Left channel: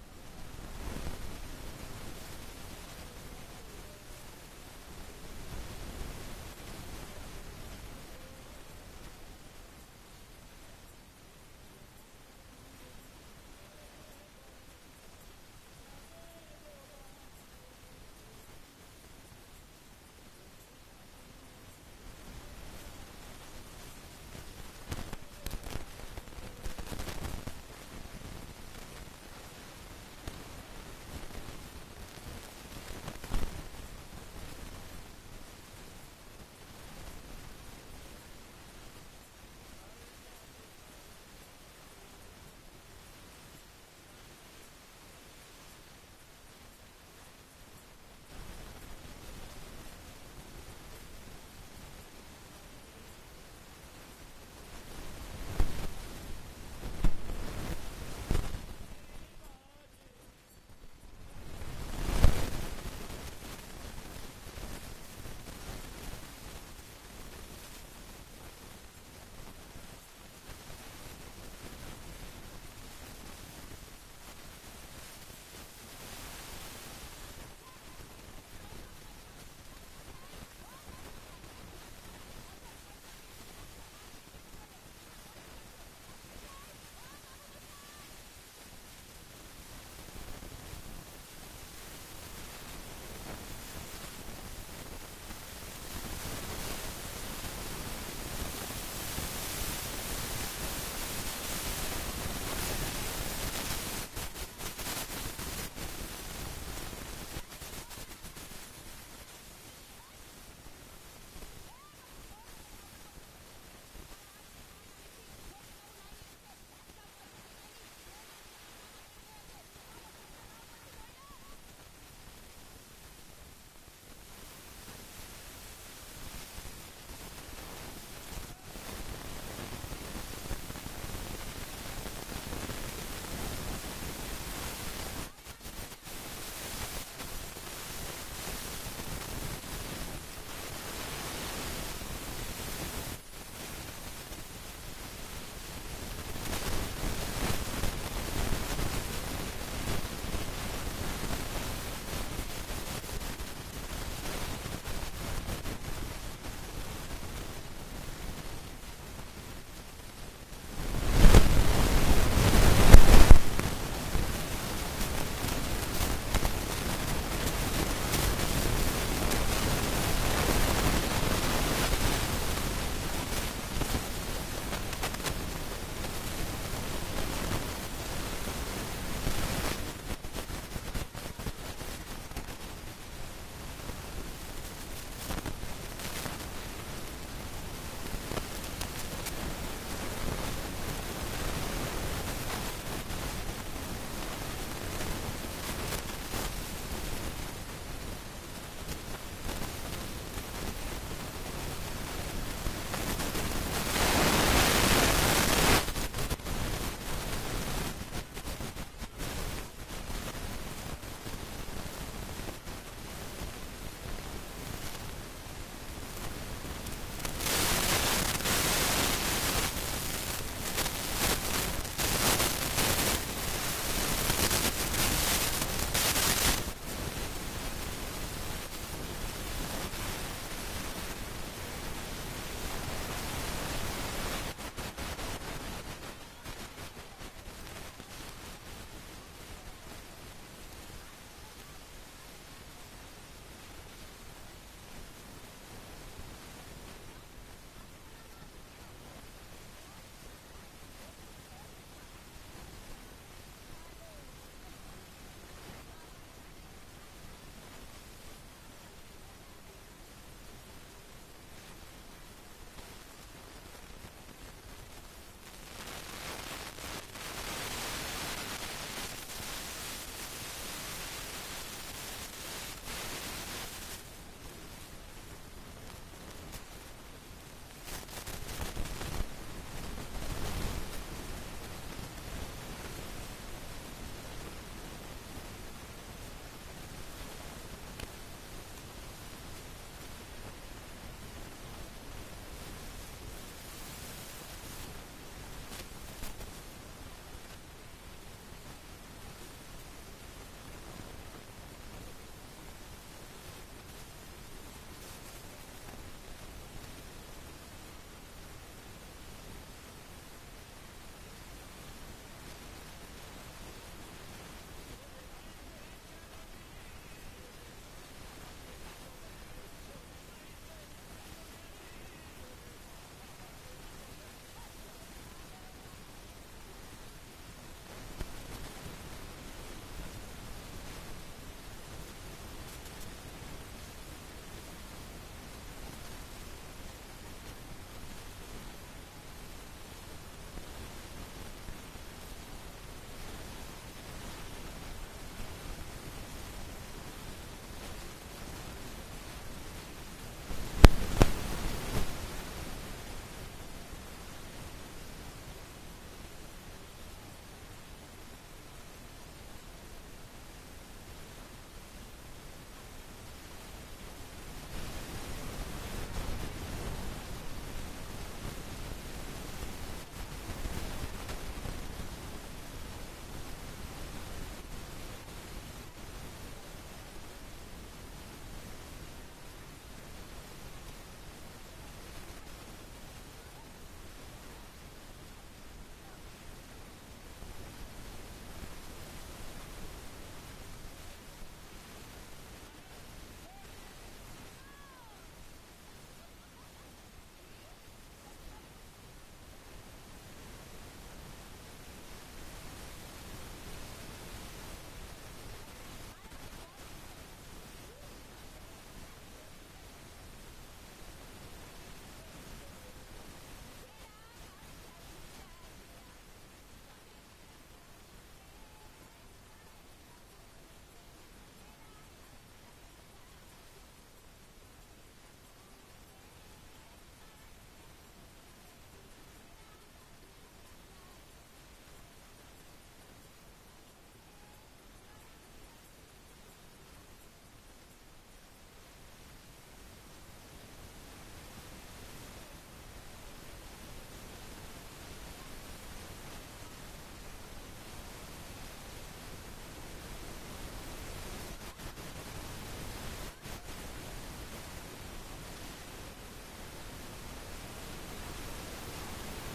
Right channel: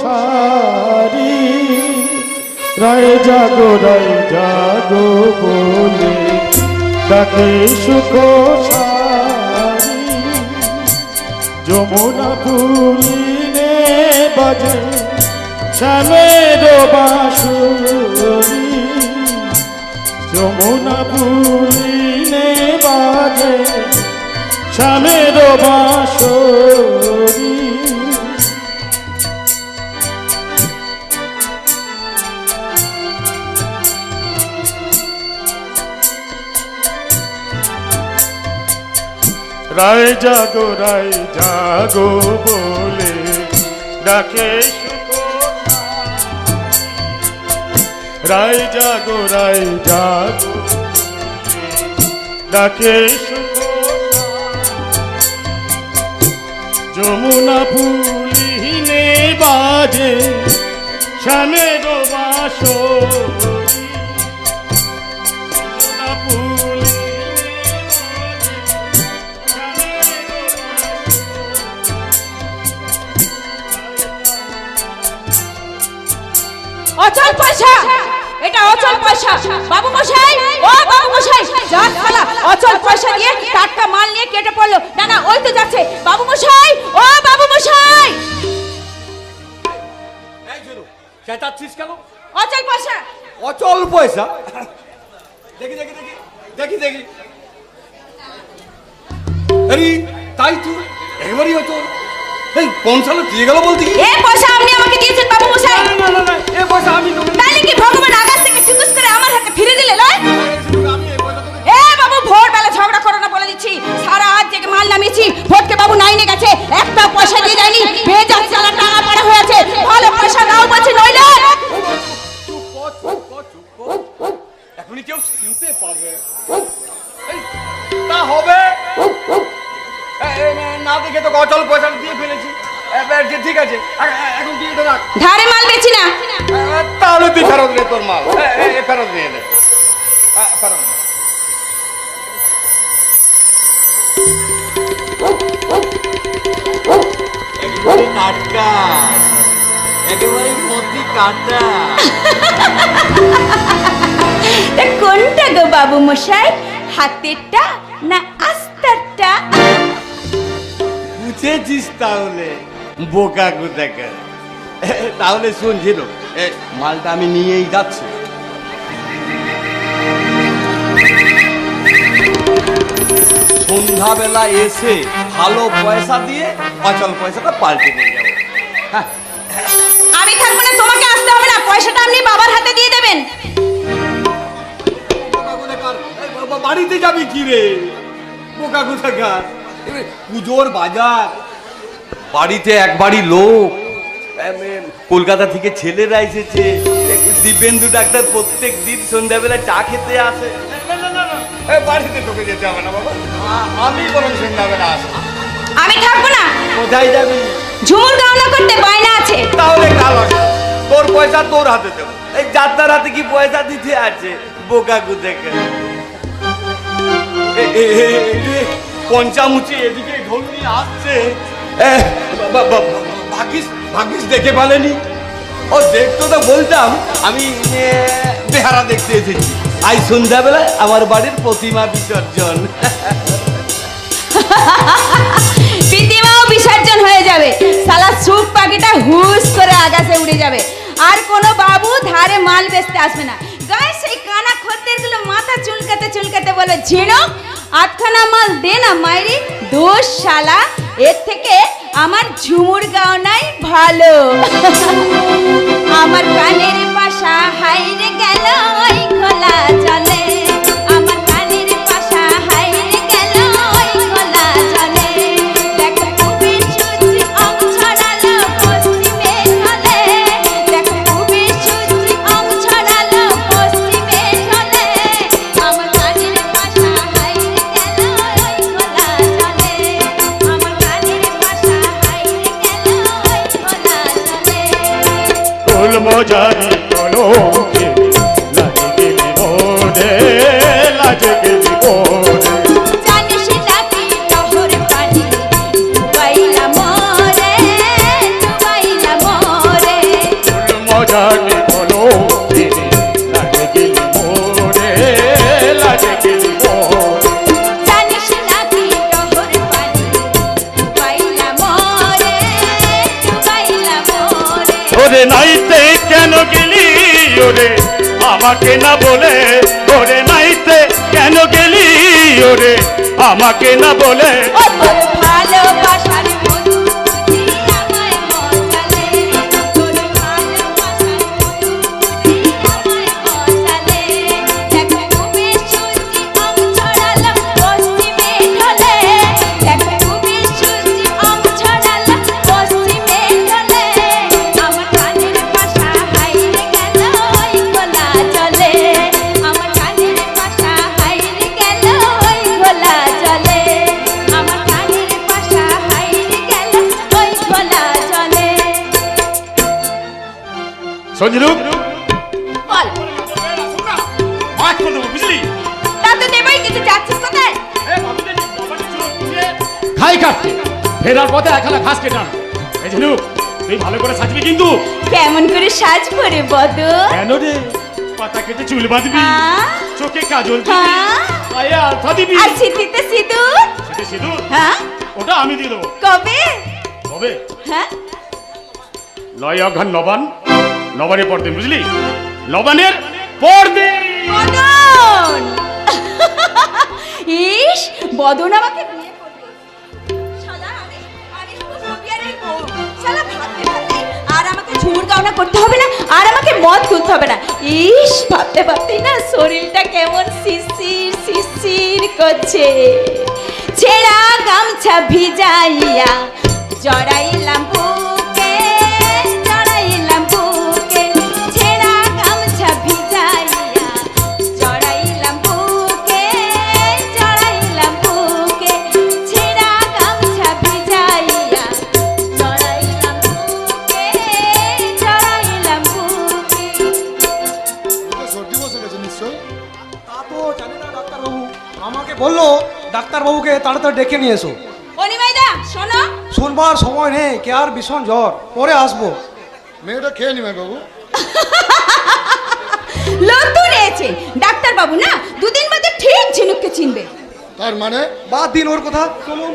সারি রায় জাগো বলে ডাকে সুখ সারি যমুনা তুলিনে বাজে শ্যামের বাঁশুরি যমুনা তুলিনে বাজে শ্যামের বাঁশুরি রায় জাগো বলে ডাকে সুখ রায় জাগো ডাকে সুখ যমুনা ফুলিনে বাজে শ্যামের বাঁশুরি অচল পয়সা, এটা অচল পয়সা। বাবু মশাই, ও বাবু মশাই, যাক শালা অচল পয়সা নিয়ে টাটকা মাল নিয়ে কেটে পড়লো। না না, ওই তো যাচ্ছে। বাবু মশাই, ও বাবু মশাই, এই জুরু চেঁচাচ্ছিস কেন? অচল পয়সা। অচল পয়সা? দেখি দেখি দেখি দেখি দেখি আরে তাই তো একেবারেই অচল। এই কোন সালে দিয়ে গেল বলতে কি? এই পয়সা আপনি আমাকে দিয়েছেন বাবু মশাই। না না না, এই পয়সা আমি তোকে তাইলে কি ভগবান আকাশ থেকে টুকুস করে আমার হাতে ফিরে দিলে লয়? আমি এই পয়সা তোকে এ বাবু, ভোরবেলা ঝগড়া করো না বলে দিচ্ছি। সারা রাত জেগে মাল নামিয়েছি, ভোটকে বাবু নাইনে গেছে, একটা পয়সা দিয়ে যায়নি। বেজাত চালা টাকা পড়া হয়ে আছে। ভালো পয়সা নাও বলছি, নইলে এখনই কেউ শুনতে পারবে তা হবে না দেখে তো অচল পয়সা দিয়ে ফেলেছি। ঠিক আছে, এখন দিয়ে তো রাখ। ধারে মাল বেচি না। তাহলে তুই ফেরত নে তোর মাল, ফেরত নিয়ে নে, ফেরত নে। একেবারে টাটকা, একেবারে মতি কাটা। কোনটা গো বাবু মশাই, হাতেরটা না আস্তারটা? বুঝেছিস তাহলে বোকা কোথাকার। তাহলে শুন ঝিনু, মালটা আমি নিয়েই যাচ্ছি। সন্ধ্যাবেলা এসে ভালো পয়সা দিয়ে অচল পয়সাটা পাল্টে নিয়ে যাবো। আমি থাকবো না, তোমাকে আসতে হবে না। পয়সাটা আপনি বাবার হাতে দিয়ে দেবেন। বাড়িতে যাবি কি রে বোকা কোথাকার? পুজোর বাজার, বাড়িতে একবারই লোক, কলকাতা থেকে ছেলেরা এসেছে। দিব্যেন্দু ডাক্তার প্রত্যেক দিন সন্ধ্যাবেলায় চা খেতে আসে। বাড়িতে তোকে যেতে হবে না বাবা, আমি বরং সন্ধ্যাবেলা আসি। আমি থাকবো না। কোথায় যাবি? ঝুমুর গাওনা করতে বায়না আছে। তাহলে কাল আসবি, তোর পয়সা তোর হাতে দেবো। এই যাত্রার হাতে কি পয়সা দিতে আছে বোকা কোথাকার? পঞ্চামুচি এদিকে ঢোল নিয়ে আসছে। ভাগিস দেখে পালেনি? ও দেখতো তো বলতাম আমি বেহারা দেখতে এসেছি। আজ সন্ধ্যাবেলায় আমার বাড়ির প্রতিমা বিসর্জন। প্রতিমাও বিসর্জন হয়ে যাবে। শালা সুখ পাখিটা হুস করে আকাশে উড়ে যাবে। আর কোনো বাবু ধারে মাল বেচতে আসবে না। গায়ে সেই কানা খদ্দেরগুলো মাথা চুলকাতে চুলকাতে বলে, ঝিনুক আটখানা মাল দে না মাইরি। দোষ শালা, এর থেকে আমার ঝুমুর গাওনাই ভালো। আমার কানের পাশা হাইরে গেল ওই খোলা জলে। আমার কানের পাশা হাইরে গেল ওই খোলা জলে। দেখো খুবই সুচি অং ছড়ালো পশ্চিমে ঢলে। দেখো খুবই সুচি অং ছড়ালো পশ্চিমে ঢলে। আমার কানের পাশা হাইরে গেল ওই খোলা জলে। আমার কানের পাশা হাইরে গেল ওই খোলা জলে। ফুল মজারি কলমকে লাগে গেলি মোরে, লাগে গেলি মোরে। জানিস নাকি লহর পানি ডুবাইলা মোরে, ডুবাইলা মোরে। ওরে নাইতে কেন গেলি ওরে আমাকে না বলে, ওরে নাইতে কেন গেলি ওরে আমাকে না বলে। ও তোর ভালোবাসার মধু বুঝি আমায় মজালে, তোর ভালোবাসার মধু বুঝি আমায় মজালে। দেখ তুমি সূর্যি আম ছড়ালাম পশ্চিমে ঢলে, দেখ তুমি সূর্যি আম ছড়ালাম পশ্চিমে ঢলে। আমার কানের পাশা হাইরে গেল ওই খোলা জলে, আমার কানের পাশা হাইরে গেল ওই খোলা জলে, আমার কানের পাশা হাইরে গেল ওই খোলা জলে। সঞ্জিরু বল, মাছ করে দেবো বুঝলি। তা তো দেবই, কিন্তু যাচ্ছিস কোথায়? খাই কাটতে ফেরার পথে একখানা ঘাস কেটে আন। এই ঝিনুক তুই ভালো করে সাজবি কিন্তু। কেমন করে সাজবো রে বদর? কেন রে? পাতা কেটে চুল বাঁধবি, হ্যাঁ? চোখে কাজল দিবি, হ্যাঁ? পায়ে আলতা দিবি। আর সিঁথিতে সিঁদুর? সেটা সিঁদুর হ্যাঁ? ওটা আমি দিয়ে দেবো। কবে? তবে হ্যাঁ? 9 অঘ্রান নবান, নবানের পরদিন বুঝলি, নবানের পরদিন। বদন! ইস, বদন আমাকে বিয়ে করবে। শালা, আমি শুধু সবিয়ারের বউ। শালা ভাবতে ভাবতে আর আমাকে ঝুমুর গাওনা করতে হবে না, আর আমাকে মদ তুলতে হবে না। ইস, ভাবতে ভাবতেই না শরীরটা কেমন শিরশির শিরশির করছে। ছেঁড়া গামছা ভিজাইয়া জড়াইলাম বুকে, জড়াইলাম বুকে। ছেঁড়া গামছা ভিজাইয়া জড়াইলাম বুকে, জড়াইলাম বুকে। ছেঁড়া গামছা ভিজাইয়া জড়াইলাম বুকে, জড়াইলাম বুকে। সর্দি বসে গেছে নিশ্চয়। তা তো জানি না ডাক্তারবাবু, আমাকে বললো ডাক্তারবাবুকে তাড়াতাড়ি ডেকে নিয়ে এসো। অনিমাইদা শোনো, শুনবার সময় নেই, কে আর ভীষণ জ্বর, পরে আসবো। মেয়েটা খেয়ে নিবে বাবু। নতুন এসে ডাক্তার বাবু না দুদিন বাদে ঠিক ঝিনুককে চিনবে। তার মানে বাদ দিন ওর কথা, চলুন।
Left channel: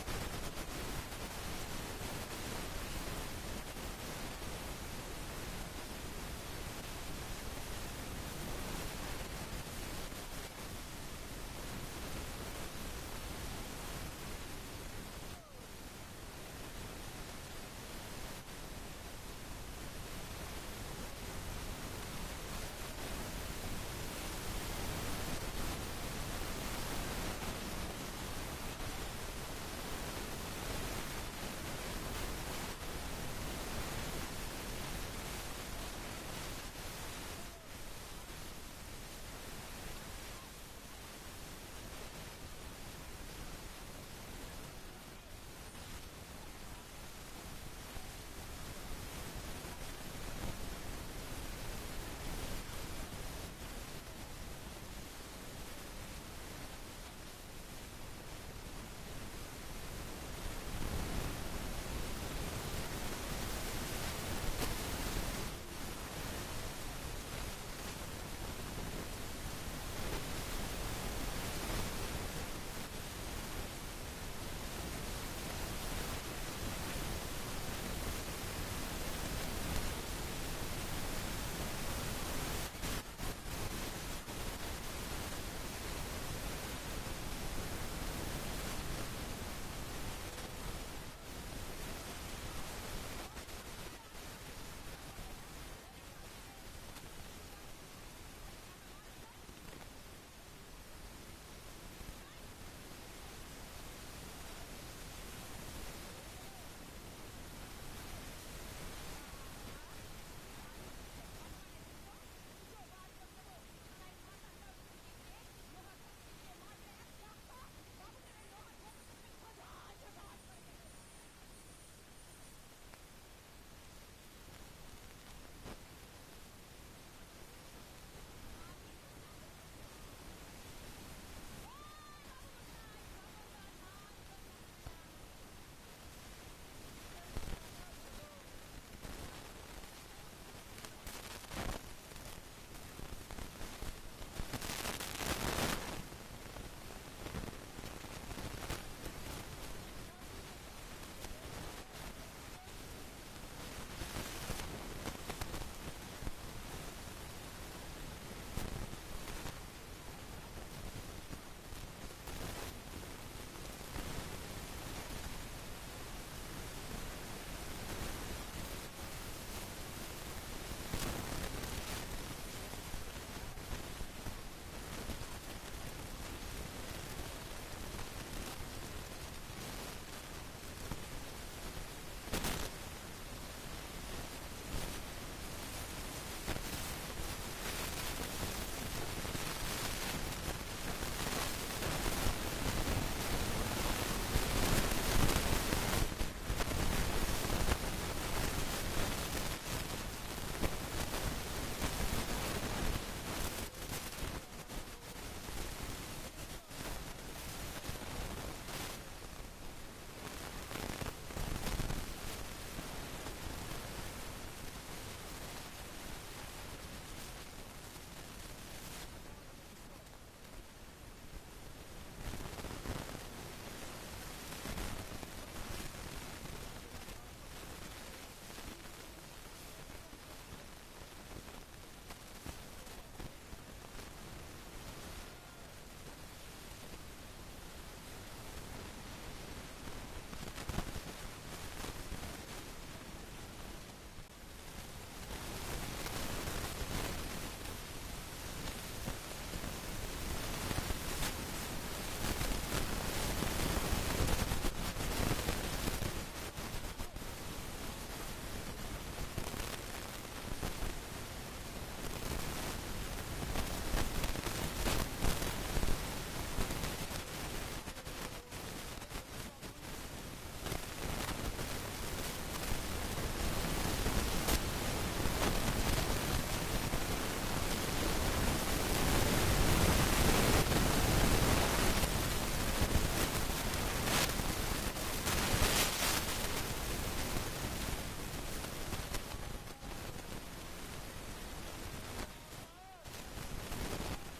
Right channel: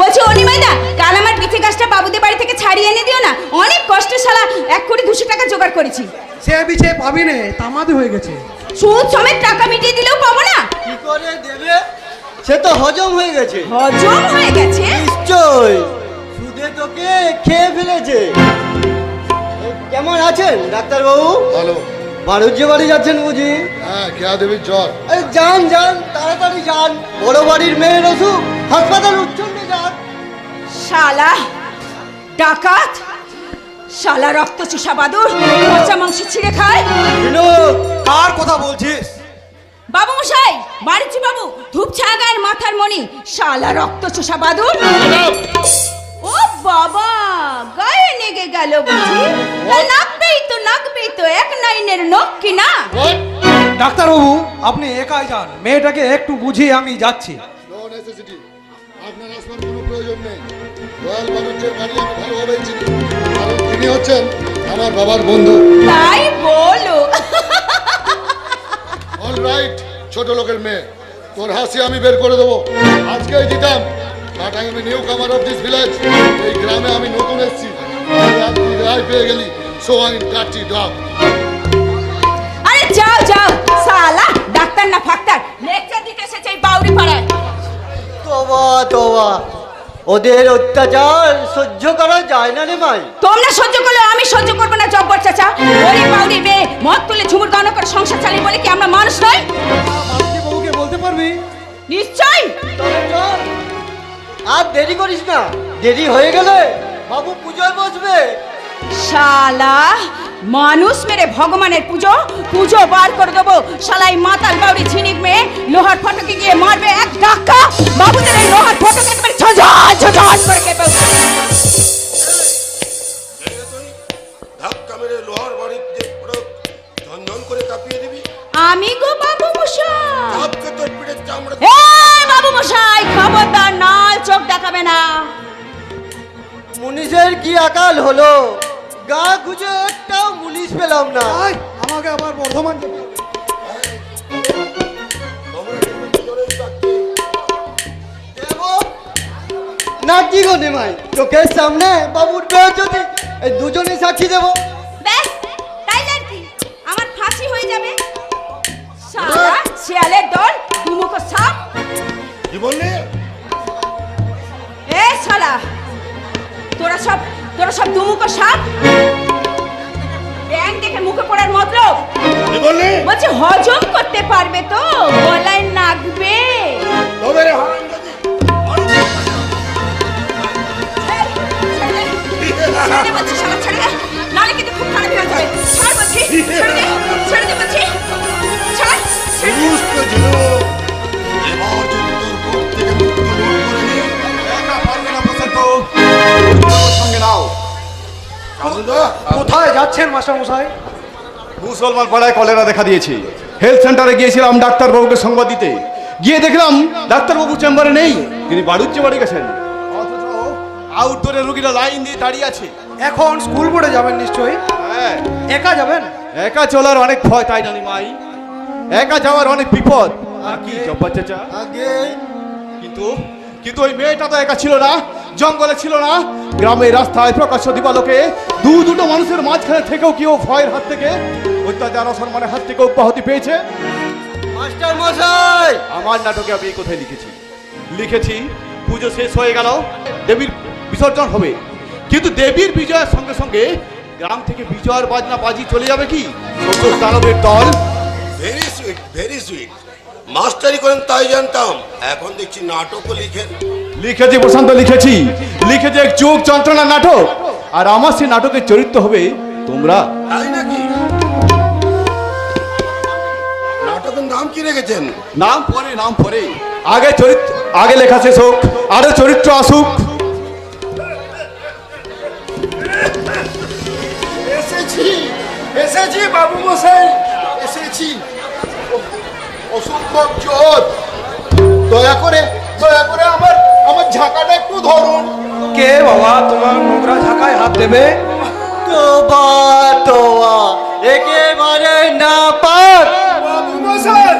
বলছি অনিমাইদা, কাল আমার পিঠে গাছটা বাবুদের বাড়ি থেকে ছাড়িয়ে এনে দিও না, অনেক কষ্টে শালা 1,200 টাকা জোগাড় করেছি। সে বিছে পাবি নে, তামাদি হয়ে গেছে। সুদ সমেত টাকা মিটিয়ে দিলেও পাবো না। কি করে দেবে? সে তো হজম হয়ে গেছে। হজম হয়ে গেছে? নিশ্চয়, সুদে তোকে খেয়ে ফেলেছে। কেমন আছেন ডাক্তারবাবু? ভালো। বাণিজ্য বাড়ি যাচ্ছেন বুঝি? হ্যাঁ, কেয়া দেবীর জ্বর। আরে যান যান, তাড়াতাড়ি যান। বড় বাড়ির মেয়ের অসুখ, হাসপাতাল উচ্ছন্নে যান। শালা ডাকাত, শালা রক্ত চুষা বাদুর, পচা মাংস ছিঁড়ে খায়। বিনোদ, কার কথা বলছিস? বাবু মশাই, বাড়িছি বাবু, ধূপ ছাগার মাথার মণি, শালা রক্ত চোষা বাদুর। ও বাবা, গায়ে নেগে গেল বুঝি? নাকবেই তো এক নাইনের নখ কি না? ডাক্তারবাবু, আপনি একাই যান, মেয়েটাকে একটু বুঝিয়ে আমি যাচ্ছি। No necessity. আপনার আসবার কোনো প্রয়োজন নেই। রয়্যাল বাণিজ্যের বাড়ি আমি ভালোভাবেই চিনি, কারণ তিনি হচ্ছেন আমার বাবার বন্ধু। তাই বলো। অল রাইট, ছোট লোকের মেয়ে, তোর হাসি আমি বের করে দেবো। আজকেই দিতাম, বাট আই এম নিউ কামার অফ দিস ভিলেজ। এই গ্রামে আমি নতুন এসেছি। তুই রায় পেয়ে গেলি, so I cut it off. আরে যাও যাও, শালা ডাক্তার না ফাক্তার, লেকচার দিতে এসেছে এই বাউরি পাড়ায়। তোবা তোবা, ওদের অত্যাচার সহ্য করা যায় না রে ভাই। তোমরা সহ্য করলে আমি সহ্য করবো না জব্বর চাচা। ওরে বাউরি বে, মদ তুলে ঝুমুর গানো করে সংসার চালিয়ে বলে কি আমরা মানুষ নই? বাবুকে বলতে পারবি? নিশ্চয়। তবে চল, আর দেরি করিস না, দেরি হয়ে গেলে বাবু পুজোয় বসবে। শালা মানুষ মেরে ভগবানের পুজো পুজো বার করে দেবো। শালাই মাতাল বাউরি ঝিনিক মেয়ে লোহার ফটকে গিয়ে মারবে এক ধাক্কা, বাবুদের এই লোহার ফটকে একেবারে ঝঝাঝ ঝঝাঝ করে কেঁপে উঠবে। ধাক্কা মেরে লোহার বাড়িতে পুরো ঝনঝন করে কাঁপিয়ে দিবি। আমি গো বাবু মশাই। ধাপকে তোর পিঠের চামড়া। এই বাবু মশাই, খবরদার নাল চোখ দেখাবে না। মুনিশের কি আকাল হলো, গা খুঁজে একটাও মুনিশ পেলাম না। আয়, আমাকে আবার বর্ধমান যেতে হবে। না কি গো নিমাই, চোখের সামনে বাবুর বেহজতি এই দুজনেই সাক্ষী দেবো। ব্যাস তাই আর কি, আমার ফাঁসি হয়ে যাবে। শালা শিয়ালের দল, দুমুখো সাপ। কি বললি? এ শালা, তোরা সব দুমুখো সাপ। ব্যাং দেখে মুখে পড়ার মতলব, কি বললি? বলছি হজম করতে পারবে তো, গলায় নাগবে। তবে রে হারামজাদি। ছেড়ে দে বলছি, শালা ছেড়ে দে, নাহলে কিন্তু খুব খারাপ হয়ে যাবে। ছাড় বলছি, ছেড়ে দে বলছি, ছাড়। সমস্ত ছিল এবার যদি তোর কোপ থেকে মুক্ত বোধ করে নি, একা পারবে না বসন্ত, সঙ্গে নাও। কোথায় যাচ্ছেন মাস্টার মশাই? মুসলমান পাড়ায় কলেরা দেখা দিয়েছে। হেলথ সেন্টারে গিয়েছিলাম ডাক্তারবাবুকে সংবাদ দিতে, গিয়ে দেখলাম ডাক্তারবাবু চেম্বারে নেই, তিনি বাড়ুচ্ছে বাড়ি গেছেন। অথচ আউটডোরে রুগীরা লাইন দিয়ে দাঁড়িয়ে আছে। এখন স্কুল বোর্ডে যাবেন নিশ্চয়ই। হ্যাঁ, একা যাবেন? একা চলার অনেক ভয়, তাই জানি মাই, একা যাওয়ার অনেক বিপদ। আর কি জব্বার চাচা, আগে কিন্তু কিন্তু ওই মেয়েটা তো একা ছিল না, জঙ্গলে ছিল না, গ্রামের রাস্তায় প্রকাশ্য দিবালোকে দুটো মানুষের মাঝখানে থেকেও কি ও ভয়ের হাত থেকে, অত্যাচার অসম্মানের হাত থেকে অব্যাহতি পেয়েছে? মাস্টার মশাই, আমার নাটকে আমি এই কথাই লিখেছি পুজো শেষ হয়ে গেল, দেবীর বিসর্জন হবে, কিন্তু দেবীর বিজয়ের সঙ্গে সঙ্গে গ্রাম থেকে বিজয়ের বাজনা বাজি চলে যাবে কি ছোট দানবের দল। Very sweet, very sweet. মাস্টারি করেন তাই জানতাম, এখন দেখছি নাটকও লিখেন। লিখেছি প্রশান্ত, লিখেছি এক যুগ যন্ত্রণা নাটক, আর আমার সেই নাটকের চরিত্র হবে তোমরা। তাই নাকি? নাটকের নাম কি রেখেছেন? নাম পরে আগে লেখা শেষ হোক, আরো চরিত্র আসুক। এসেছি বাবু মশাই, এসেছি। অসম্ভব চোর, দয়া করে আমার ঝাঁকাটা একটু ধরুন। কে বাবা তোমার নোংরা ঝাঁকায় হাত দেবে? তোবা একেবারে না পাক। বাবু মশাই,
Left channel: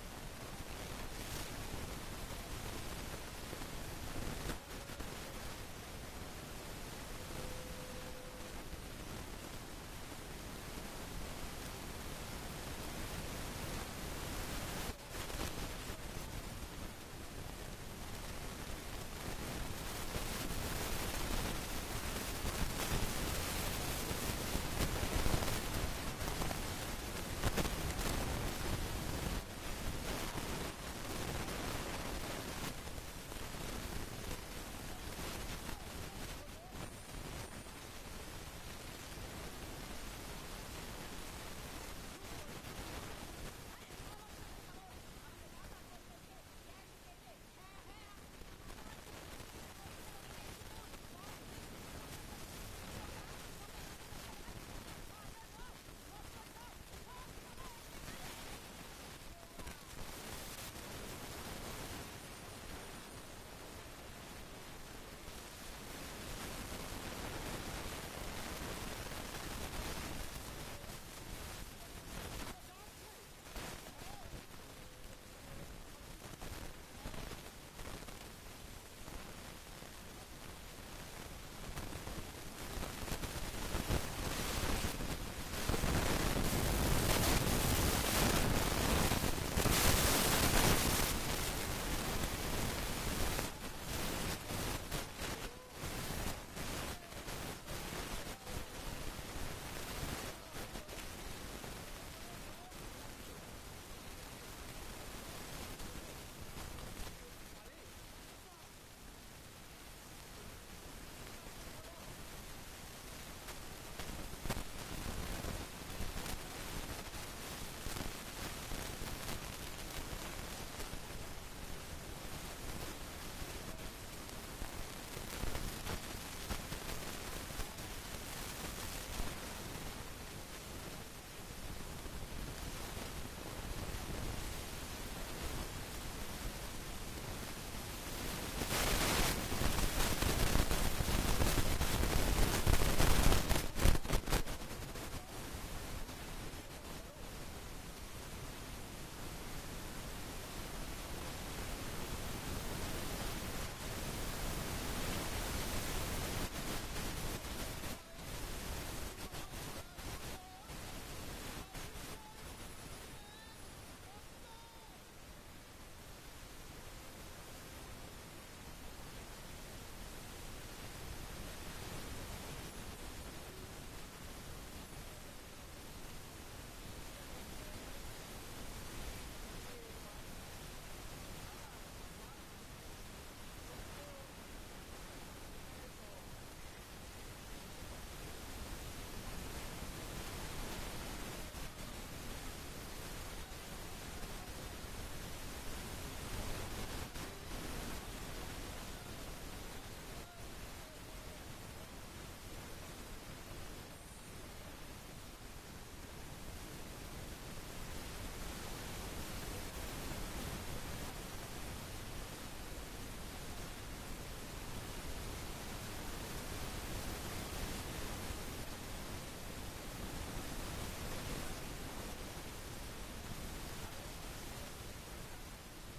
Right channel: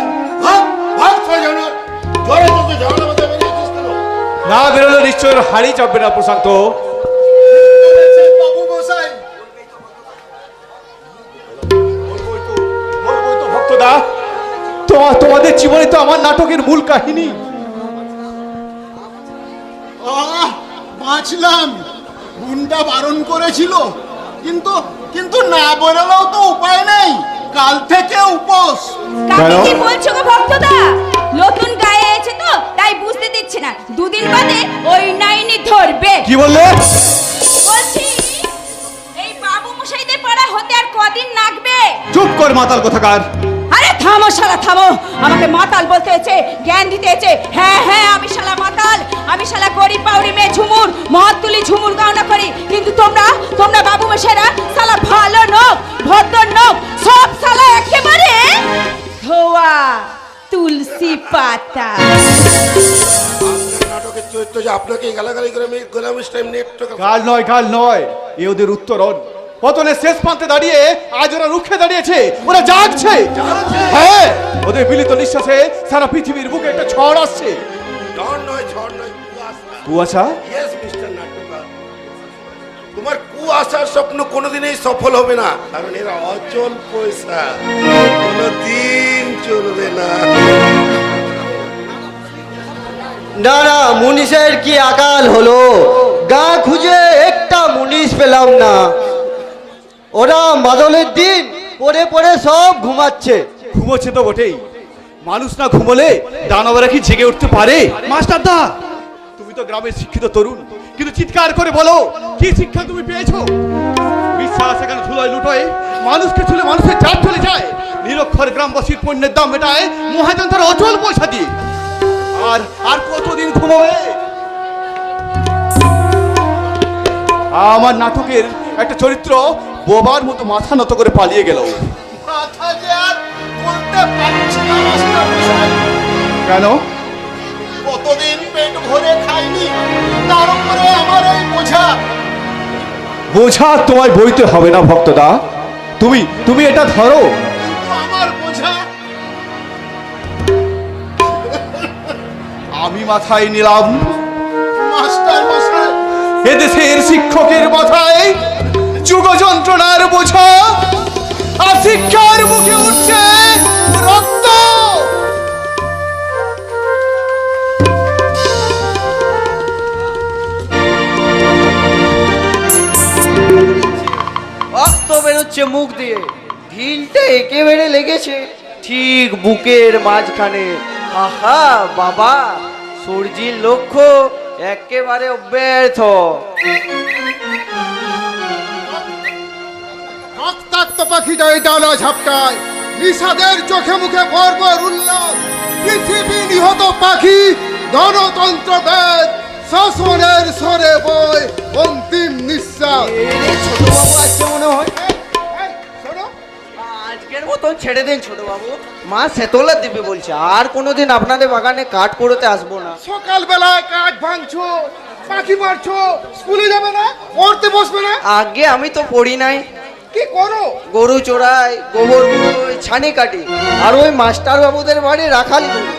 ভাগ সাজানো জোরে তোকে ঝামেলা মধ্যে বেরিয়েছিস কেন? না বেরোলে নিশ্চয় হাড়ি চাপবে না প্রশান্ত। বাবু মশাই, বলবোই তো ভক্তদা, তোমাদের জীবনে তো আমার নাটকের মূল কাহিনী। বাঁচলাম, গুন্ডা বারণ করেছিল, কিন্তু না বেরোলেও তো উপায় নেই, কাল থেকে উপোস। কাকে কি বলছো গো ভক্তদা? নতুন গায়ে এসেছে তো তাই বুঝতে দিচ্ছে না, দুদিন বাদে ওই নাইনি ধরবে। কি বললে? বলছি এই বাবু মশাইদের পাড়া হতে আর কদিন লাগবে? চুপ কর মাতাল কোথাকার। আরে থামো শালা থামো, আমাকে মাতাল বলতে হয়েছে, জ্ঞান দিতে হয়েছে। হ্যাঁ আমি শালা মাতাল, আমি শালা গরিব পাউরি মেয়ে ঝুমুর, মদ তুলি ঝুমুর গাওনা করি, কিন্তু তোমরা বাবু মশাইরা শালা ভালো নোক, ভদ্র নোক, সব শালা একেবারে ধোয়া তুলসী পাতা। আপনার নাটকের চরিত্র যে আপনাকে গালাগালি করে আমি গোলামিস টাইম নেট কাল নয়, এ ওদের উত্তরণ। পতনের শেষ প্রান্তে দাঁড়িয়ে আজ ওরা রুখে দাঁড়িয়েছে, ওরা জাগছে। হ্যাঁ, ওদের মিলিত নিঃশ্বাসে সারা পৃথিবীর বুকে একটা ঝড় আসছে। ঝড় নয়, কুয়াশা। ইয়েস মিস্টার নাট্যকার, তোমার কুয়াশার স্বপ্ন কোনোদিনই সফল হবে না, কারণ এরা অচল পয়সা, কোনোদিন চলবে না। না মুনিশের কি আকাল হলো, গা খুঁজে একটা মুনিশ পেলাম না। ওরা মাদলের দিন পড়ে সব ঘুমাচ্ছে। ঘুমোচ্ছে তো বটেই, মানুষ না ঘুমোলে দানবরা কি জেগে উঠতে পারে? মাস্টারদা, তুমি তো গ্রামের শিক্ষিত তরুণ, কিন্তু চিৎকার করে বলো, কি শিক্ষা তুমি পেয়েছো? বিশ্বাস এখানে ধুলোয় লুটোয়, মানুষকে ছুলে মানুষের জাত চলে যায়, নিরক্ষর গ্রামবাসীর পণ্যের দাম মেটায় মহাজন তার অচল পয়সা দিয়ে। আর কতদিন ঘুমোবে? আমার নাটকের একটা চরিত্র বোবার মতো মাথা নত করে পালিয়ে গেল। মাথা যে আর বলতে পারছি না মাস্টার মশাই। কেন? কতদিন পেট ভরে খাইনি, তার উপরে আমার এই বোঝা। বোঝা তোমায় বইতে হবে না ভক্তদা, তুমি এটা ধরো। আমার বোঝা আমি মাথায় নিলাম, মাস্টার মশাই। এদেশের শিক্ষকের মাথায় শিক্ষার মুখে উঠছে রক্ত। রক্ত বেরোচ্ছে মুখ দিয়ে, ঢিলটা একেবারে লেগেছে ঠিক বুকের মাঝখানে। আহা বাবা, সূর্যির লক্ষ্য একেবারে ব্যর্থ। রক্তাক্ত পাখিটাই ডানা ঝাপটায়, নিষাদের চোখে মুখে বর্বর উল্লাস। পৃথিবী নিহত পাখি, গণতন্ত্র বেদ, শাসনের স্বরে বয় অন্তিম নিঃশ্বাস। ছোট বাবু আজকে মনে হয় শোনো, আজকের মতন ছেড়ে দিন ছোট বাবু। মা সেতলা দিবে বলছে, আর কোনোদিন আপনাদের বাগানে কাঠ করতে আসবো না। সকালবেলায় কাঠ ভাঙছো, পাখি মারছো, স্কুলে যাবে না, পড়তে বসবে না, আগে আমি তো পড়ি নাই। কি করো? গরু চড়াই, গোবর গুঁড়োই, ছানি কাটি, আর ওই মাস্টার বাবুদের বাড়ি রাখালি করি।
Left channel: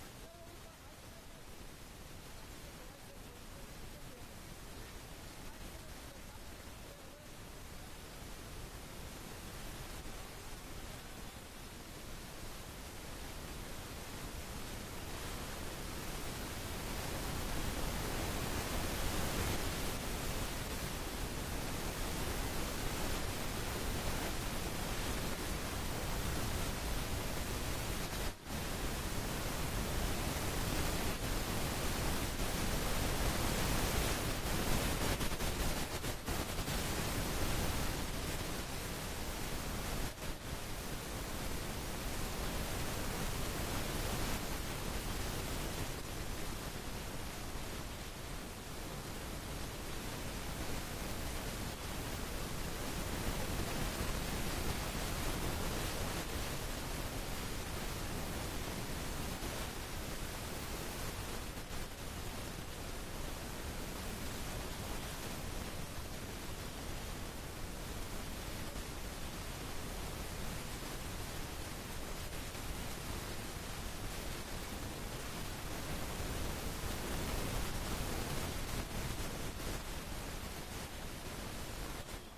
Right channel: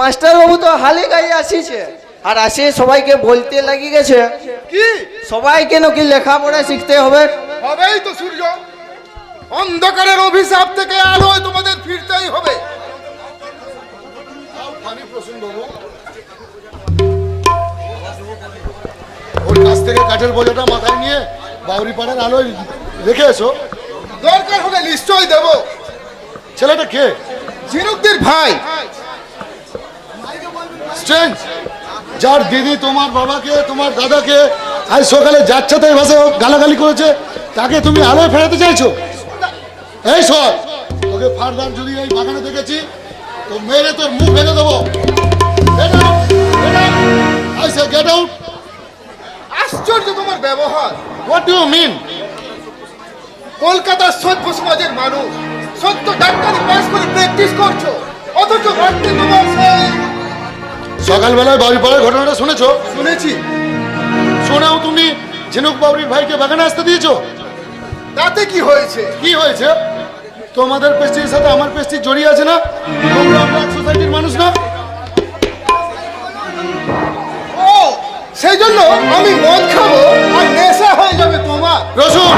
মাস্টার বাবু তো হালে গায়ে আসিছে, আর আসে সবাইকে বলতে লাগি গেছে কি সবাইকে নাকি লেখাপড়া শিখতে হবে। হবেই তো সূর্য, অন্ধকারের অভিশাপ থেকে আলোয় তোমাদের ফিরতেই হবে। ওর কাছ থেকে কাঠের বোঝাটা মাথায় নিয়ে বাউরি পাড়ার আলোয় রেখে এসো। দরকার হলে নিশ্চয়ই দেব। ছেলেটা কে? ঝিনুকদের ভাই। স্ট্রেঞ্জ, যার দিদি তোমার বাবাকে, তোমার দাদাকে আজ সকালে যাচ্ছাতে এই ভাষায় গালাগালি করেছে, তাকে তুমি আলোয় ফেরাতে চাইছো? এই সর, তোকে ফারদার যদি এই বাগানে দেখেছি তো মেরে তোর মুখ ভেঙে দেবো। Get out! Get out! I say get out! আশ্চর্য তোমার ব্যবহার। What do you mean? কলকাতার সভ্য সমাজের মানুষ, সত্য ডাক্তারি পাস করে প্র্যাকটিস করছো, অথচ রাত্রে তোমার সেই সকালবেলায় বাড়িপাড়ার ঘটনাটা শুনেছো? শুনেছি। শোনাও তুমি ঝিনুক বাবুরির ভাইকে বাগানে আসতে দিয়েছো? তাতে কি হয়েছে? কি হয়েছে? তোমাদের পেস্টির সাথে আমার পেস্টি জড়িয়ে আছে না? তোমরা ব্ল্যাক সোসাইটির মানুষ না? ও, সেই জন্য আমি মদ খাবো আর নেশা হয়ে যাবে তোমার। রসুন,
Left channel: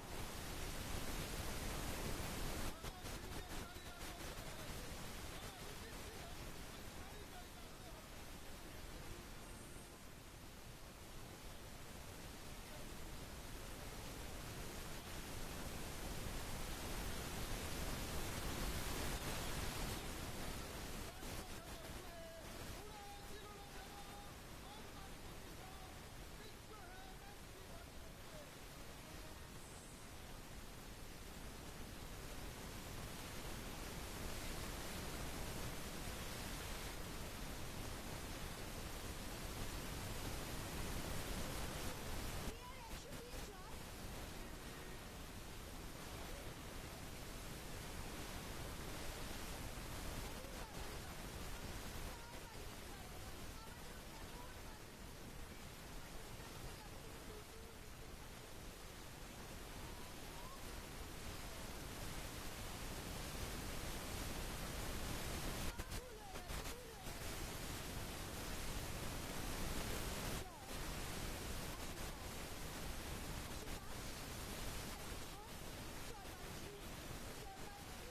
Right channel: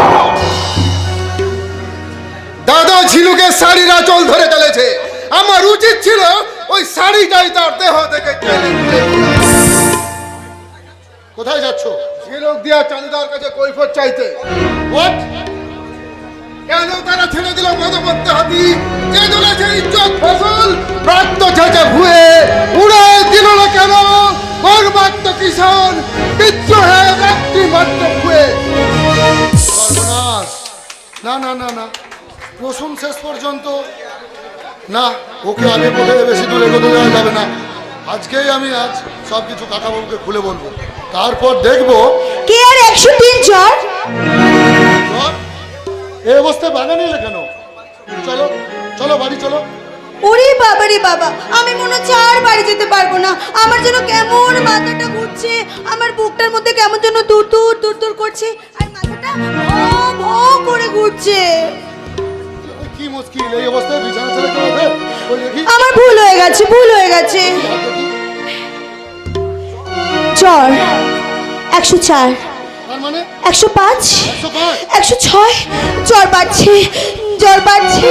দাদা ঝিনুকের শাড়ির আঁচল ধরে চলেছে, আমার উচিত ছিল ওই শাড়িটাই তার দেহ থেকে টেনে তুলে নিয়ে আসা। কোথায় যাচ্ছ? ঝিনুক দিয়া চাঁদিদার কাছে কৈফত চাইতে। হোয়াট? কেন তারা ছেড়ে দিল মদমত্ত হাতি, যে দলেছে ইজ্জত ফসল, রক্ত ছেঁচে ভুয়ে উড়ে দিল না কেন গর্বাক্ত কিষান, বিদ্রোহে ব্যক্তি মাত্র ভুয়ে। সর্বনাশ! না না না না, রসুন শেষ পর্যন্ত না, ওকে আগে বলে বেশি দূরে এগোতে দেওয়া যাবে না। আজকেই আমি সব কিছু কাকাবাবুকে খুলে বলবো, তারপর দেখবো কে আর 103 জ্বর। এই অবস্থায় বাগানে এলে কেন? চলো চলো বাড়ি চলো। ওরে বাবা রে বাবা, আমি মনে হচ্ছে আর বাড়ি যেতে পারবো না। আমার যেন কেমন মাথাটা ঘুরছে, আমার বুকটার মধ্যে কেমন যেন দূর দূর দূর দূর করছে, আর মাথাটা ভো ভো করে ঘুরছে। কি মুশকিল, এই অবস্থায় বিছানা ছেড়ে চলে? ওই দেখি আমার ভুল হয়ে গেছে, ভুল হয়ে গেছে। জ্বর 104, তার মানে 105, 105, 106, জ্বর বাড়ছে, জ্বর বাড়ছে,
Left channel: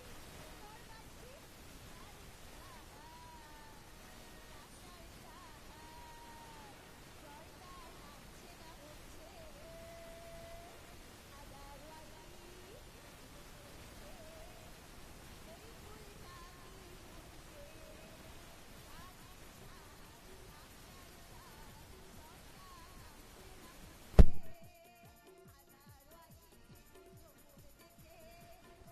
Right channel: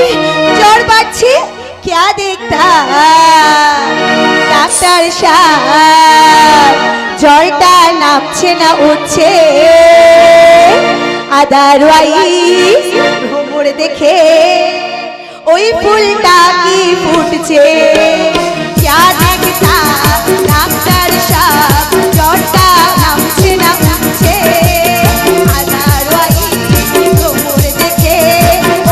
জ্বর বাড়ছে। क्या देखता ডাক্তার সাহেব, জ্বরটা নামছে না উঠছে, আদারওয়াইজ ভ্রমর দেখে ওই ফুলটা কি ফুটছে। क्या देखता ডাক্তার সাহেব, জ্বরটা নামছে না উঠছে, আদারওয়াইজ ভ্রমর দেখে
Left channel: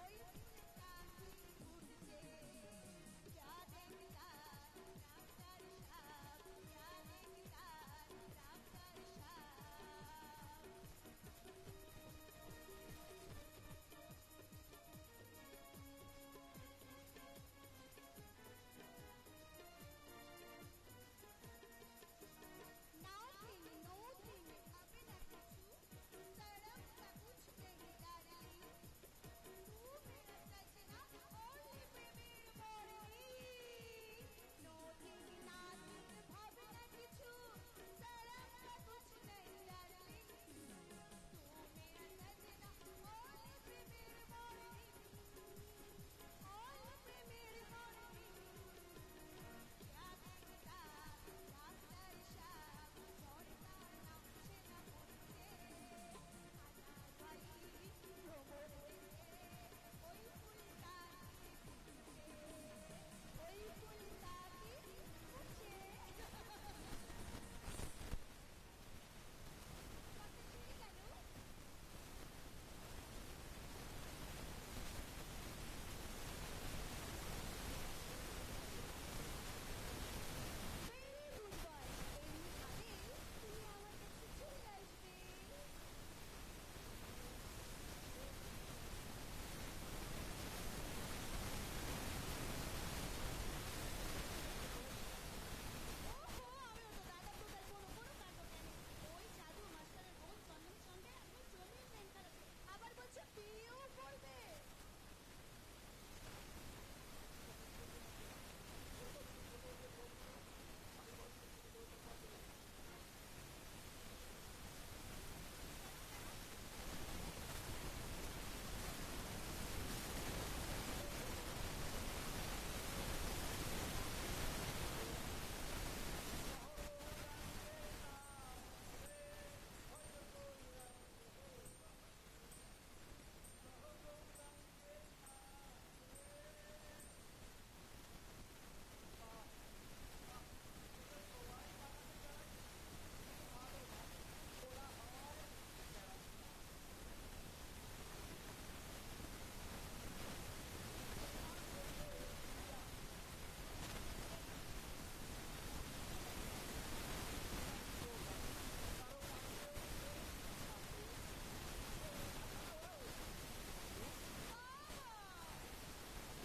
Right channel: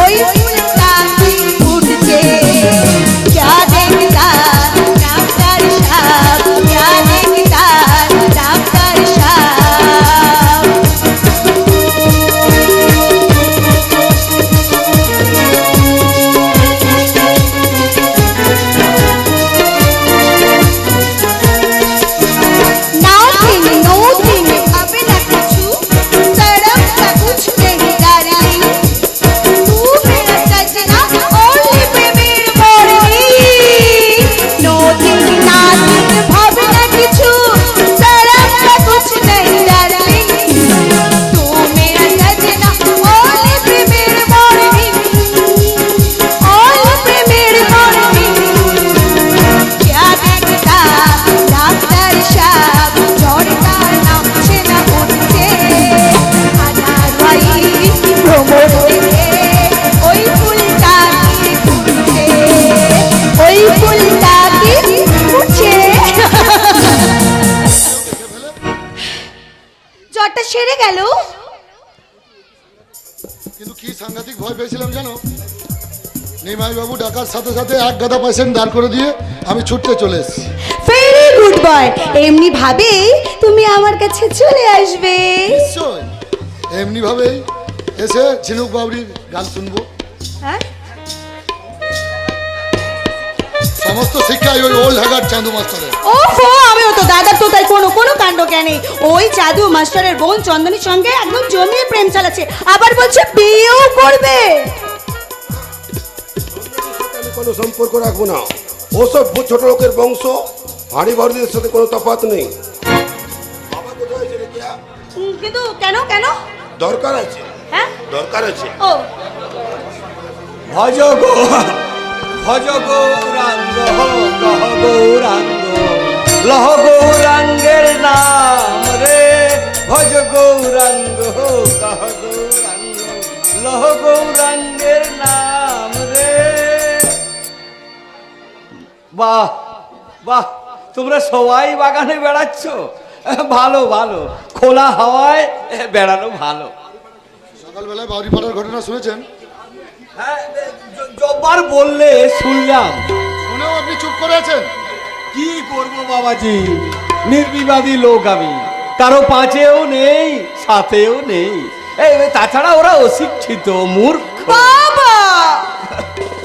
ওই ফুলটা কি ফুটছে। क्या देखता ডাক্তার সাহেব, क्या देखता ডাক্তার সাহেব। সেরে গেল। কিন্তু কি সাংঘাতিক ভয় পেয়েছিলাম জানো, নিমাই বাবু ডাকার সাথে সাথে এক গাদা পেশেন্ট দাঁড় করে দিয়ে আমি ছুটতে চলে এসেছি। ভেরি গুড বয়, এমনি ভাবে তুমি আমার কাছে চলে আসবে। নিশ্চয় এমনি ভাবেই এসে ঝিনুক বাবরির গান শুনবো। হ্যাঁ, সমস্ত শিক্ষাই ওই ওল্ড হ্যাগার চাঁদু মাস্টারের। ওহো, আমিও তো দাদার তো তাই কোনো কাণ্ড জ্ঞানে ওই জাদু মাস্টারের বোন চন্দনীর সঙ্গে একদম জমিয়ে প্রেম চালাচ্ছে, আবার বলছে বিয়েও করবে। আমি কোনো সম্পর্ক রাখবো না, ওসব ছোট লোকের বংশ, হাড়ি বাড়িদের সাথে কোনো তফাৎ নেই। বাবা কোথায় আছে রে কিয়া? কিন্তু কেন কেন? দরকার আছে, হ্যাঁ, দরকার আছে। ও ভজ গৌরাঙ্গ কহ গৌরাঙ্গ, লহ গৌরাঙ্গের নাম রে, ভজ গৌরাঙ্গ কহ গৌরাঙ্গ, লহ গৌরাঙ্গের নাম রে। বাহ বাহ, তোমরা সবাই বাগানে বেড়াচ্ছ, ভালো ভালো, খোলা হাওয়ায় বেড়ানো ভালো। সকালবেলায় বাউরি পাড়ার ঘটনা শুনেছেন? হ্যাঁ, যবার বললে শুনলাম। শুনেও আপনি চুপ করে আছেন? কি করব বাবাজি, নির্বিবাদী লোক আমি, কারো পাঁচেও নেই সাথেও নেই। এই তাছাড়া ওরা অশিক্ষিত মূর্খ। বাবা,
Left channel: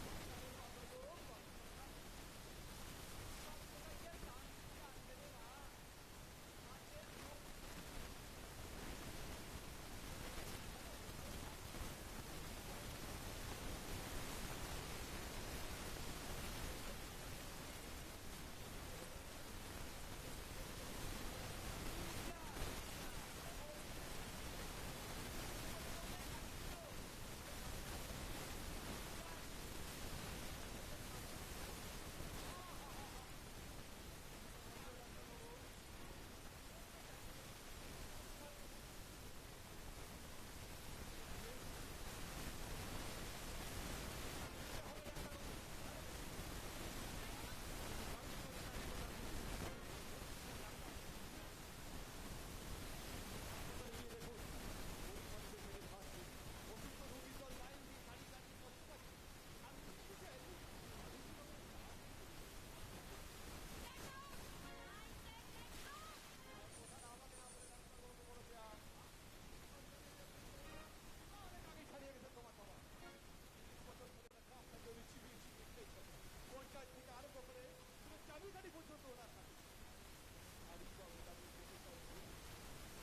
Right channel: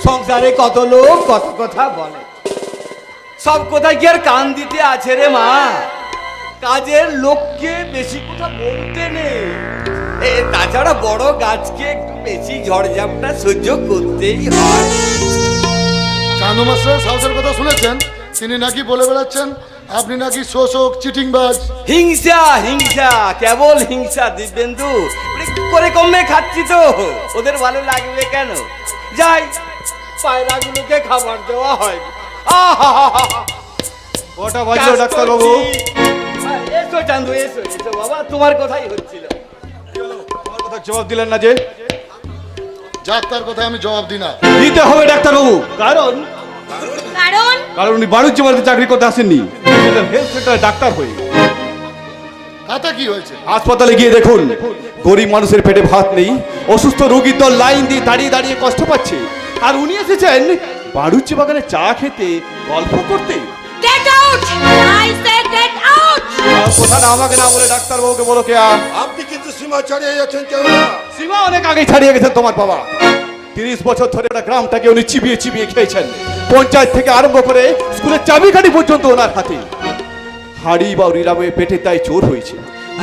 সংসারে কত লোক কত কথা বলে, সব কথায় কি আর কান দিতে আছে রে মা? কাজের লোককে বেশি কথা বলতে নেই। তাছাড়া বড় গাছকে একটু বেশি ঝড়ঝাপটা সহ্য করতেই হয়। চাঁদু মাস্টারের সাহসের কথা শুনেছেন? তিনি নাকি বলে বেড়াচ্ছেন আপনি নাকি শোষক, চিটিংবাজ। হিংসা হিংসা, কেবল হিংসা দিব্যেন্দু। করে কমে খাচ্ছি তো, ওদের ভালো লাগবে কেন? যাই, পায়রাগুলোকে খাবার দেওয়া হয়। কটা বাজলো ডাক্তার বাবু? এসো চান্দু, এসো এসো বাবা, তোমার কথাই হচ্ছিল। আমার কথা জবাব দিলেন না যে? যাক, তার কথা আমি জবাব দিই না। দিতে হবে ডাক্তার বাবু, কারণ কারণ কারণ উনি বাণিজ্য বাড়িতে চাকরি করতে আসেননি, হেলথ সেন্টারে ডাক্তার হয়ে। তাতে কি হয়েছে? হাসপাতালে গিয়ে দেখুন, গরিব মানুষের পেটে ভাত নেই, অসুস্থ রোগীর দল লাইন দিয়ে দাঁড়িয়ে দাঁড়িয়ে কষ্ট পাচ্ছে, আর উনি এসেছেন বাড়ুজ্য বাগানে চা খেতে, গল্প করতে। Get out, I say get out. কথা না আমাকে না বলে ডাক্তার বাবুকে বলো কে? আপনি কিন্তু সীমা ছাড়িয়ে যাচ্ছেন কেন না? সীমা অনেক আগে ছাড়িয়ে গেছেন তোমার বাবা। 30 বছর ধরে একটা গ্রামটাকে উনি চিবিয়ে চিবিয়ে খেয়েছেন, পঞ্চায়েত থেকে আরম্ভ করে স্কুলের চাবিকাঠি পর্যন্ত ওনার হাতে। হাড়ি বাউরি রামে পেটে তাই চোর হয়েছে,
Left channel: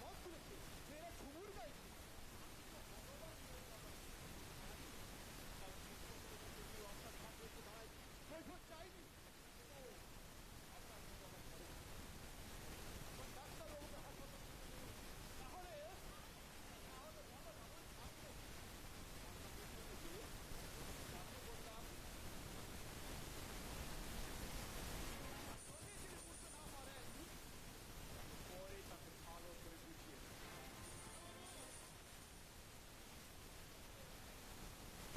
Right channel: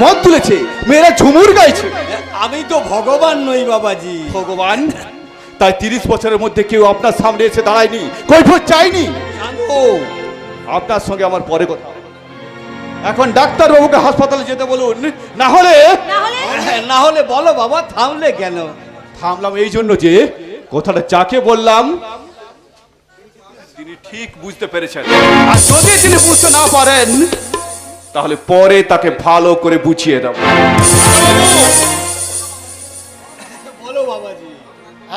মদ তুলেছে, মেয়েরা ঝুমুর গাইছে। আমি তো ভগবান নই বাবাজি। ভগবান? তাই 30 বছরের মধ্যে কেউ আপনার সামনে এসে দাঁড়ায়নি, কৈফিয়ত চাইনি। চান্দু, আপনার সঙ্গে আমার পরে কথা হবে। এখন ডাক্তার বাবুকে হাসপাতালে যেতে বলুন, না হলে না হলে বলো বাবা, থামলে কেন? থামলাম এই জন্য যে কথাটা যাকে বললাম তিনি ঠিক বুঝতে পেরেছেন, আর যদি তিনি বুঝতে না পারেন তাহলে পরে তাকে ভালো করে বুঝিয়ে দেব। বলো বাবাজি।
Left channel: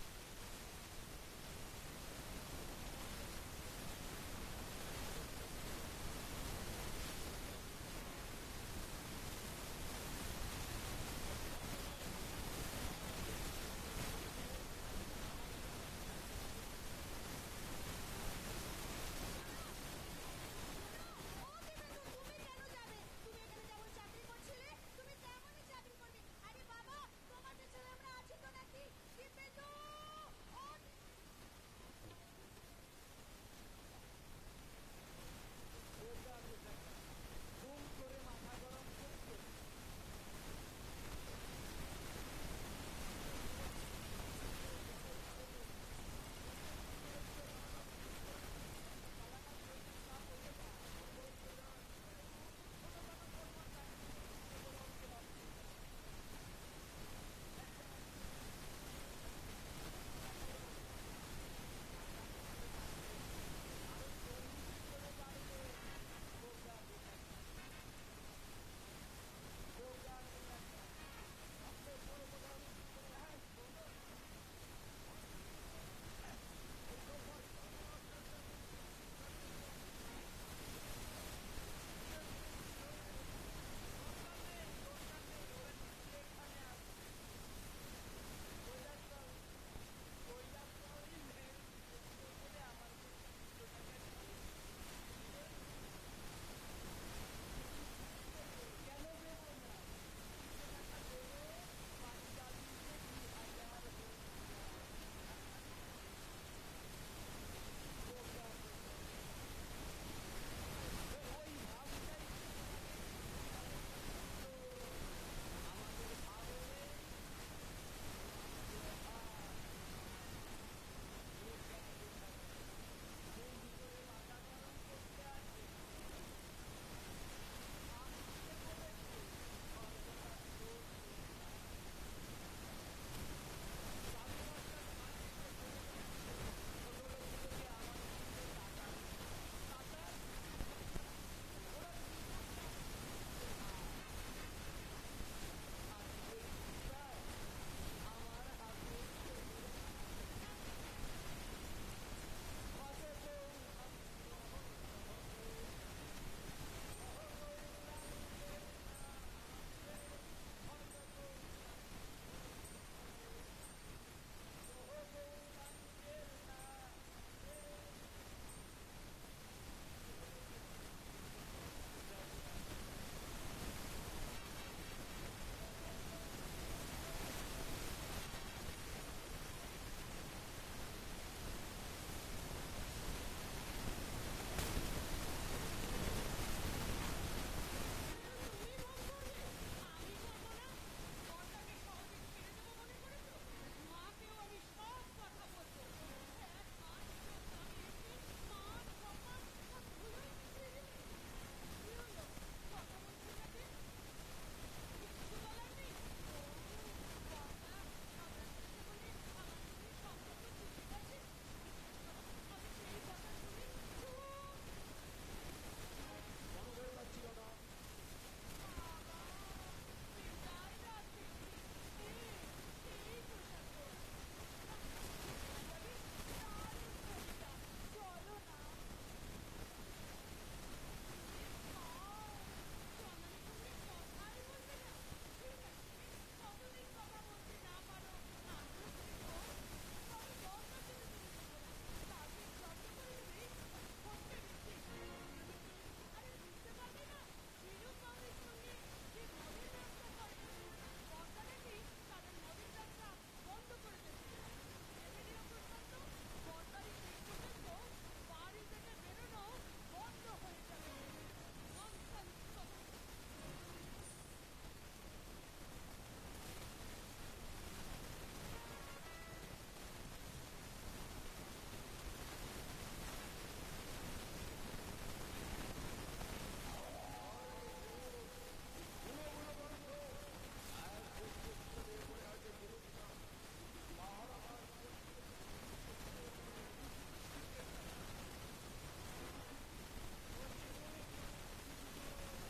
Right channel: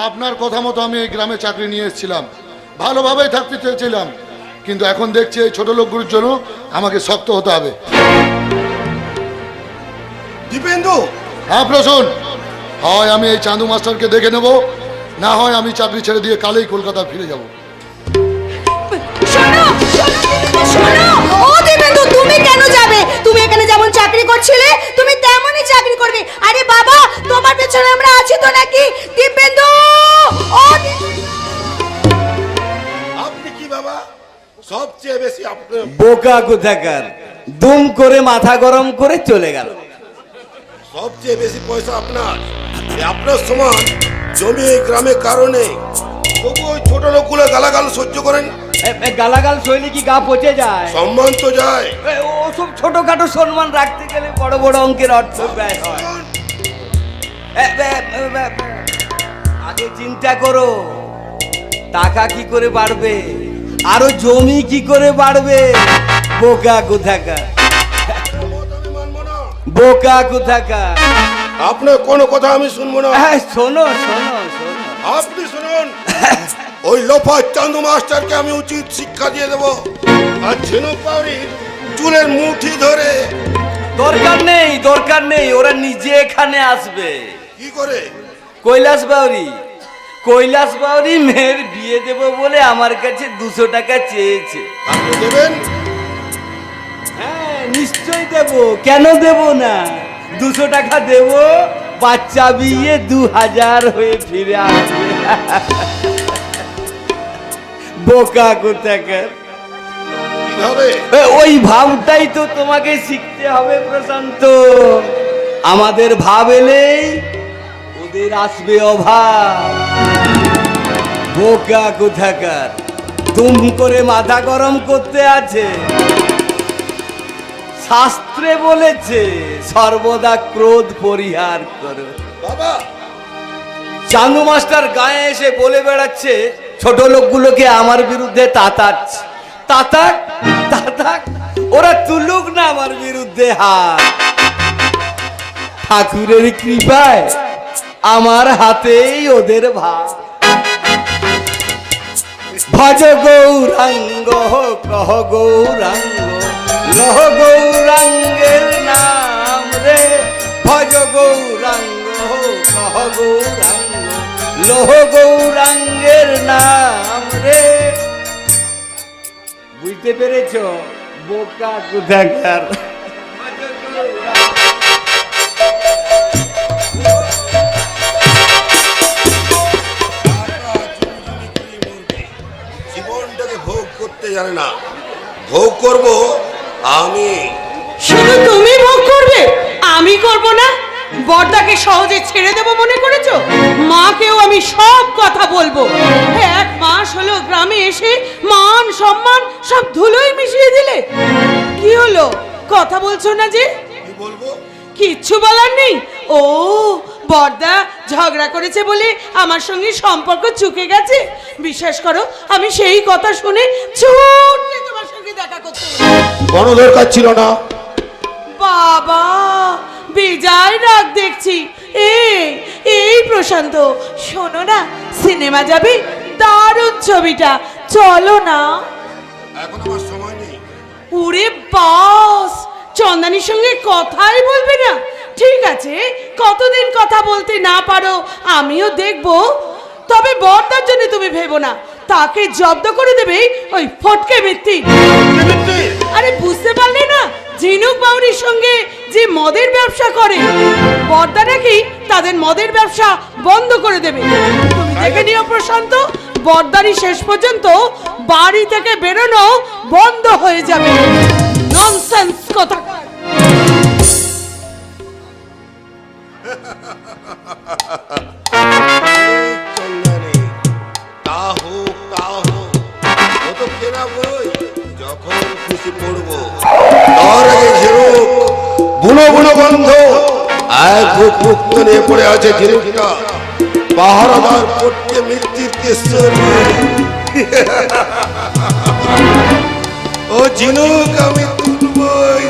আপনার কথা মতো আমি এই গ্রামে চাকরি নিয়ে এসেছিলাম, ভালোভাবেই থাকতে চেয়েছিলাম, কিন্তু এখন দেখছি এই ছোট লোকগুলোর জন্য আমাকে শক্ত হতে হবে। দীপেন্দু, হ্যাঁ প্রসূন, হয় আমি এই চাঁদু মাস্টারকে দেখে নেব, না হয় আমি চাকরি ছেড়ে দিয়ে কালেই কলকাতা ফিরে যাব। শোনো শোনো, ও দেবেন্দু, তুমি কেন যাবে? তুমি এখানে যেমন চাকরি করছিলে তুমি তেমনই চাকরি করবে। আরে বাবা, তোমার পেছনে আমরা আছি তো নাকি? দেবেন্দু, ও আপনি কি বাবা সবচেয়ে বেশি আপনার বোকা কোথাকার, দুম করে মাথা গরম করে চলে গেল। সবচেয়ে বেশি পয়সা আপনার, আপনার সমান জমি এই গ্রামে কারণে, তবু ওই ছোট লোকগুলো গালাগাল সহ্য করেন। গালাগাল শৈলী কি গা পচে যায়? সম্মান তো যায়। ওসব ছোটখাটো সম্মান রাখতে গেলে বড় বড় অঙ্কের অর্থ ব্যয় হয়। আগে চিন্তা করো, টাকা কি করে বাড়বে, আরো জমি কি করে বাড়বে। বোকা কোথাকার, আমি মানবো না, বোকা কোথাকার। আপনার কোনো কথা আমি শুনবো না। শোনো শোনো শোনো, আপনি শুনুন, ওই লোফা চান্দু মাস্টারকে আমি উচিত শিক্ষা দিয়ে দেবো, আর ঝিনুক পাউরির চুলের মুঠি ধরে দরকার নেই, ওরা নিজে এখানে আসবে। কি করে? কৈলাস বাউরি মেয়ের বিয়ে দেব বলে আমার কাছে 200 টাকা চেয়েছে। আপনি দেবেন? হ্যাঁ নিশ্চয়ই দেব, কেন দেব না? 200 টাকা দেব, বাচ্চা বিয়ে 2000 হয়ে ফিরে আসবে। বোকা কোথাকার। কিভাবে? ওই ভাবটাই তো তোমাকে শিখতে হবে প্রশান্ত। আমাদের ভাব এলেই ওদের আসবে অভাব। বোকা কোথাকার, তুম করে মাথা গরম করতে আছে। শাস্ত্রে বলেছে সর্বদা ক্রোধ পরিহার করো। বাবা, চান্দু মাস্টার গায়ে এসে বলে বেড়াচ্ছে ছোট লোকগুলোকে আমার বিরুদ্ধে তাতাক, ওরা তুলুক না আমার বিরুদ্ধে হাত। ঠাকুরের কৃপায় আমার হাতেই ওদের ভাগ। ভজ গৌরাঙ্গ কহ গৌরাঙ্গ, লহ গৌরাঙ্গের নাম রে। ভজ গৌরাঙ্গ কহ গৌরাঙ্গ, লহ গৌরাঙ্গের নাম রে। বুঝতে পেরেছ বোকা কোথাকার? জীবনটাকে ভোগ করতে জানে না, ভোগ করব আমি। শুধু তুমি ভোগ করবে, আমি করব না? বড়দাকে সহজে ছেড়ে দেব মনে করেছো? মাকেও আমি সব কথা বলবো। 1 মাস হলো গ্রামে এসে মান সম্মান সব ধুলোয় মিশিয়ে দিলে। কি হলো, কথা বলছো না যে? কি বলবো? কিচ্ছু বলার নেই? ও বড়দা ঝগড়া করেছে বলে আমার সঙ্গে সম্পর্ক চুকে গেছে। বিশ্বাস করো আমি সেই কথা শুনে ছুটে তোমার সঙ্গে দেখা করতে এলাম। কোনো দরকার ছিল না। বাবা বেজায় রাগ দেখছি। এই প্রশান্ত, শোনো না, সিনেমা যাবে, দারুণ ছবিটা, চলো না। এখন আমার সময় নেই। ওরে বাস, চন্দানির সঙ্গে কথাই বলবে না? ঠিক আছে, কতদিন কথা বলতে না পারো আমিও দেখবো। তবে বড়দার জন্য তুমি ভেবো না, তাকে জব্দ করে দেবে ওই ফটকে ভিত্তি। আরে বুঝতে পারলে না, ঝিনুক বাউরির সঙ্গে যে মদের ব্যবসা করে, বড়দা নাকি তাদের মদের ব্যবসা বন্ধ করে দেবে। তুমি দেখে নিও প্রশান্ত, বড়দারই শেষ পর্যন্ত বাড়ি থেকে বেরোনো বন্ধ হয়ে যাবে। ননসেন্স কথা। চন্দ্রানী, তা হোক, ও তো কেনা বই, যখন খুশি পড়বো। তার আগে ঝিনুক বুনো বন্ধ, এক মুক্ত নিয়ে পড়ে আছে ঝিনুকটা। পাহারাদার পড়তে মৃত্যুর কেশ্বরী। ও ঝিনুক আমি তুলবই।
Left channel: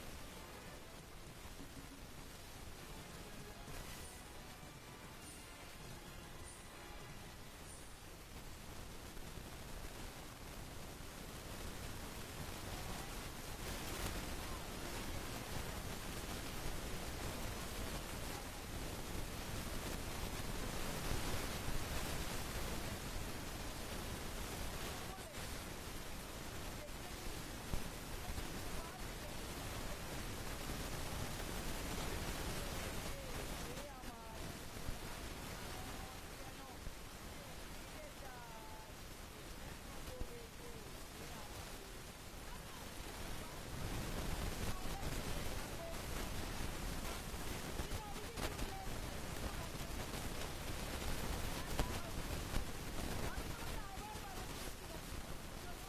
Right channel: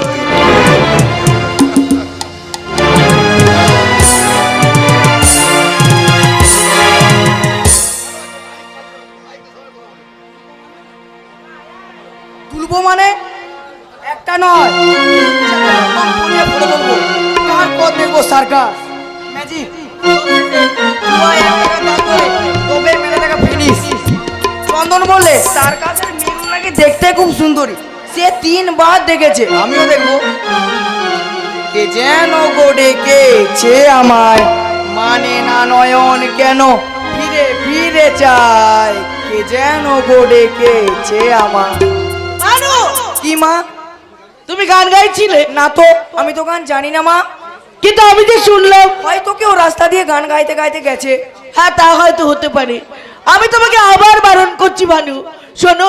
তুলবো মানে একটা নয়, তারপর দেখবো সার্কাস, ম্যাজিক, চন্দন বললে সার্কাসের মেয়েগুলো নাকি দেখতে খুব সুন্দরী, সে 3 বার দেখেছে, আমিও দেখবো। কে যেন গো ডেকেছে আমায়, মানে না নয়ন কেন ফিরে ফিরে চায়, কে যেন গো ডেকেছে আমায়। কি মা, তুমি গান গাইছিলে? না তো, আমি তো গান জানি না মা। কিন্তু আমি যে শুনলাম হয়তো কেউ রাস্তা দিয়ে গান গাইতে গাইতে গেছে। হ্যাঁ তা হয়তো হতে পারে। আমি তোমাকে আবার বারণ করছি ভানু, শোনো,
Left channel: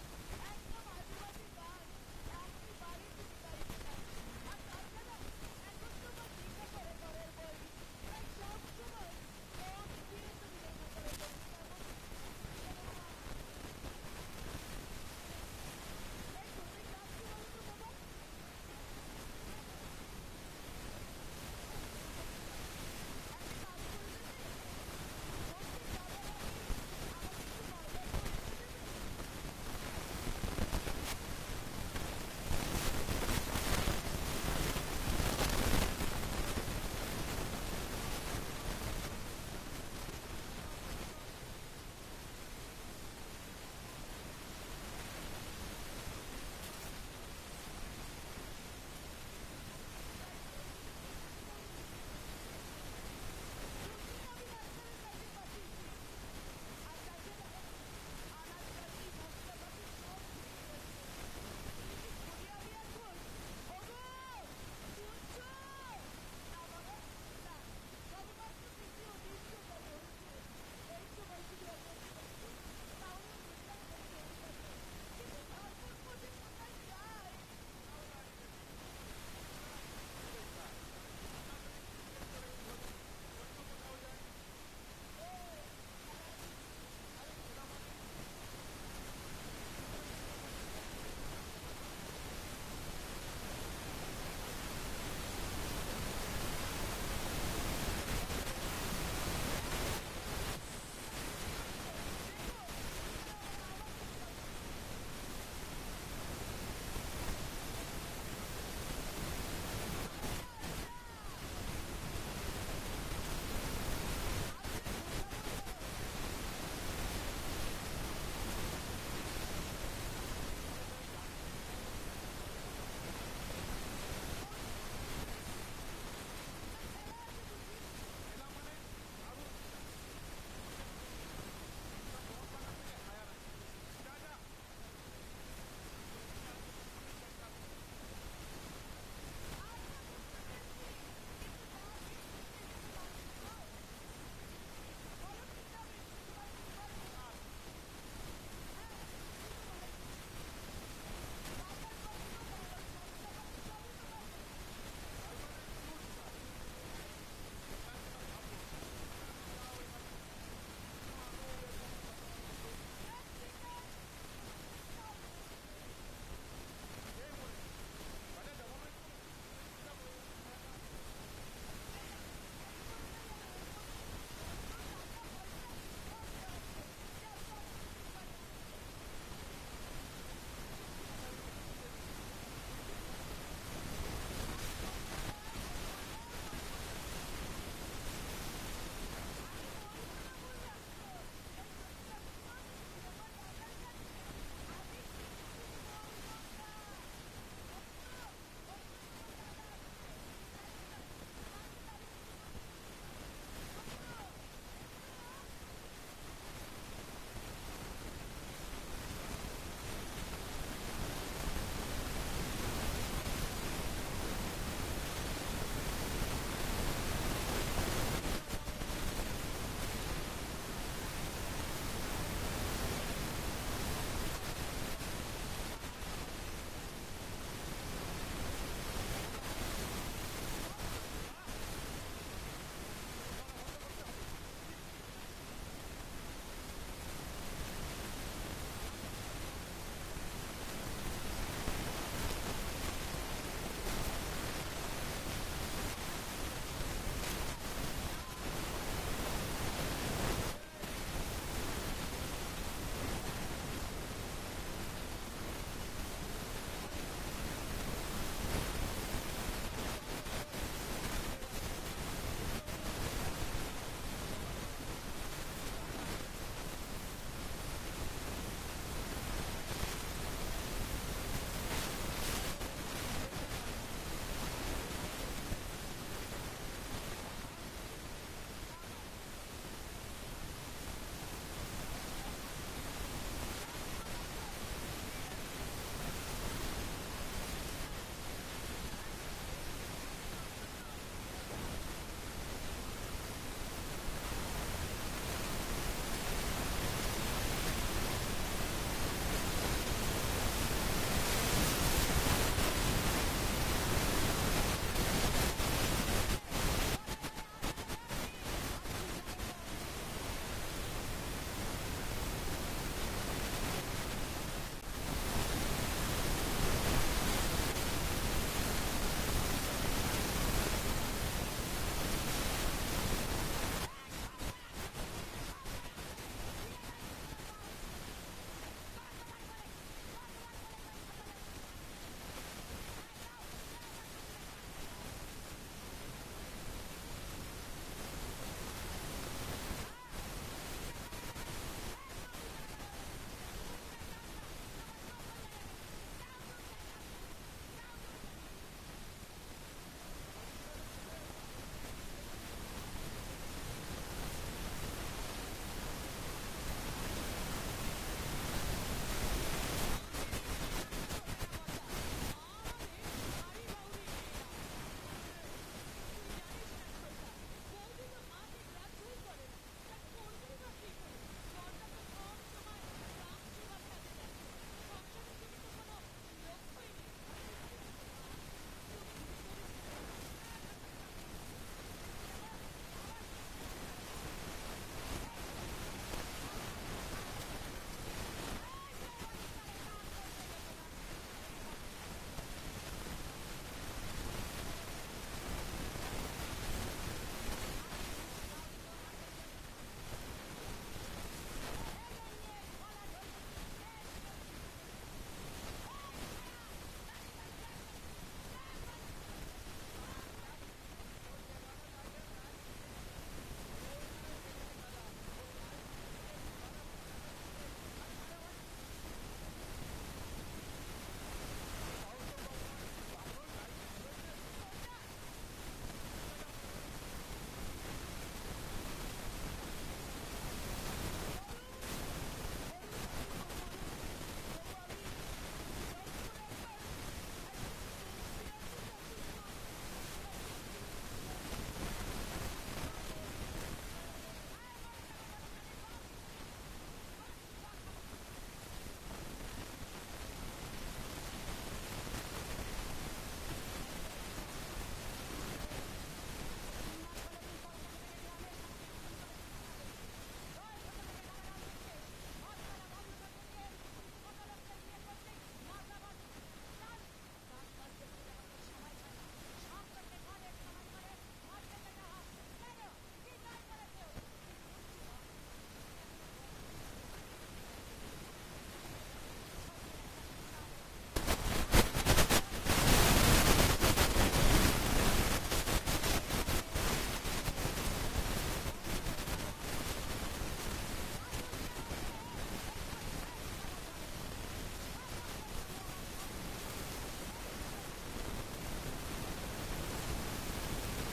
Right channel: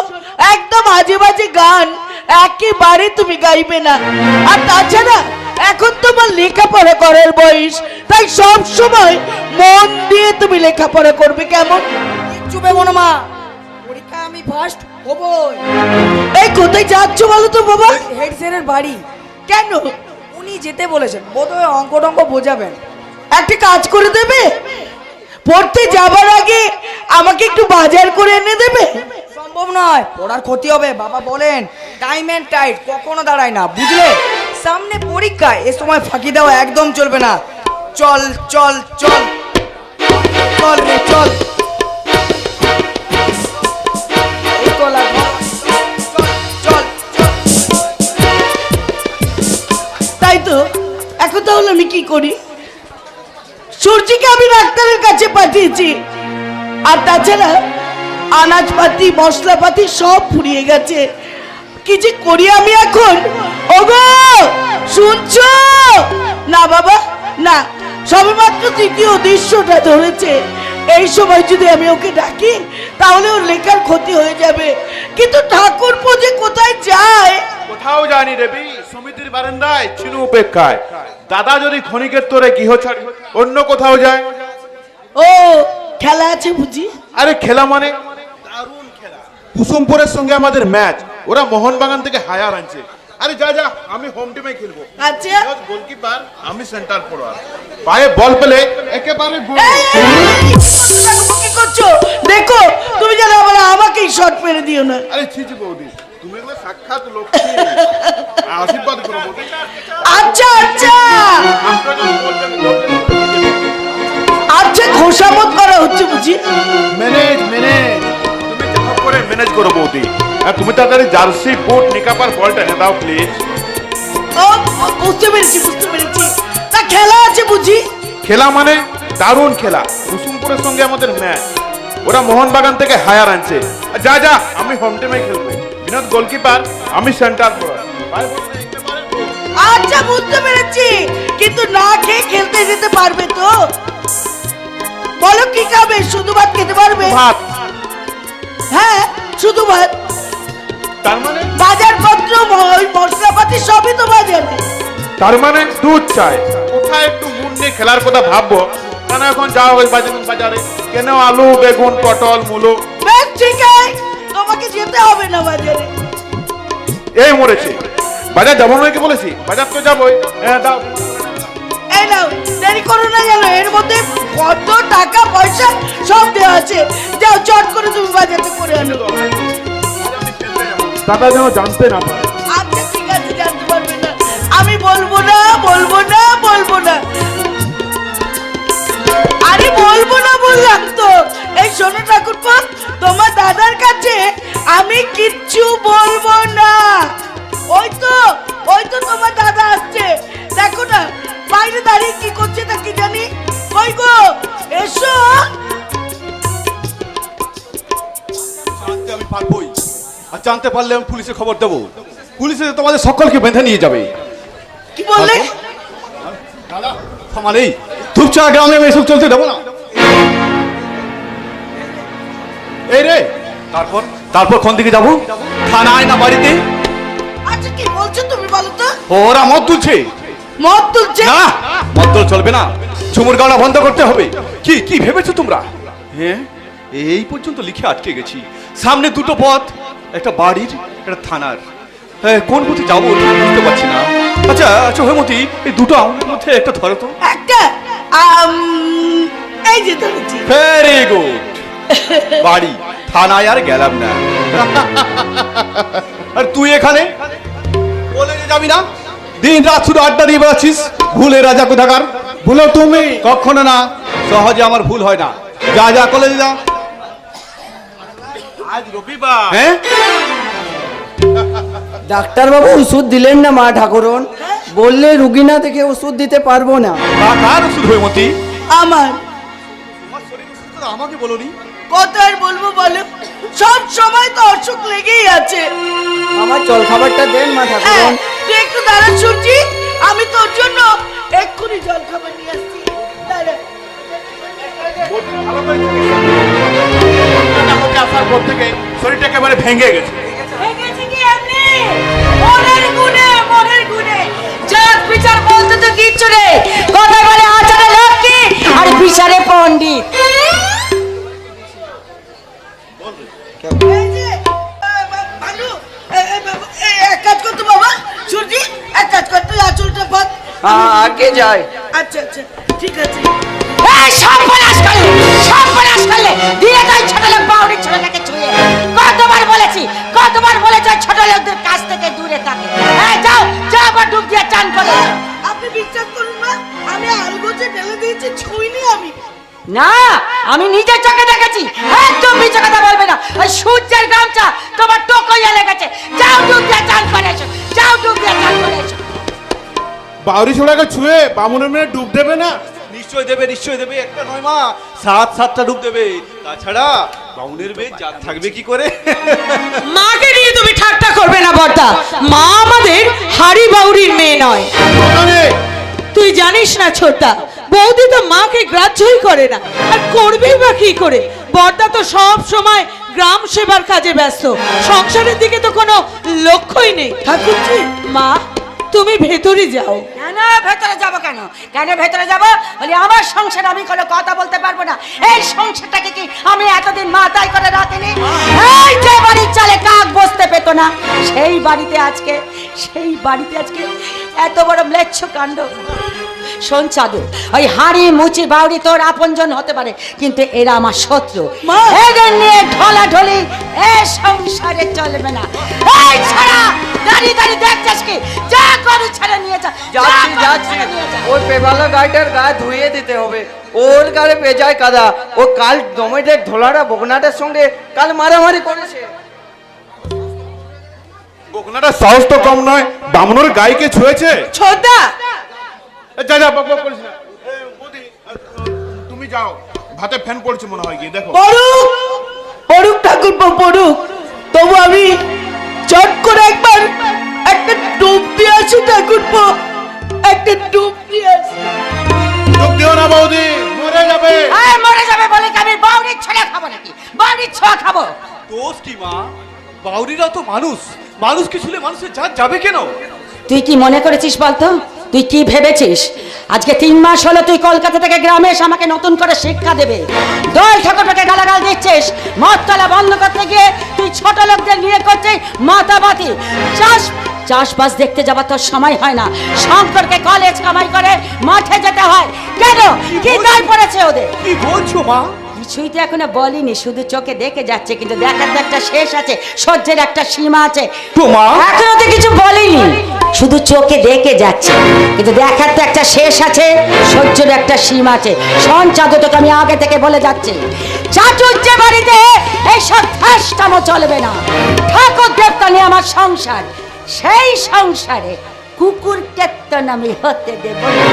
একদম আজে বাজে গান একেবারে তুমি গাইবে না। আর তাছাড়া এখন তোমার লেখাপড়া করার বয়স, তাই সব সময় মন দিয়ে তুমি লেখাপড়া করবে, কেমন? চুপে মনে মা, পরীক্ষা আমি ফার্স্ট হবো। এই কোথায় যাচ্ছ বলো তো বাবা? হেড স্যারের বাড়ি। কেন? উনি যেতে বলেছেন, বোধহয় অঙ্ক টঙ্ক বোঝাবেন। একটা কাজ করে দেবে, পড়তে যাবার আগে আমাকে একটু বাজার করে এনে দেবে? সম্ভব নয়, পড়ার ক্ষতি হবে। বাবা বলেন টাইম এন্ড টাইট কখনো দাঁড়ায় না, বুঝলে? সামনে পরীক্ষা, এ সময় ফাঁকি দেওয়া একদম চলবে না। চল চল চল চল রে চল। এই গলা ধর। চল, চল, চল। তাই তো, এখন তাহলে আমি কি করি? সূর্যিকে আমি ডাক্তারের কাছে পাঠিয়েছি, আর তাছাড়া আনাজপাতি মশলাপাতি সব ফুরিয়ে গেছে। কি যে করি আমি এখন? ওগো শুনছো? না বাবা না, সবেমাত্র তৃতীয় দৃশ্যটা ধরেছে। এই সময় যদি আমি ওকে ডাকি তাহলে ওর লেখার ক্ষতি হয়ে যাবে। কিন্তু ঠাকুরপো যে কোথায় যায়? কোথাও যায়নি দেবী, সমিতির বারান্দায় চিনু উপেক্ষায়। দাদা যদি ক্ষণিকের তোরে গৃহ ছাড়ি অন্য কোথাও যায়। ও খেলা আছে বুঝি? আরে খেলা মানে দারুণ খেলা। কুসুমপুরের সঙ্গে আমাদের ম্যাচ, ওরা মোহনবাগান থেকে হায়ার আনছে। আরে যা যা, আমি হোম টিমে খেলবো। আচ্ছা গোলকিপার, আমি সেন্টার ফরওয়ার্ড। পায়ে বল পেলে একেবারে গোল। কি করছো? দেখো তুমি যেন আবার আমাকেই শট মেরে দিও না। আরে ছিছি বৌদি, তুমি এগুলো সাক্ষাৎ লক্ষ্মী, আশীর্বাদ করো বৌদি। আচ্ছা আচ্ছা আপনারা যখন বলবেন, বলবেন। আচ্ছা খোসামত করা হচ্ছে বুঝি? ম্যানেজ ম্যানেজ, তুমি যা করে ম্যানেজ করো বৌদি। আর তুমি তাড়াতাড়ি জার্সি বুট নিকাপার বলটা এনে দাও প্লিজ। ও বুঝতে পেরেছি বুঝতে পেরেছি। তা খেলা আছে বুঝি? খেলা মানে দারুণ খেলা, কুসুমপুরের সঙ্গে আমাদের ম্যাচ, ওরা মোহনবাগান থেকে হায়ার আনছে। আর যা যা, আমি হোম টিমে খেলবো। বিনোদ গোলকিপার, আমি সেন্টার ফরওয়ার্ড। আচ্ছা বুঝতে পেরেছি, কিন্তু না খেয়ে খেলতে যেতে পারবে তো? বলো কি খাবে? শুধু ভাত খেতে পারবে? ভাত। হ্যাঁ শুধু ভাত। তার মানে বাজারপত্র মশলাপাতি সবই তো বাজারে। তার মানে দুধ চাই। কোথায় একটু মন নিয়ে খেলার কথা ভাববো, কেন এখন যাওয়া হয় বাজারে, কেন আলু বেগুন পটল মূলো। বেশ ঠিক আছে, তোমাকে যেতে হবে না বাজারে। এই মরেছে, বাজার যাবো নাকি বলেছি? বাজার তো যাবোই। হ্যাঁ দাও। এই নাও, দেরি করো না জানো, এর মধ্যে কত টাকা পয়সা সব দেওয়া আছে। যাও চট করে তুমি বাজারটা করে আনো। দাদা যেন জানতে না পারে। আচ্ছা ঠিক আছে, জানতে পারবে না। আমি বলবো না বলবো না বলবো না। আরে বলবো না বললাম তো। এই শোনো ঠাকুরপো, তোমার দাদার কাছে আমি কিচ্ছু বলবো না। ওই তো তোমার দাদা আসছে, দেখো না বাইরে দাঁড়িয়ে কি করছে তা কি জানি। কই গো এসো। জানতে আমি পারবোই, আর জানতে পারলে আমি পুলিশে খবর দেবো। পুলিশে তোমাদের সকলকে বেঁধে নিয়ে যাবে। কি বললে? দাদা ক্ষমা নেই, ধূপচা গ্রামে আমি এসব চলতে দেবো না। এই রে, তারপর তারপর কোন দিকে যাবো? থানায় না বাড়িতে? আচ্ছা কি বলছো তুমি বলো তো? ওরা মদ তুলছে। মদ তুলছে? না, মদ তো চলবে না, ঝুমুর গাওয়া বন্ধ করতে হবে। কি কি ভেবেছো তোমরা? হ্যাঁ, এই পর্যন্ত লিখে আটকে গেছি। সামনে দুটো পথ, একটা বাড়ির একটা থানার। কোন পথে যাবো ঠিক বুঝতে পারছি না। আচ্ছা আচ্ছা হেমতি, এই দুটো আঙুলের মধ্যে একটা ধরো তো। একটা এই যে ধরেছি। Very good. বাড়ি, থানায় আর গেলাম না। আর তুই এখানে কলেজে যাবি না? দিন রাত শুধু আড্ডা দিয়ে বেড়াচ্ছিস। ভুলে রাজা কোথাকার। ভুলো তুমি? কখনো না, সহজে আমার ভুল হয় না। যা যা কলেজে যা। আজ রবিবার। হ্যাঁ, ডাক্তারবাবু ওষুধ দিলেন না মা ঠাকুরন, বললে রুগী না দেখে ওষুধ দিতে পারবো না। কার ওষুধ হেমতি? আমার। আমাকে বলোনি? কত আর বলবো বলো, সব সময় তো অসুখ লেগেই আছে। আমার জল খাবারটা দেন মা হ্যাঁ, ঠাকুরন। তুই একটু দাঁড়া সূর্যি, আমি তোর জন্য এক্ষুনি জল খাবার নিয়ে আসছি। দাঁড়া। আসার পর থেকে শরীরটা একেবারে ভেঙে গেছে। ভেঙেছে কি এমনি? মনের গুণে। জাত বিচার বলতে তো কিচ্ছু নেই, কথা বলে আচারে লক্ষ্মী আর বিচারে পণ্ডিত। এই যে, ভানু, এক কাজ করতো বাবা, সূর্যি এক কাজ করতো, আঁচলটা বাঁধ। আগে যাই। আচ্ছা আচ্ছা ঠিক আছে। এই সর্বনাশ করলে দিয়ে তাই ছোট লোক বাউরির ছোটটাকে ছুঁয়ে। কতবার বলেছি ওই ছোট লোকদের কাছ থেকে দূরে থাকে। যাও যাও, আবার ডুব দিয়ে চান করেছো? আপনি বিশ্বাস করুন না, আমি আলগোছে ঢেলে দিয়েছি, ছুঁইনি আমি। না, আমি নিজের চোখে দেখেছি। একদম মিছে কথা বলবে না। ওই সূর্যের গামছা তোমার টোকইয়া লেগেছে। যাও ডুব দিয়ে চান করেছো, যাও ডুব দিয়ে চান করেছো। বাউরি ছোড়াকে ছুঁয়ে বামুনের মেয়ে ডুব দেবে না? নিশ্চয় দেবে, নিশ্চয় দেবে। একটা নয় মা, 7-7টা ডুব দেবে। তাছাড়া বাউনের মেয়ে জাত থাকবে কি করে? মাকে নিয়ে তুমি ঠাট্টা করবে না বর্দা। মা আমাদের হাড়ি বাউরির মেয়ে নয়। তুই জানিস না ছোট্টা, বৌদি তো মাকে গ্রাহ্যই করে না, আর করবেই বা কি করে? বর্দা তো সব সময় গ্রাম সেবার কাজে ব্যস্ত, সংসারের দিকে তো কোনো লক্ষ্যই নেই। ঠাকুরজি, মা তুমি ভেতরে যাও। কেন ভেতরে যাব? কেন কেন ভেতরে যাব? বলি আমার সংসার আমি কোনো কথা বলতে পারবো না। এই সংসারটাকে কি আমি এতদিন মাথায় করে রাখিনি? এই যে বাড়ির চালে কাক বসতে পেত না, সেই বাড়িতে আজকে এত বড় ম্লেচ্ছ কাণ্ড। শোন চাদু, ওই হাড়ি মুচি বাউরি তোর আপনজন হতে পারে, কিন্তু এরা আমার শত্রু। এদের নিয়ে ঢলাঢলি এ সংসারে চলবে না। এই ছাড়া দাঁড়িয়ে দাঁড়িয়ে দেখছিস কি? যা গরু ছেড়ে নিয়ে যা। যাচ্ছি ওর পেবালা গাইটার গা ধুইয়ে দিতে হবে। ওর গায়ে পেঁচায় কাদা। ও কাল দমেদের ধোলারা বকনাটার সঙ্গে কাল মারামারি করেছে। বকনাটা সাহস তো কম নয়, বামুনের গাইকে ছুঁয়েছে। ছোটদা, যা যা, বক বক করিস না। বৌদি, তুমি যাও, ভাতে ফ্যান পড়ছে মনে হয়, গিয়ে দেখো। পড়ুক ঠাকুরপো পড়ুক, তবু আমি চট করে একবার একটা ডুব দিয়ে আসি ঠাকুরপো, একটা ডুব দিয়ে আসি। ডুব দিও না বৌদি, মরে যাবে। মরে যাবে বলে কি আমি বাউরির ছেলে খাবো নাকি? বাউরির ছোঁয়া খাবো? দোষ কি মা? বাউরিরা তো মানুষ, মানুষকে ছুলে মানুষের জাত যাবে কেন? তুই কি মনে করেছিস বলতো? তুই কি ভেবেছিস আজকে 3 মাস হলো তুই কলকাতা থেকে গ্রামে এসে আমাকে নতুন করে শিক্ষা দেবে? দল ঠাকুরটাকে গালাগাল দিচ্ছিস, মদ তলা বন্ধ করতে গিয়ে তুই ছোট লোকদের নিয়ে করছিস মাতাবাতি। চাষবাস দেখতে যাবার তোর সময় হয় না, শঙ্করকে কলেজ কামাই করে মাঠে যেতে হয়। কেন? কি গায়ে পড়েছে ওদের? কি বলছো মা? কিছুই তো এখনো বলিনি, শুধু চোখে দেখে যাচ্ছে, কিন্তু দেখার তো একটা শেষ আছে, সহ্যের একটা সীমা আছে। এখনো তো কিছু বলিনি, শুধু চোখে দেখে যাচ্ছে, কিন্তু দেখার তো একটা শেষ আছে, সহ্যের একটা সীমা আছে। শোন চাঁদু, তোকে আমি আগে থেকে বলে যাচ্ছি, চাচুর যে বাড়িতে এইসব ঠাসটামো চলবে না। ঠাকুর দেবতা নিয়ে আমার সংসার, সেই সংসারে কুকুর কেত্তন আমি হতে দেব না।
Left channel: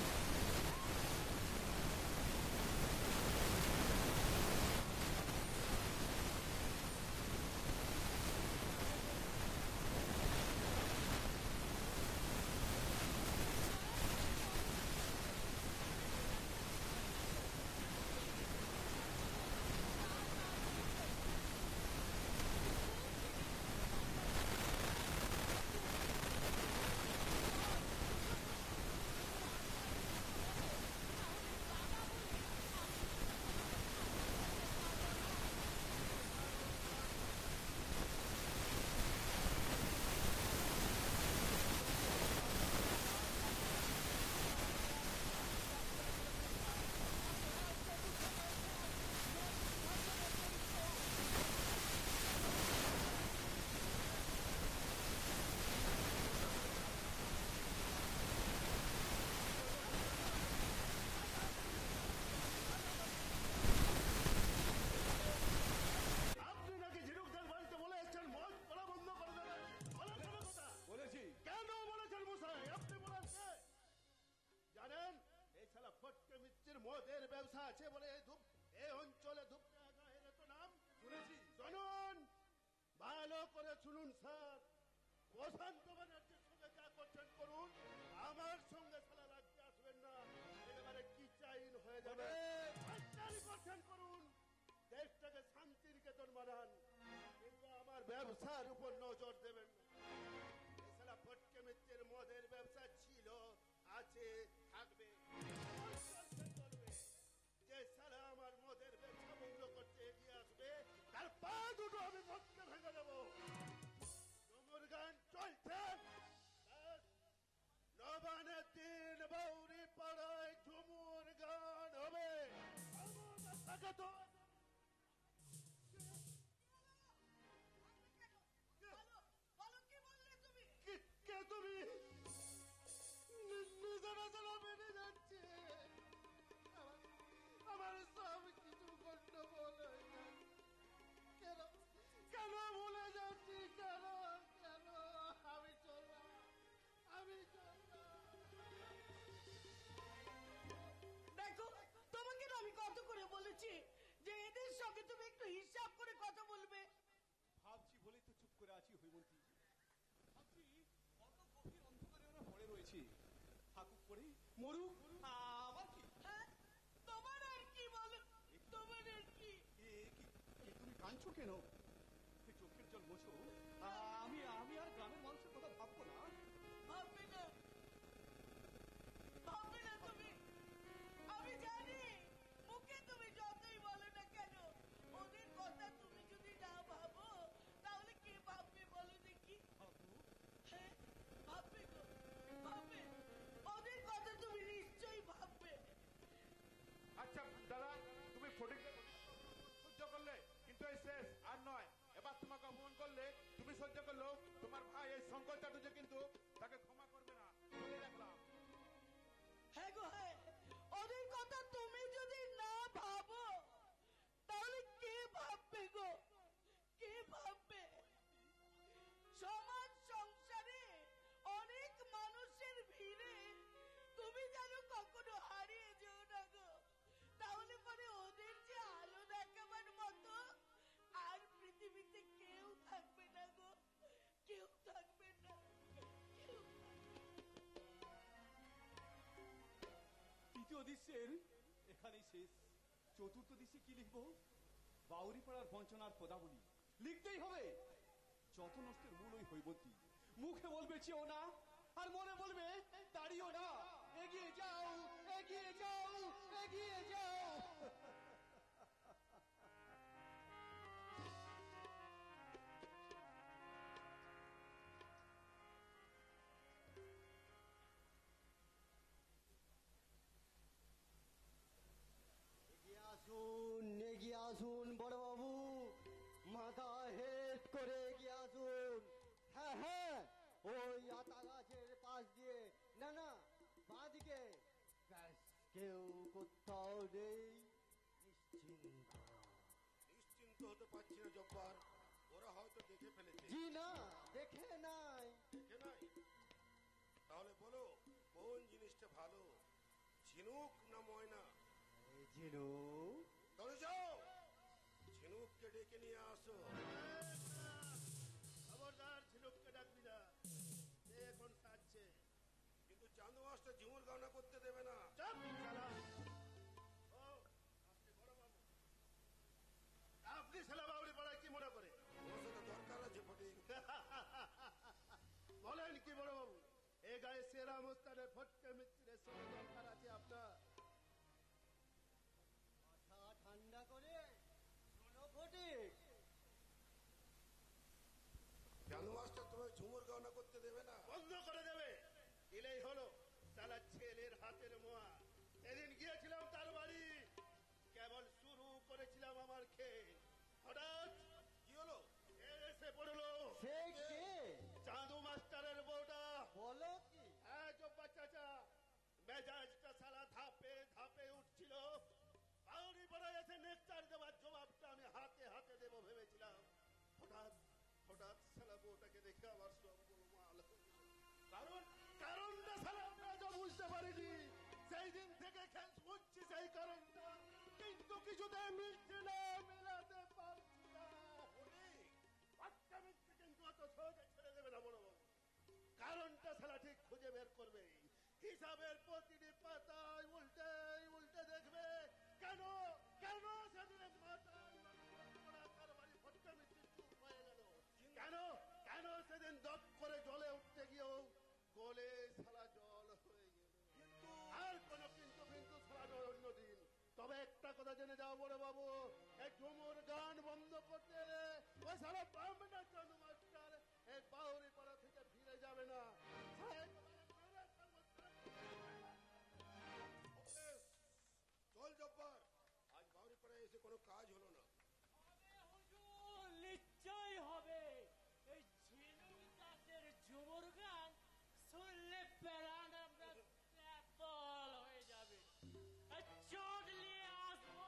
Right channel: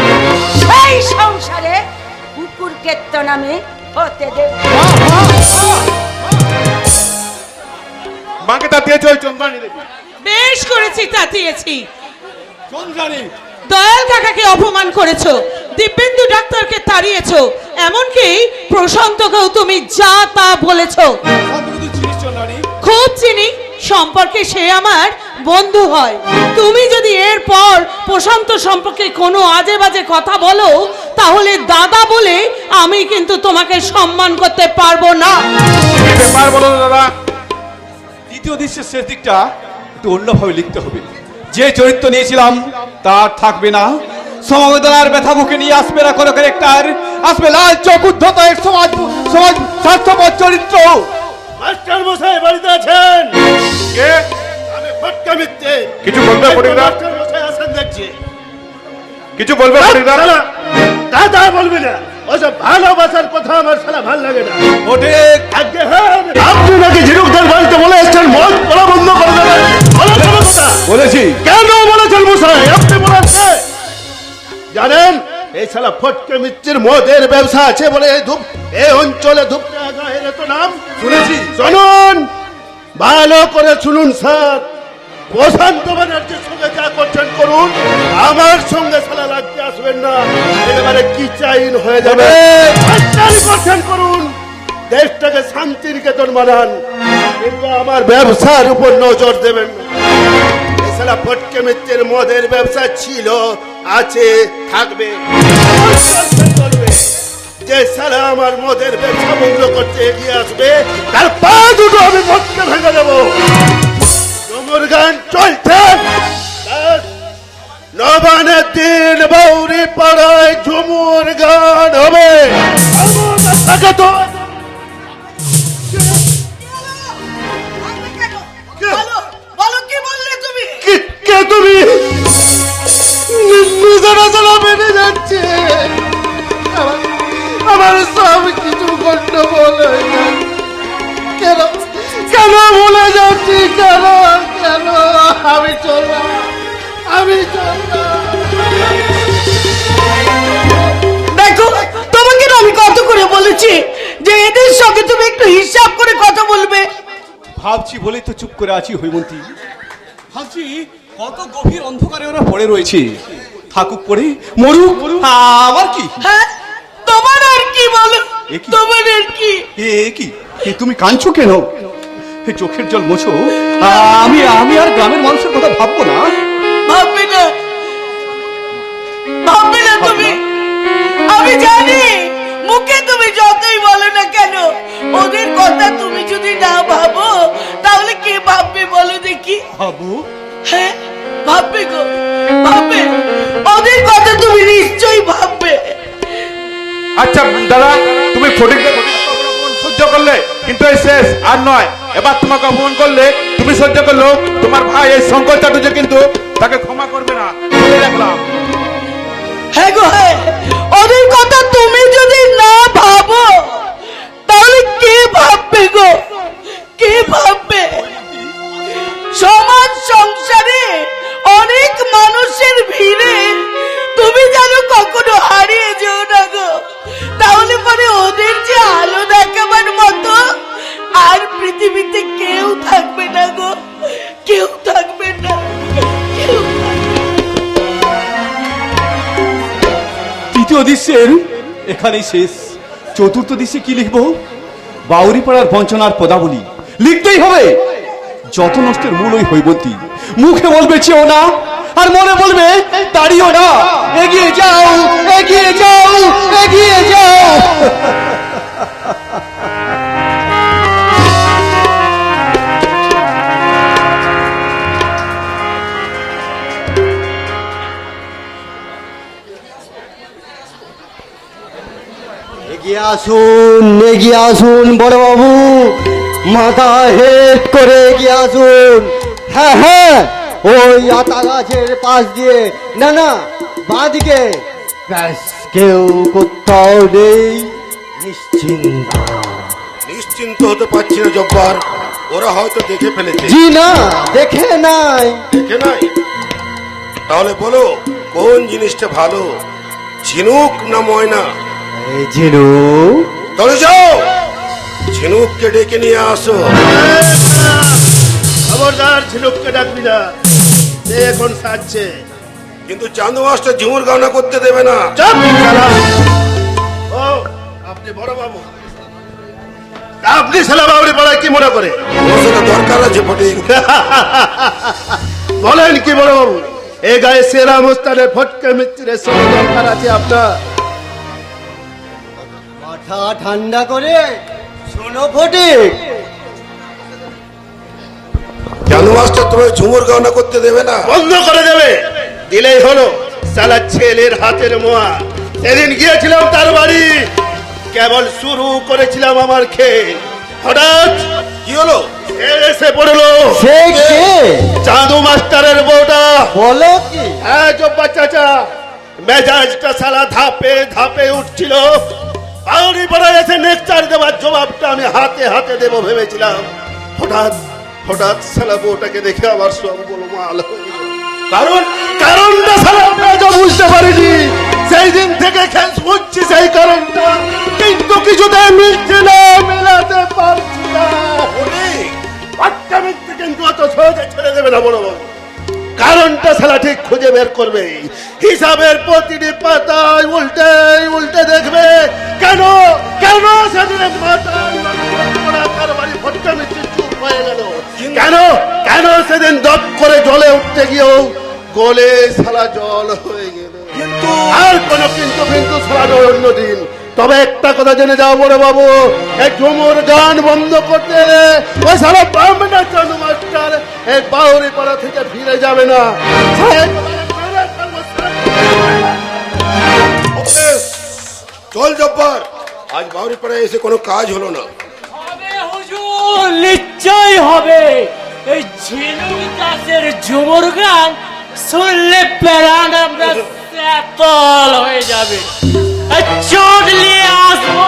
সেই সংসারে কুকুর কেত্তন আমি হতে দেব। মাকে তাতিয়ে চল, চন্দ্রানী দেবী। বেশ করেছি, তাতিয়েছি। চন্দ্রানী, দয়াল কাকাকে অপমান করেছো, দিব্যেন্দু ডাক্তারকে তাড়িয়েছো, এমনকি প্রশান্তকেও তুমি যা তা বলেছো। তুই চিনিস চন্দ্রানী? খুব চিনি, সম্পর্কে সে আমার বন্ধু হয়। তুমি যদি এরপর প্রশান্ত সম্পর্কে কোনো আজে বাজে কথা বলো, তাহলে দাদা বলে আমি কিন্তু তোমাকে সম্মান করতে পারবো না। কি ব্যাপার বলো তো দাদা? দ্বিতীয় দৃশ্যের শেষ দিকটা একটু অন্যভাবে লিখতে হবে। যে চরিত্র নিয়েছিলাম তার থাকবে না, সমবেদনার ব্যথা বুকে নিয়ে আসবে না কোনো ক্যারেক্টার, আসবে লাল চোখ উদ্ধত এক সমাজ স্বার্থপর চরিত্র। মাস্টার মশাই বাড়িতে আছেন? কে? আমি ফটকা মিথ্যে। কিছু বলবে ফরিদা? মাস্টার মশাই আসেন দেখছি। কিছু বলবে ফরিদা? শালা, দাদা বলবি না, ওসব ভালোবাসার কথা আমার শালা ভাল লাগে না। ওঠে আজকে হ্যাঁ, আপনি নাকি ঝিনুকদার বাড়িতে বলে এসছেন মদ পড়া বন্ধ করে দেবেন। বলেছেন কথা? বলেছি। কেন বলেছেন মশাই? আপনি বলেছে জানেন এই শালা ফটকে মিত্রের মদের ব্যবসা আছে বলে এই অঞ্চলে ধূপটা গায়ের এত নাম শুনেছি। শুনুন, ভালো করে শুনুন স্যার, প্রশান্ত ব্যানার্জির সঙ্গে যা করছেন করুন, আমার সঙ্গে শালা লাগতে আসবেন না, একেবারে কি চাইন হয়ে যাবে। মাস্টারি করছেন করুন, দেশটাকে শান্তি নিকেতন বানান, কিন্তু আমার ব্যবসার উপর নজর দেবেন না। এই শালা ফটকে মিত্রের মদের ব্যবসা ছিল, আছে, থাকবে, চলবে। যে শালা আমার মদের ব্যবসা বন্ধ করতে এগিয়ে আসবে তার পা দুটো আমি ফটকে ভেঙে দেবো। ঝুমুর গান চলছে, নবানের দিন বৌরি পাড়ায় ঝুমুর গান হবে। থাকে তো বলো কি বললে তুমি? কে তুমি? আমার সব কিছু গন্ডগোল হয়ে গেল। কেন কেন ভুলে যাচ্ছি, কেন কেন আমি চললাম, আমি চললাম। দেখো তোমাকে না আমি কত করে বলেছি যে এদের সঙ্গে তুমি একটু হিসাব করে কথা বলবে। ভাবছি বলেই তো চুপ করে আছি হৈমন্তী। ভাবছি কত গভীর অন্ধকারে ওরা পড়ে রয়েছে, থাকুক পড়ে মরুক, আমার কি? হ্যাঁ তোমার আর কি বলো, এ কি? তোমার আর কি? এ তুমি কাঁদছো কেন? এই চোখের জল মোছো। আমি আর গ্রামের মানুষের কথা ভাববো না? ভাববে না, ভাববে না তুমি। আমি জানি মুখে তুমি যতই বলো না কেন, ওদের কথা তুমি যদি না ভাবো তাহলে কে ভাববে বলো দেখি? ভাবো? হ্যাঁ ভাববে গো, ভাববে। ওদের কথা তুমি নিশ্চয়ই ভাববে। আচ্ছা দাদা, তুমি ফটিককে সহ্য করলে, কিন্তু এই শেষ আর নয়। এবার তোমাকে অপমান করলে তুমি সহ্য করলো, তোমার ভাই এই শঙ্কর চাটুর্য কিন্তু তাকে ক্ষমা করবে না, বলে রাখলাম। হ্যাঁ গো হ্যাঁ, ওদের কথা তুমি যদি না ভাবো তাহলে কে ভাববে গো, কে ভাববে? সমাজ সংসারে অনেক মানুষের ভিড়ে তুমি যেন কখনো হারিয়ে যেও না গো, তাহলে পরে ওদের যে আলো দেখাবার মতো আর পৃথিবীতে কেউ থাকবে না গো, কেউ থাকবে না, কেউ। তৃতীয় দৃশ্যের এখানেই শেষ। চতুর্থ দৃশ্যে কি লিখবো? বাউরিপাড়ার বঞ্চনার পদাবলী লিখতেই হবে। যত নষ্টের মূল ওই হৈমন্তী। মুখে বলবে চেও না, আর মনে বলবে দাঁড়িও না। এগিয়ে যাও, এগিয়ে যাও, এগিয়ে যাও। এগিয়ে আসুন বড় বাবু, মাথা হেড করে এগিয়ে আসুন। হ্যাঁ হ্যাঁ, ওই আতা গাছের পাশ দিয়ে, না না বাঁ দিকে। ব্যাস, কেউ কোথাও নেই, নিশ্চিন্ত। নিশ্চিন্ত হতে পারছি না জব্বার, ওরা হয়তো দেখে ফেলেছে। জি না, দেখে নাই। দেখে নাই? তাহলে বলো কোন জিনিসটা ভালো, ঝিনুক না ময়না? এই জিনু, তাহলে যাও ঝিনুককে ডেকে নিয়ে আসো। খবরদার ঝিনুককে ডাকবি না, সে এখন সাজছে। কিন্তু চান্দু মাস্টার ঝুমুর গাওনা করতে দেবে না। চুপ শালা। ও আপনি বড় বাবু, আপনি শালা বাবুরি পাড়ায় কি মনে করে? ওর দরকার আছে ফটিক। বলেন কি বড় বাবু, এই গায়ে সেরা মুস্তানের ফটকে মিত্রের সঙ্গে দরকার আছে আপনার? মাথা ঠান্ডা করে শোনো ফটিক। জানু মাস্টার তোমার ঝুমুর গাওনা করতে দেবে না? বন্ধ করে দেবে, দিলেই হলো। সালা ছেলের হাতের মোয়া। সেদিন গিয়েছিলাম তার বাড়ি, কেবল শুরু করেছিলাম আমার খেল, হঠাৎ কি হলো? এসে পড়লো। সে কে? চাঁদু মাস্টারের বউটা। বলো কি? হ্যাঁ জব্বার চাচা, মেজাজটা সালা ধাপে ধাপে উঠছিল। বাউরি পাড়ায় এসে নেকচার দেওয়ার জবাবটা আমি হাতে হাতে দেবো ভেবেছিলাম। হঠাৎ হঠাৎ সালা বউটাকে দেখে আমার সব গোলমাল হয়ে গেল। কারণটা সালা আমরা তো বুঝতে পারিনি। সেই দিন থেকে খেল হচ্ছে সেই কারণটা, কিন্তু কিছুতে মিলছে না, মেলাতে পারছি না। বাচ্চা মিথ্যে কিন্তু অত সহজে ছেড়ে দেবে না বড় বাবু। কারণটা সালা ঠিক খুঁজে বের করবে। হিসাবের প্রতিটি পাতায় উল্টে উল্টে দেখবে কেন কেন সেদিনের মাথায় বাড়ি ফটকা মিথ্যে চুপ হয়ে গেল। কেন কেন সেদিন দপ করে জলে উঠতে গিয়েও গলে সালা জল হয়ে গেল। আর কোনো কিন্তু কিন্তু সারা অন্যদিন। তবে একটা কথা জেনে যাও বড় বাবু, এই ঝুমুর গান বন্ধ করতে ওই সারা ব্রাহ্মণা চাঁদু মাস্টার এই বাউরি পাড়া থেকে ফিরে যাবে না। চল জব্বার, আজ বাউরি পাড়ায় এসে কোনো কাজ হলো না। হুজুর নিশ্চয় হবে। এই ঝিনুক গাছের ঝুমুর গান শুনলে প্রাণ আমরা শীতল হয়ে যাবে। চোট নিয়ে আসবো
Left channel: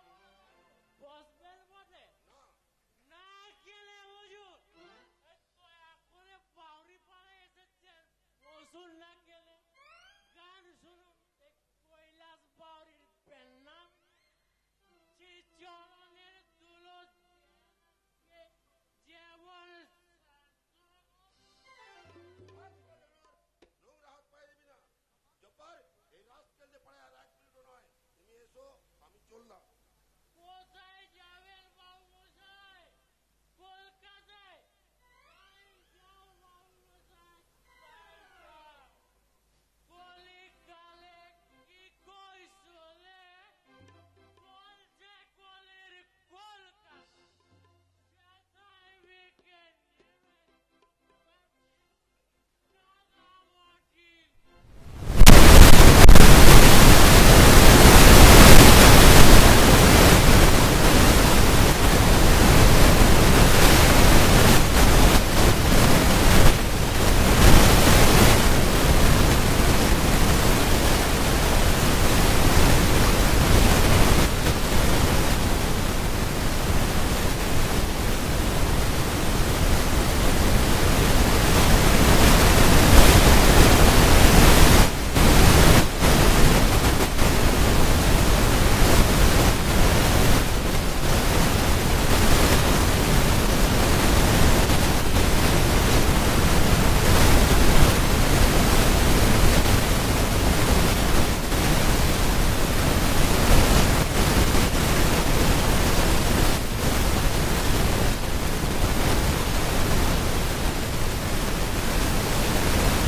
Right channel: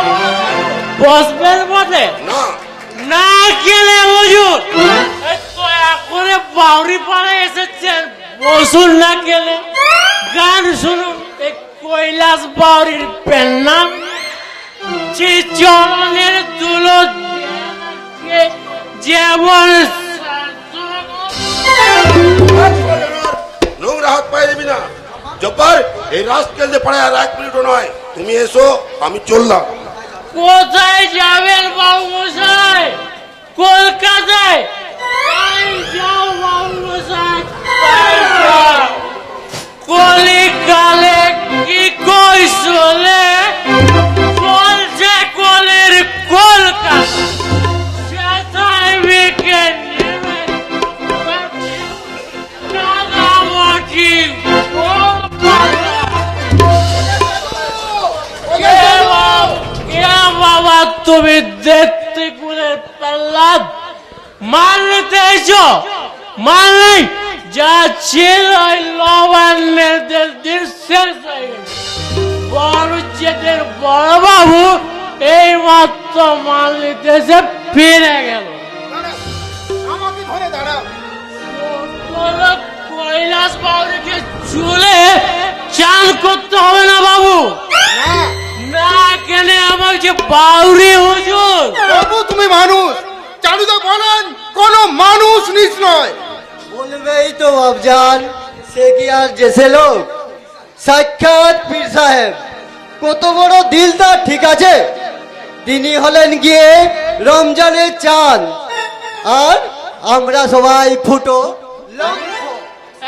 বসবেন বটে না না গেলে হুজুর এই তো এখনে বাউরি পাড়ে এসেছেন বসুন না গেলে গান শুনুন এই কৈলাস বাউরির পেন নাম যে চরণের দুলো যেমন নোংরা হাত পায়ে দিবি না জব্বার এই রাস্কেল যে পড়ে আর 1 মিনিটও নয় তুমি এসো আমি চললাম কোথায় যাবেন বাবু মশাই কলকাতায় তাই যাও বাবু মশাই তাই যাও। কলিকালে কি কই চলে চলছে কলের কলকাতা সেথায় বিকে নেবে কাদামাটি বাবা তুমি দেখতে করে মানতে এসো মানলেই যা ছিল লবণের বড়দের বড় বাবু এই মাত্র মানলিতে এসে ফিরে গেল চুলে চান করতে হবে না বাবু না কেন আমার যে বাউরি হুজুর বাবু তুমি মানুষ চারুদা বলেন কোনো মানুষ নিচ নয় এই তো বাবজান সে কি আর জেসে লোক সাক্ষাৎ পীর সাহেব কত বড় দিলদার ঠিক আছে তিনি হলেন গিয়ে রমজানের চাঁদ আর আমরা সবাই ফুটো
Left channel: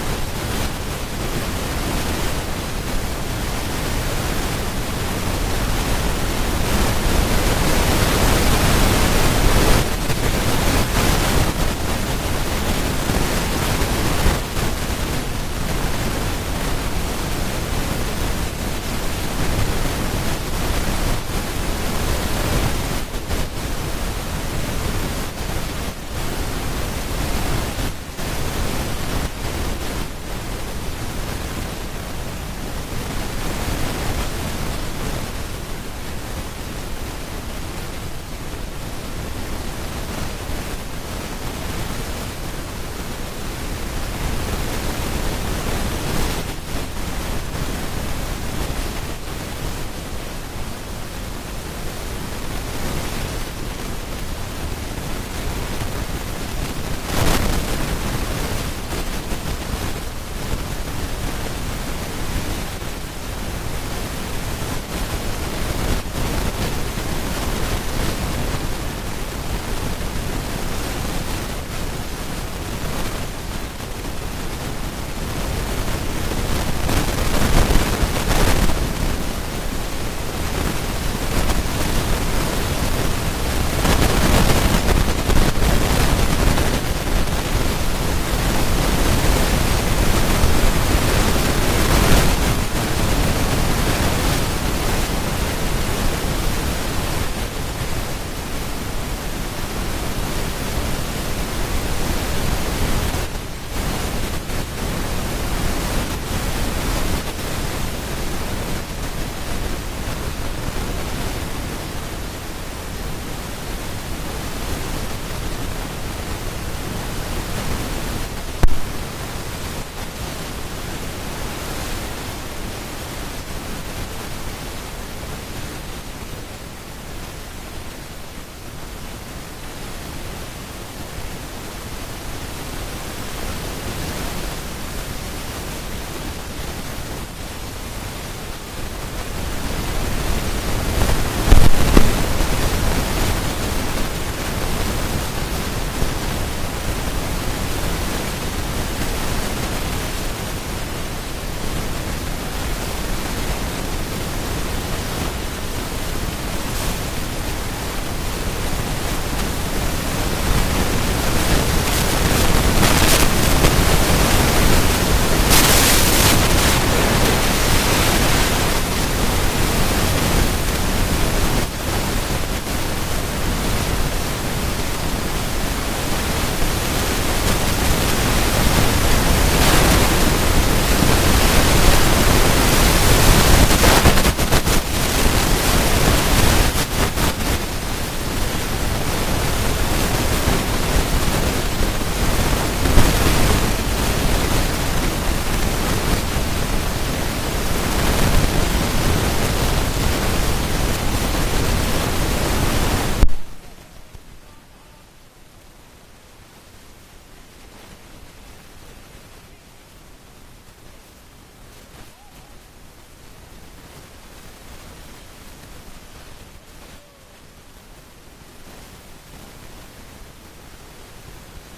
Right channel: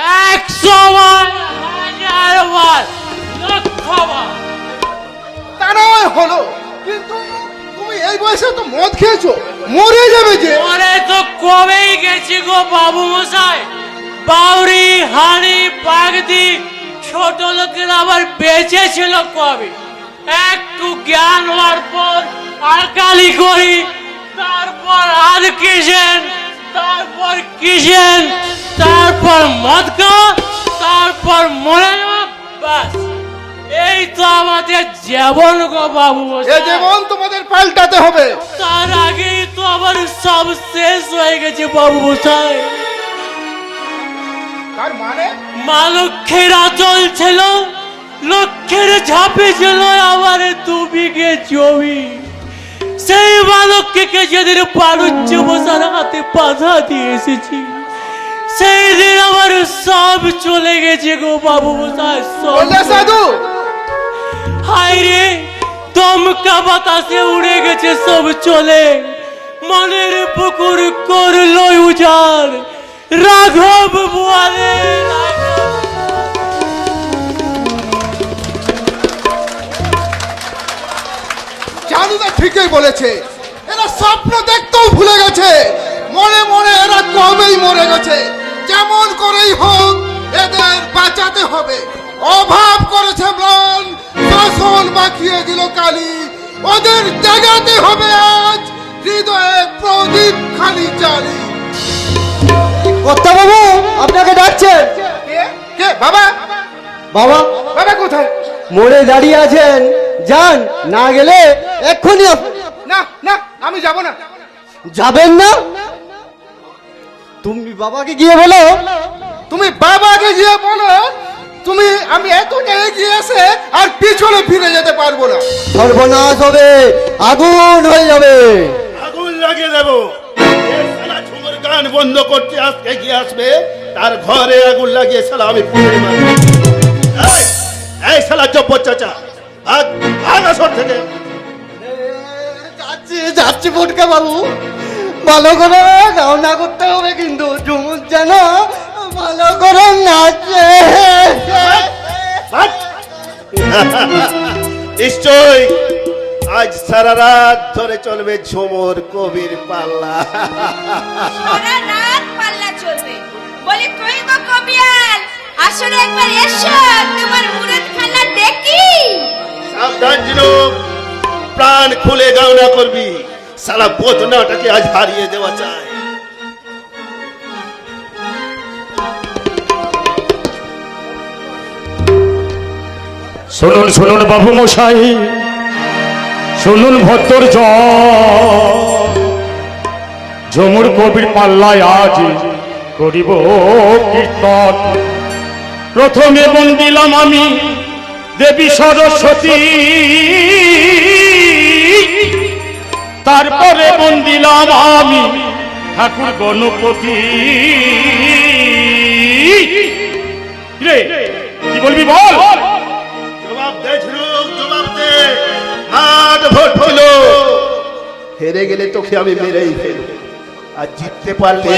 100 বার 1000 বার লক্ষ বার তা নয় হলো কিন্তু তুমি এই বয়সে তো মদ খেয়েছো মরে যাবে যে পরে তো কবেই গেছি গো বাবু মশাই বাউরি হাড়ি পাগদি ছোট লোকের আবার বেঁচে ছিল কবে একটু জ্ঞান হওয়ার পর আর কালি করি তারপর আর কিসেন তারপর কিসেন তারপর মদ খাওয়া তারপর মরে যাওয়া ব্যাস এই তো আমাদের জীবন গো বাবু এ মশাই জীবন তোমাদের পাল্টাতে হবে তার আগেই তো আবার সব শেষ হয়ে গেছে বাবু মশাই তার মানে মা লক্ষ্মীর আচল ছিল লক্ষ্যের ঝাঁপে ছিল আবার 2 বিঘে জমি সেই মা লক্ষ্মীকে যেদিন পারুচ্য বসার হাতে বাধা দিয়ে এসেছি সেই দিন আমার সব চলে গেছে গো বাবু মশাই সব বললে সাধু হায় রে দমকা বাতাসে উড়ে গেছে সব চলে মনের পুকুর করলো উজাড় রাঘব বুয়ারে জাদুদা ঠিকই বলেছে এরা স্বপ্ন দেখতেও ভুলে গেছে মনে মনে এরা কবেই মরে গেছে যেমন করেই হোক এদের বাঁচাতে হবে অভাব করেছে বল ফসল বাঁকিয়ে দিল কালি ওদের জাগাতে হবে আজ হৃদয়ে প্রদীপ খালি জালি কর্তা বাবু আপনাকে ডাকছে কে বাবা বাবা বাবা কোথায় মোড়ে দাঁড়িয়ে আছেন যান না গেলে এক্ষুনি না না আমি যাব না যাবেন না তুমি বাবাকে গিয়ে বলো তুমি বাবাকে গিয়ে বলো তুমি আমি এতটা এগিয়ে এসে আর পিছনে ফিরে যেতে পারবো না সর্বনাশ হবে আগুন হয়ে যাবে আগুন লাগিয়ে দেবো এই শালা ঝুমুর গান বন্ধ করতে আজকে কি আসবে তার ঘরে আগুন লাগিয়ে শালা আমি পুড়ে মারবো এই শালা জব্বর চাচা আগা সর থেকে যাচ্ছি ফুটকা বাবু ভালো করে রওনা করতে হবে কিন্তু ঝুমুর যেন ভালো করে নাচে নিশ্চয় আজ সারা রাত ধরে চলবে ঝুমুর কবির পাল্লা সারা রাত পাল্লা চলবে। বলি তুই গো কবিয়াল, আসলে একবার এসো, তোমার মুরতখানা দেখি। সাবধান ঝিনুক, প্রাণ খুলে গাওনা করবি সালা বোধনাটাকে আজ হারিয়ে দেওয়া চায় শুনুন শুনুন বাবু মশাই, শুনুন ভদ্র ঝুমুর কবির পাল্লায় আজ করিব কীর্তন। প্রথমে বন্দিলাম আমি দেবী সরস্বতী, তারপরে বন্দিলাম আমি ঠাকুর গণপতি। রে কি বলবি বল? জবাব দে ঝিনুক, জবাব দে। মাঠ ভোট হলো, হেরে গেলে তোকে আমি মেরেই ফেলবো, আর জিততে পারলে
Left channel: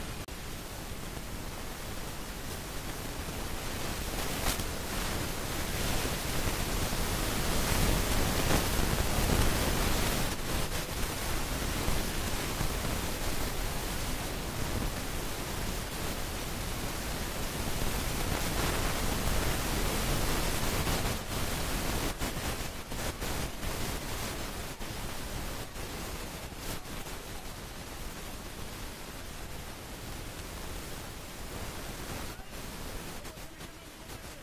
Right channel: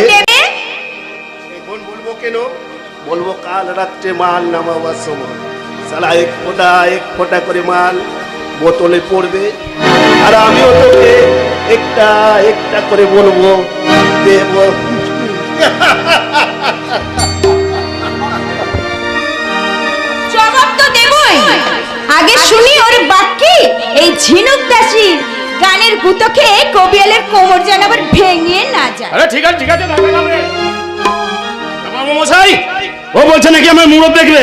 এখন বলবো কেন? বলবো কাল রাত্রে মাল নামাবার সময় সালা এক ফোঁটা করে মাল বোতলে পড়বে, আর আমিও তোকে একটা একটা করে বলবো দেব। জবাব তো দেবই, আগে শুনি ওর বাক্যে এই ঝিনুক দাসীর গানের গুতো খেয়ে কবিয়ালের কোমর যেন আবার ভেঙে না যায়। আরে ঠিক আছে ঠিক আছে, বাবু মশাই ও বলছে নাকি আমার মুরত দেখবে,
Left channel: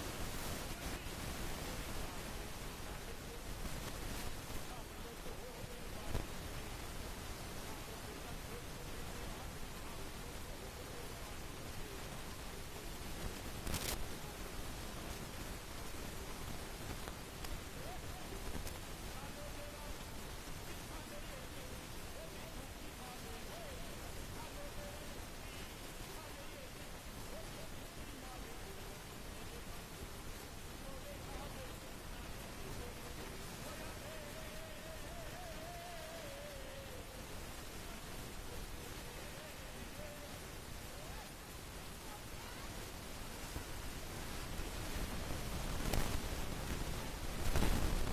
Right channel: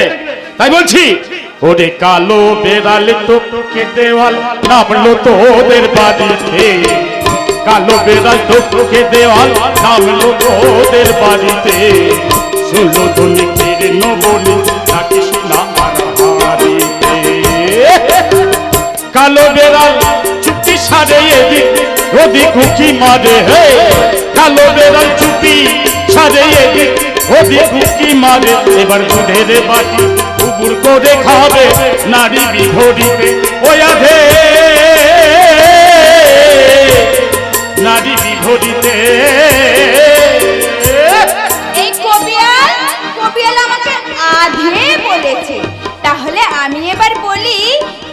তাই বলছি। ওরে কালো বেড়ালে তোকে দেওয়াল নামলো তোদের বাড়িতে, কালো বেড়াল তোকে দেওয়াল নামলো তোদের বাড়িতে। শুনলো তুমি ফিরে নবনি ডাকিস না হারিতে। কালো বেড়াল চুপটি সারে এদিক ওদিক উকি মারে, হে কালো বেড়াল চুপি সারে এদিক ওদিক উকি মারে। এবার দুধের বাটি উবুর করে খাবে নারী বিভরিতে, ওই আধে নারী বিভরিতে। এই কবিয়াল আমাকে আধে বলেছে, তাহলে আমি এবার বলি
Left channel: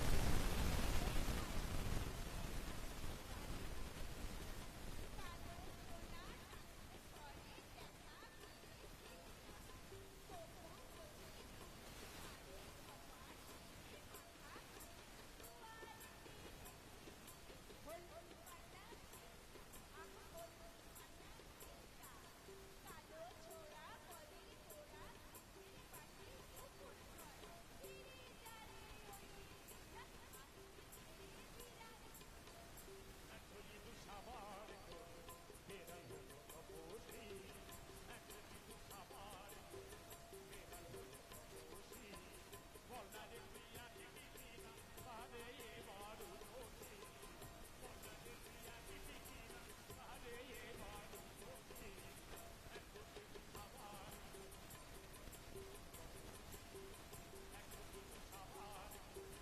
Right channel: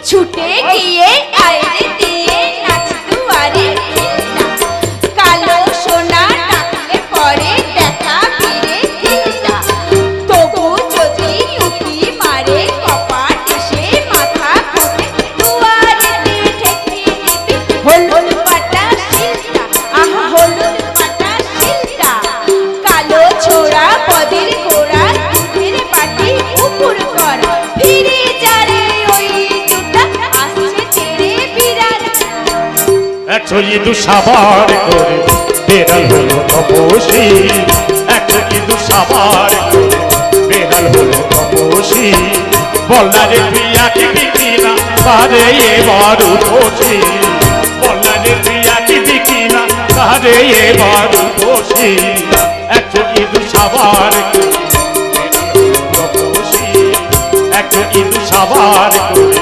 ছুটে গিয়ে আইরে দিয়ে নাচ দুয়ারে ঘিন্না। কালো সোনা ডাকলে পরে দেখা ফিরে ঘিন্না। তবু যদি উকি মারে কপাট এসে মাথা ঘুরে দুয়ারে দিয়ে ঠেকিয়ে নিবি হলুদ পাটা শিলটা। আহা হলুদ পাটা শিলটা। কালো ছোড়া পদের গোড়া দুধের বাটি উপর করা ফিরে যারে ওই দুটা আসছে তেরে বিরাট। একশো ইঁদু সাবার করে বেড়াল হলো তপসী, একশো ইঁদু সাবার করে বেড়াল হলো তপসী। বললারে তুই আঁকি দিবি না তারে এবার উপসী, বললারে তুই আঁকি দিবি না তারে এবার উপসী। একশো ইঁদু সাবার করে বেড়াল হলো তপসী, একশো ইঁদু সাবার করে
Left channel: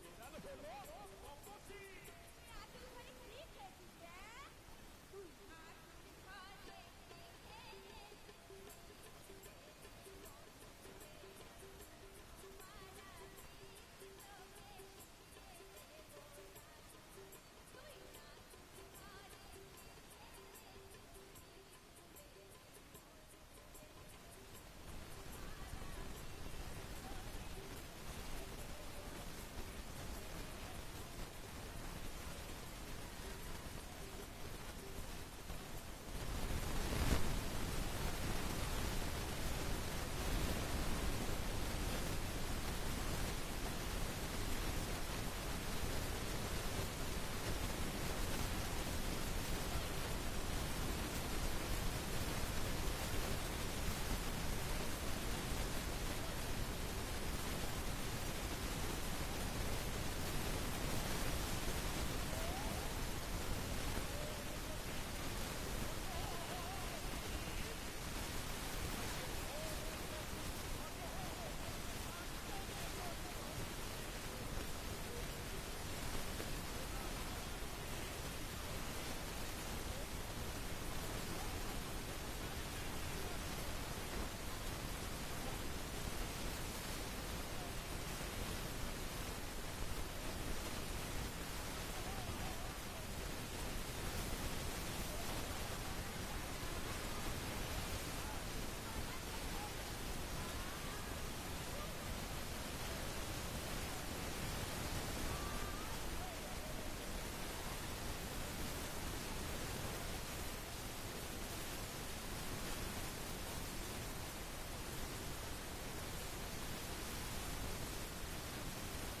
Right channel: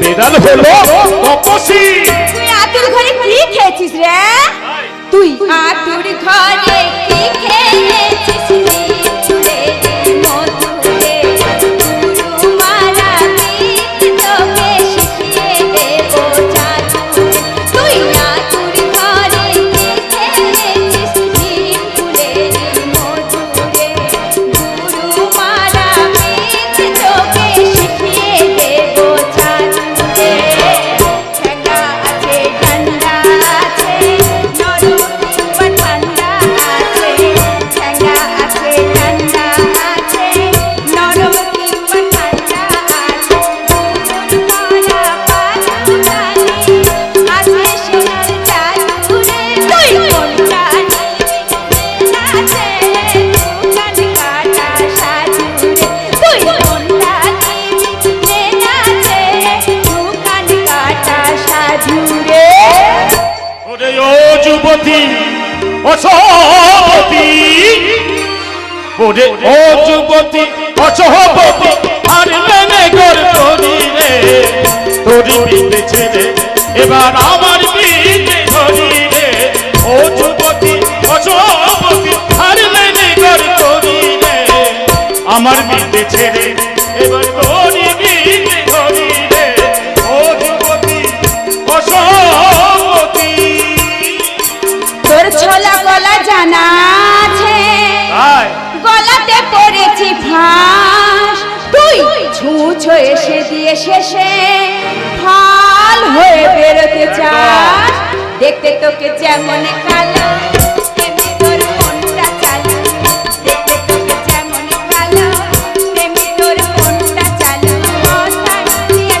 বেড়াল হলো তপসী। তুই আতুর ঘরে কি খেয়েছিস রে? তুই আতুর ঘরে কি খেয়েছিস রে? মধুরে গুরু মারা গীত তোকে শিখিয়ে দেবো জাদু। তুই আতুর ঘরে কি খেয়েছিস রে? মধুরে গুরু মারা গীত তোকে শিখিয়ে দেবো জাদু। ঠেঙ্গা আছে ঠান্ডা আছে নরম কিংবা ঠান্ডা আছে। ঠেঙ্গা আছে ঠান্ডা আছে নরম কিংবা ঠান্ডা আছে। করা পালু জানি আছে সোনার জাদু রে। তুই কোনটা নিবি নাচে দোকান কাটা সাজু রে। তুই কোনটা নিবি নাচে দোকান কাটা সাজু রে। ওরে ও যুবতী অসহবতী, ওরে ও যুবতী অসহবতী, আর মেনে গর করি রে তোরি বিতে ছেড়ে এবার আমার বিতে ধরি রে। ও যুবতী অসহবতী, আর মেনে গর করি রে আমার বিতে ছেড়ে এবার তোরি বিতে ধরি রে। ও যুবতী অসহবতী। তোর ছোলা গলা জানা আছে, তাই গলাতে পড়েছি ফাঁস। তুই ছুঁছো এসে দিয়ে শেষে ফাল হয়ে বেরোতে চাস। দেখতে তোকে যেমন কালো তেমনি তোর মনটা চালু। দেখতে তোকে যেমন কালো তেমনি তোর মনটা চালু। কথা দিয়ে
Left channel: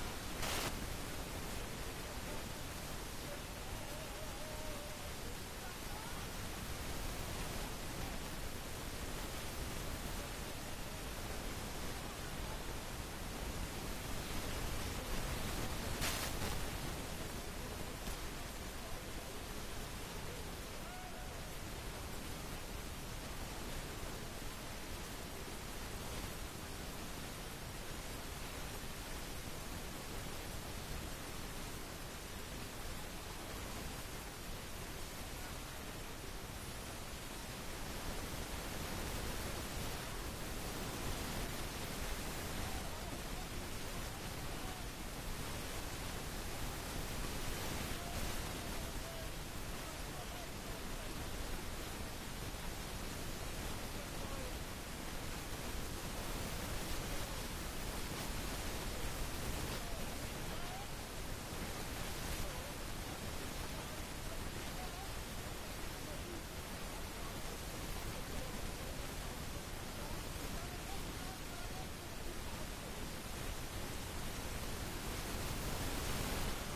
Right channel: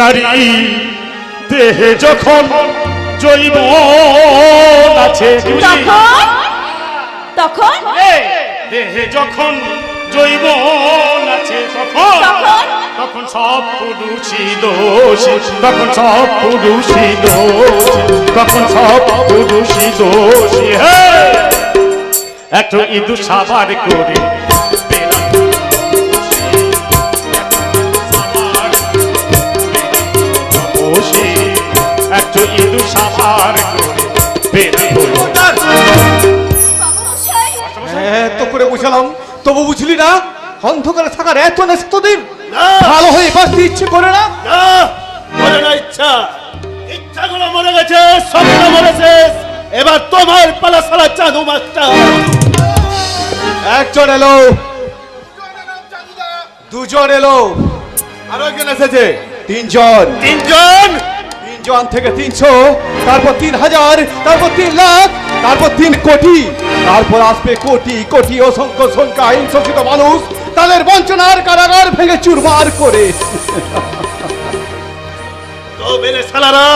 নারী দেহে যখন জৈব আছে তখন তখন দেহে যখন জৈব আছে তখন তখন তখন সব পুরুষই দোষী, তখন সব পুরুষই দোষী, তখন সব পুরুষই দোষী। একটু ইঁদুর সাবার করে একটু ইঁদুর সাবার করে বের হলো। এত করে বুঝালাম তবু বুঝলি না? অন্ধকারে থাকার এত নেশা তোদের? ভালো হয়ে বাঁচতে ইচ্ছে করে না? না, মরে না ইচ্ছা, ইচ্ছাগুলো মরে গেছে, স্বপ্ন মরেছে। এবার তোমার পালা সালা চাঁদু মাস্টার। একজন এলো, দুজন এলো, আরো একজন এসেছে, তিনজন। তিনজন তিনজন থেকে 300, তারপর 3000, তারপর 3 লাখ, তারপর 3 কোটি, তারপর আসবে কোটি কোটি অসংখ্য সংখ্যা আইন শোষিত মানুষ, তাদের বঞ্চনার কারাগার ভেঙে চুরমার করে। তো বেলে সালারা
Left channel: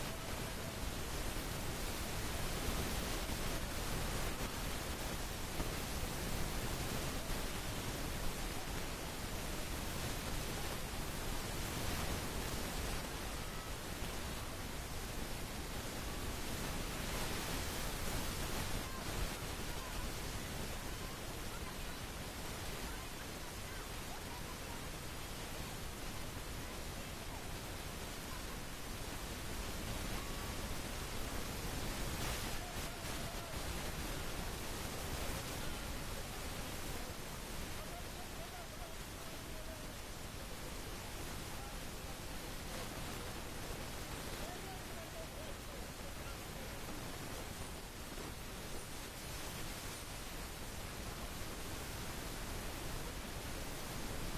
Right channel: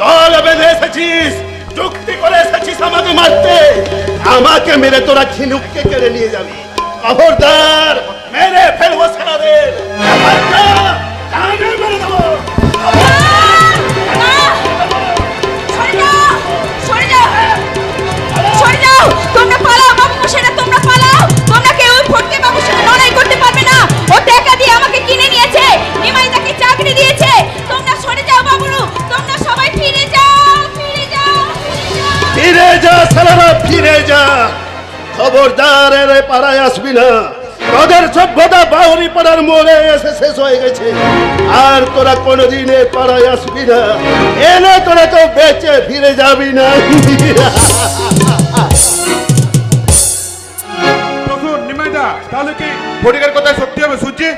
দল বেঁধে এসেছিস, চুক্তি করে এসেছিস আমাকে মারতে। আমাকে মেরে তোরা ঝিনুককে কেড়ে নিয়ে যাবি। খবরদার, মেরে ফেলবো সালাদের। মেরে দেবো। তোমরা পালাও বাবু মশাইরা, তোমরা পালাও। তোমরা কেউ ফটকে বাবুর সাথে লড়াই করতে পারবে না। ও টাকা দিয়ে আমাকে কিনে নিয়েছে, নিমাই তাকে চাকরি দিয়েছে। তোমরা সরে যাও বাবুরু, তোমরা সবাই ফিরে যাও, ফিরে যাও, ফিরে যা সালারা, ফিরে যা। খবরদার, এর পাড়ায় আসবি না। তোদের সভ্যতা বাউরি পাড়ার মোড়ে এসে শেষ হয়ে গেছে। আর তোরা কোনোদিন এ পাড়ায় আসবি না। এনে তোরা তো বেঁচে ফিরে যাবি না। নিমাইদা, তাহলে কি ফটিকের কথা সত্যি হবে সুজি?